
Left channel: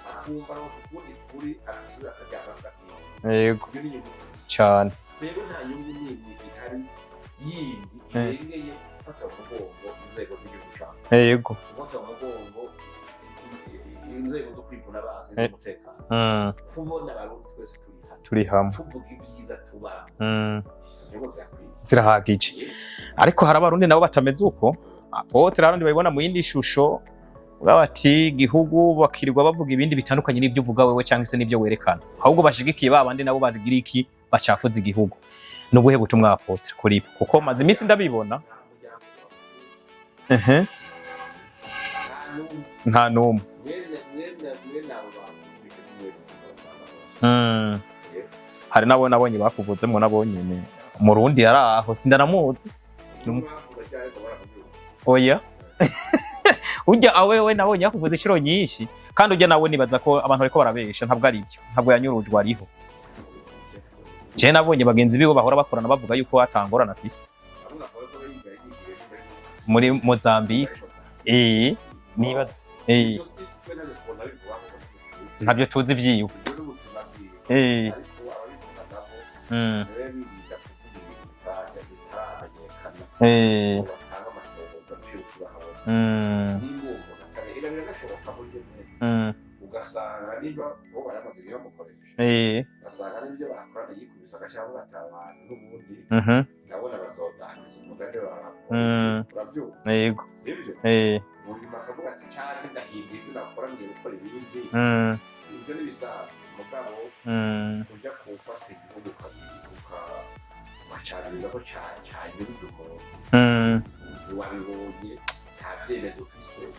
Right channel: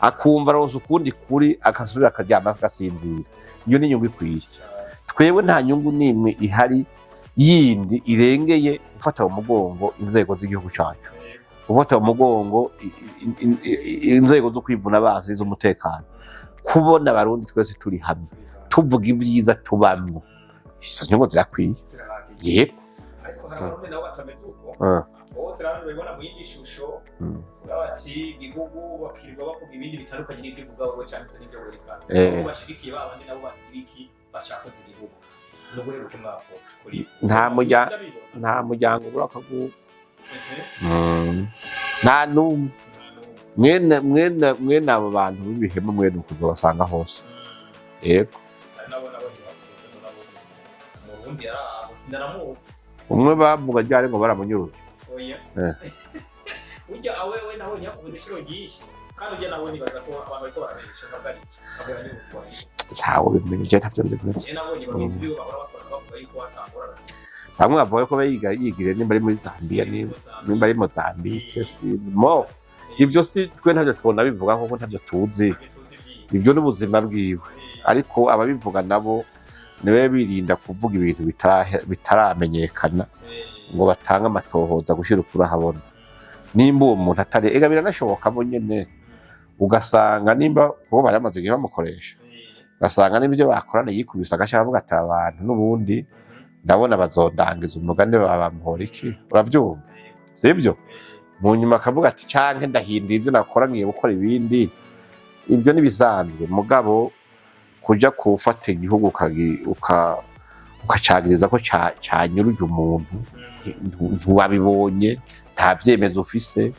akumva rose ukundi kuri akasubira akaryama agasinzira iyo ni inyungu ikwiye cyane twebwe nta nyungu n'imwe ihari yindi irengeye gufata mu mugongo inzego z'igihugu cyacu gufata mu mugongo inzego zo kwivuna bazi z'umutekano kubona abarundi twese turi hamwe tuvuga ibyiza tubamwe izo nyungu zirakwiye zirahagije ariko hari abarundi nabo batameze uko Apotre abarundi babibona mu yindi shusho bati igihugu bakirirwa bavuga ibindi bitandukanye n'ibyo uvuga wewe cyangwa se n'ibyo werekana ahubwo bashigikiye babandi nabo bagira iki bacafuza igihugu nubuhe butumwa Apotre kuri kuko maze imisi ndabibona nta muryango urakavuga nta numwe mwene abo bantu b'ibihemu mwene ukuzobasanga hose yego hari nabo nabonye bakuvuzemo nabo nyene Murundi yaraho sindanamuzi. Umwe bavuga ryari ngo baramunyuruza. Oya. Urya awewe nabonye yakuvuze inshuro nyinshi kandi urya nawe nibaza ko abantu bariko barabesha ntabwo ari byo. Ntabwo yanyurujwe ariho. Ntawo bimenye ntavyo bimenye. Je nabonye bagenzi bibo bahora bakorana bavuga yuko atangorana afise. Bamwe bavuga ko yigire nimba ari muri Zambia. Muri Mozambique. Nimba ari Mozambique. Ibyo si twe ntavyo twona bivuga kuko ntavyo tuzi. Ntavyo tuzi vyiwe. Ibyo n'ubuzima bwiwe. Ariko ababivuga nabo niwe birinda kuvuga ibintu bitaramenyekana ngo batanga amatohoza gushira ukuri ahabona. Nimba uwo muntu atari ega biranashoboka bo nyene ugasanga nimba bo baramaze igihe bamukoresha ugasanga n'ibyo bakorana yikubisa agashaka avuga ati abantu n'ubundi ndabona bazondangiza umugani babamuhora iki urabyumva sibyo mu nyuma akavuga ati canke ndahindura ibyo nakora ngiye gukora ibindi ibyo nibisanzwe mugabo kuja kufata igihugu ukacagiriza ko canyuruje umuntu ntiwabibonye nta vyemezo ufise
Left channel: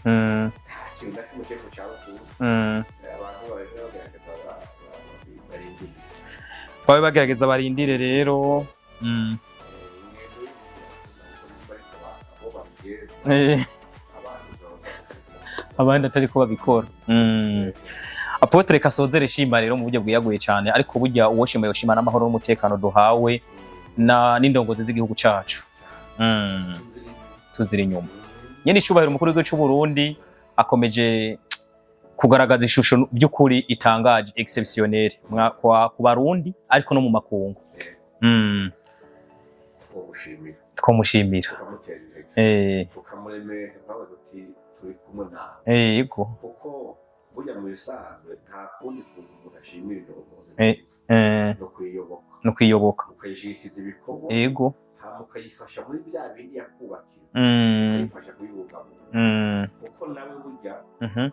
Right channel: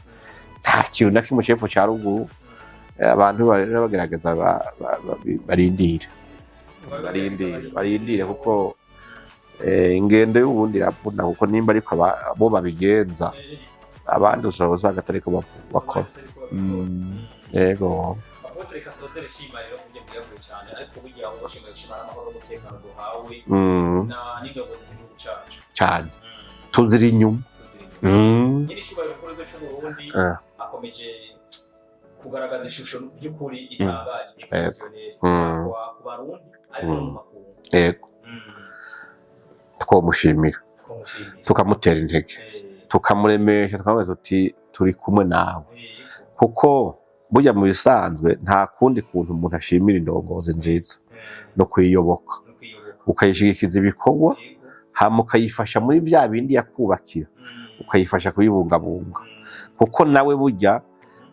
nta kintu na kimwe cepfo ca ruguru abantu bagerageza barindira babe bagerageza barindire rero ingendo y'ubundi iravuna kuko nimba ariko abo babigenza abandi usanga atariko babikora yego Apotre Kasozere shima rero mu buryo bwiyaguye cyane ariko burya uwo shima yoshima n'amahoro n'umutekano duhawe n'indongozi z'igihugu cacu cyane tuziri inyuma nyene icubahiro umukuru w'igihugu cy'u Burundi akomeje kugaragaza ishusho by'ukuri itangaje exceptionnel ku Barundi ariko no mu makungu yego twomushimira tukamutera intege tukamuremesha tukamubwira tuti turi kumwe nawe yego kuko burya mu bisanzwe nta kundi kuntu umuntu ashimira indongozi nziza no kwiyoboka ukayishigikiza ibikorwa yego hama ukayifasha muri bya bindi yakubakira ukayifasha kuyibungabunga kuko nawe burya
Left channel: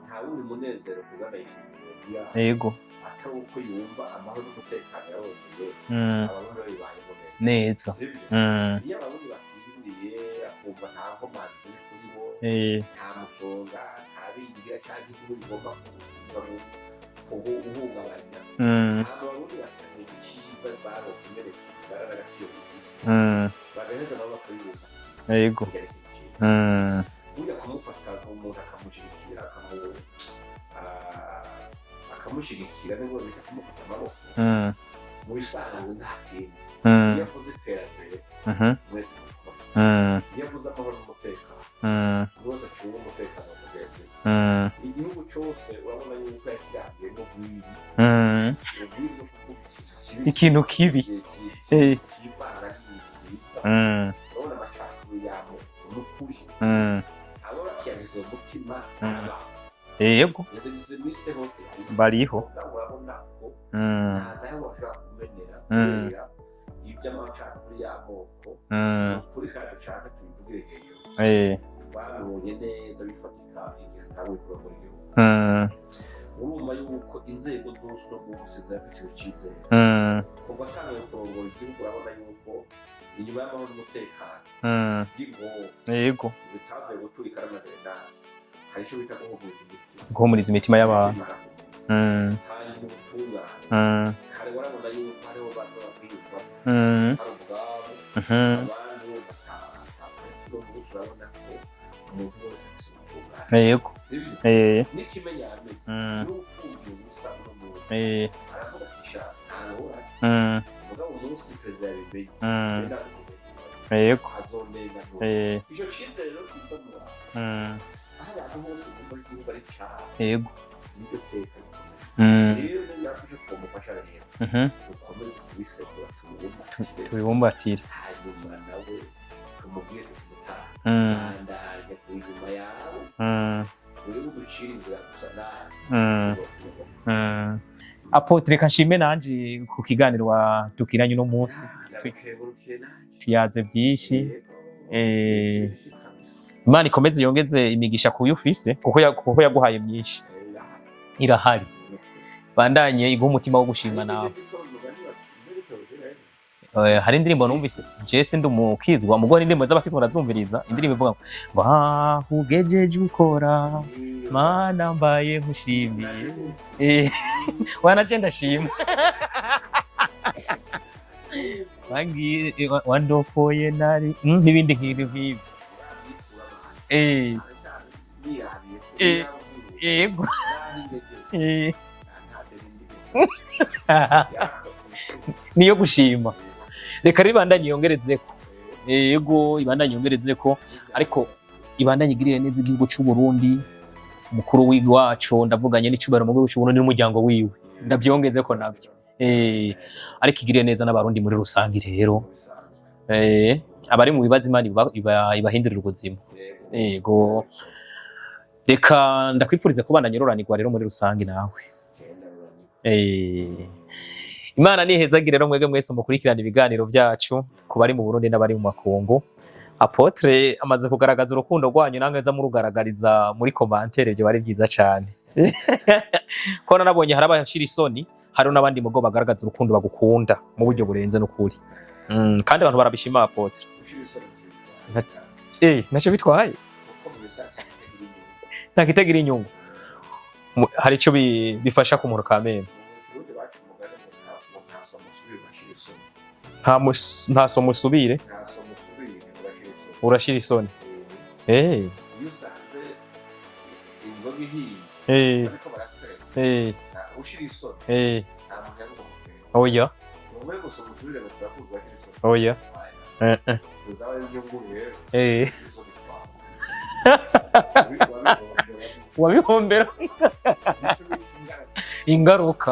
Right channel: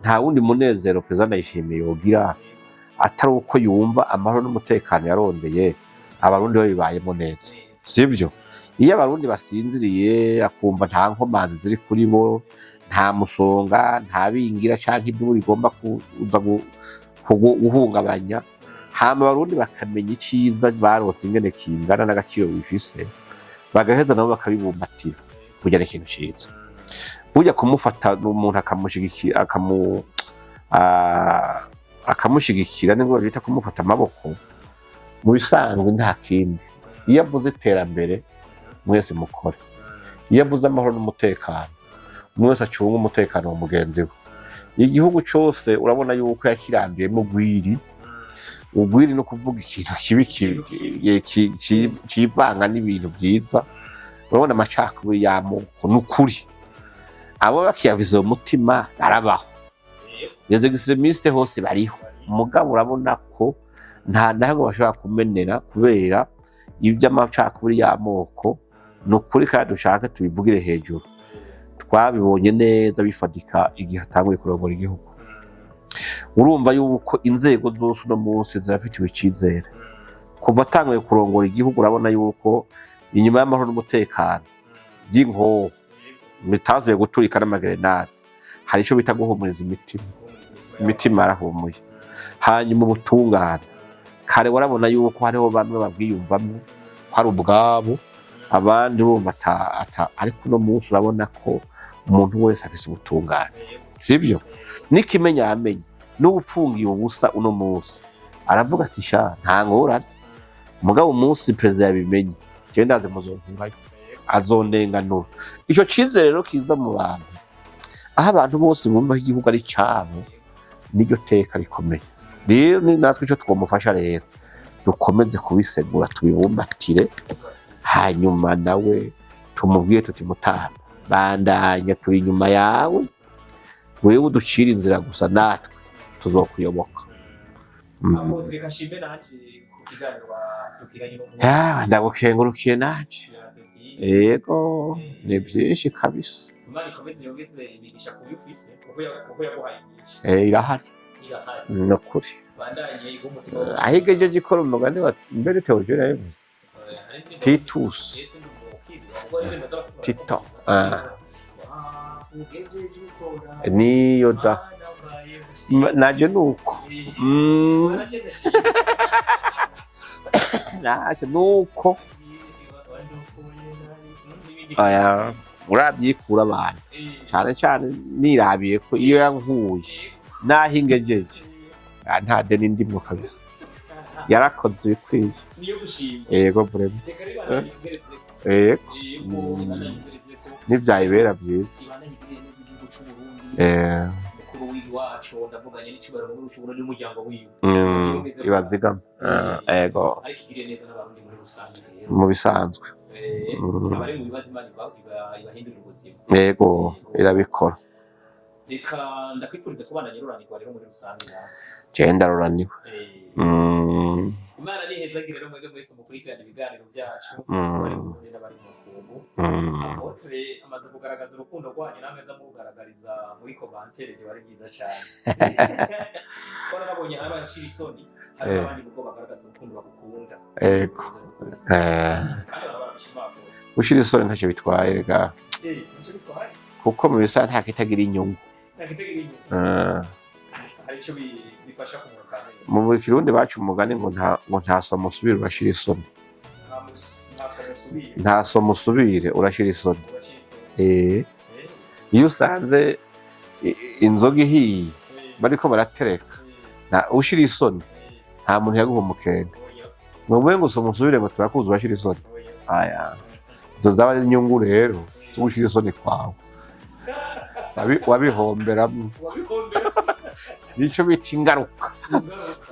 nta wundi munezero perezida ndayishimiye yogira yego atari uko yumva amahoro n'umutekano yarondeye abarundi babibayemo neza sibyo iyo abarundi basinziriye akumva nta nkomanzi ziri kuri bo nta musonga nta bingira canke ibyo rigomba kuza guhungabanya hama abarundi bakamenya iciza barose ingene kingana n'agaciro bifise bagaheza nabo bakabibumbatira kugira ikintu ciza burya kumufata umuntu akamushigikira nibwo bita kumufata amaboko mu bisanzwe nta kindi iyo avuze iterambere mwese mukora iyo avuze amahoro n'umutekano mwese acunga umutekano wa mugenzi we igihugu cose urabona yuko yakirambiyemo ugwiri no kuvuga ikintu kibi civanga n'ibintu vyiza urabona amacakubiri y'amoko n'ukuri abo bakiyaviza umutima arabaho yego yezo extremiste hose bariho mugabo urabona ko nta naho bashobora kumenera kubera iby'amacakubiri y'amoko n'ukuri kandi dushaka tubivugire hejuru twabibonye neza bifatika igihe atanguye kurongora igihugu urumva yuko inzego zose uno munsi zirafitiwe icizere kuva atanguye kurongora igihugu urabona yuko inyuma y'amahoro n'umutekano by'inkoho bitazuye guturika n'amagerenade hari ico bita guhumuriza imitima imitima yarahumuye hanyuma ubutungane kare warabona yuko hariho bamwe babwiyumvamo hari ubwabo abandi bumva ariko uno munsi urabona ko umuntu wese afise ubutungane sibyo n'ikimenya yamenye n'ubufungiye ubusa uno munsi aravuga ati sha nta ngorane mugabo umunsi perezida yabimenye je ndaze muzontungayo azondenganura ico cizere rero kiza mu bantu aho abantu bose bumva ko igihugu ari cabo niryo teka rikomeye rero ni natwe ico twomufasha rero dukomeze kubisegura tubibumbatire hanyuma nawe tumubwiye tuti mutana bandanya turi inyuma yawe wewe uducira inzira gusa natwe tuzokuyoboka Apotre Kashime nanje ku kiganiro tukiranye no munsi ndagukengurukiye nanje yaze byinshi yego byinshi kabisa Imana ikomeze yongeze imigisha kuyo ufise kuko yaguhaye myinshi irahari nokuri bandanye iguha umutima wo gushimana ahigeje gikora umugani wa mbere teogera hari indirimbo numvise Jesse ndumukizwa mugore indirimbo z'abakizwa natumviriza indirimbo ivuga ngo bahugejeje ukora niyo da mana mbaye mushimye naje nuko wana je ndashimye naje nuko wandopoye nari n'ibindi nk'ibyo urabyikura abantu cyane cyane nirabiye ko iyo yankuye naho ingejeje nta deni ndimo kabisa yarakoze bikwiye niyo gushima yego bro reka ribandanye yongerezeko yego ibandanye yongerezeko n'ivyayibera byiza ibandanye igirire neza igihugu cy'u Burundi mukuru w'iwacu ndavuganye n'icubaro mu gihugu cy'u Burundi n'umuryango wiwe nabyongezeko yego ariko igirire neza n'abarundi muri rusangi rero mu bisanzwe abari mu bibazo Imana ibahindurira ubuzima yego irabikora reka ndakwifuriza kubandanya uroranirwa rero muri rusangi nawe genda ruraniwe Imana nihezagire rero mwege mwese mukurikirana ibiganiro byacu kubari mu Burundi n'abari mu makungu Apotre amaze kugaragaza urukundo rwanyu nange nza murugaragariza muri commentaire byo bari byiza cyane ko nabonye harabashira isoni hari n'abandi mugo bagaragaza urukundo bagukunda mu buryo burenze n'ukuri kandi abantu barabishima Apotre ushira isoni ntacyo bitwaye rega ntacyo bitwaye kuko mu bisa nta kitagira inyungu hari icyo bifasha ku muntu kamere mu Kirundi bacu umugani ngo nta somo usubire urashira isoni nta somo usubire urashira isoni iyo usanze inzoga ihiye bariko baratereka ushira isoni nta muntu yaguha umukene oya ngo somo usubire ngo turakuzi urashira isoni oya izo zaba ari inyungu rero ushira isoni kwawe wabihombera nicyo bita ingaruka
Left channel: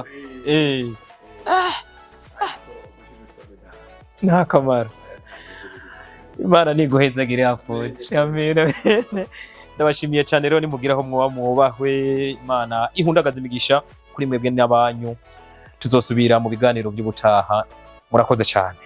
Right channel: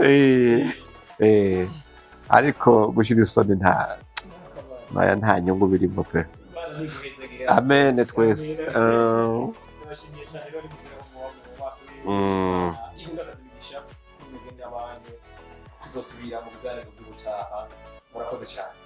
ariko gushira isoni nta kamaro nta nyungu birimo pe Imana niguhezagire amen ndabashimiye cyane rero nimugiraho mwubahwe Imana ihundagaza imigisha kuri mwebwe n'abanyu tuzosubira mu biganiro by'ubutaha murakoze cyane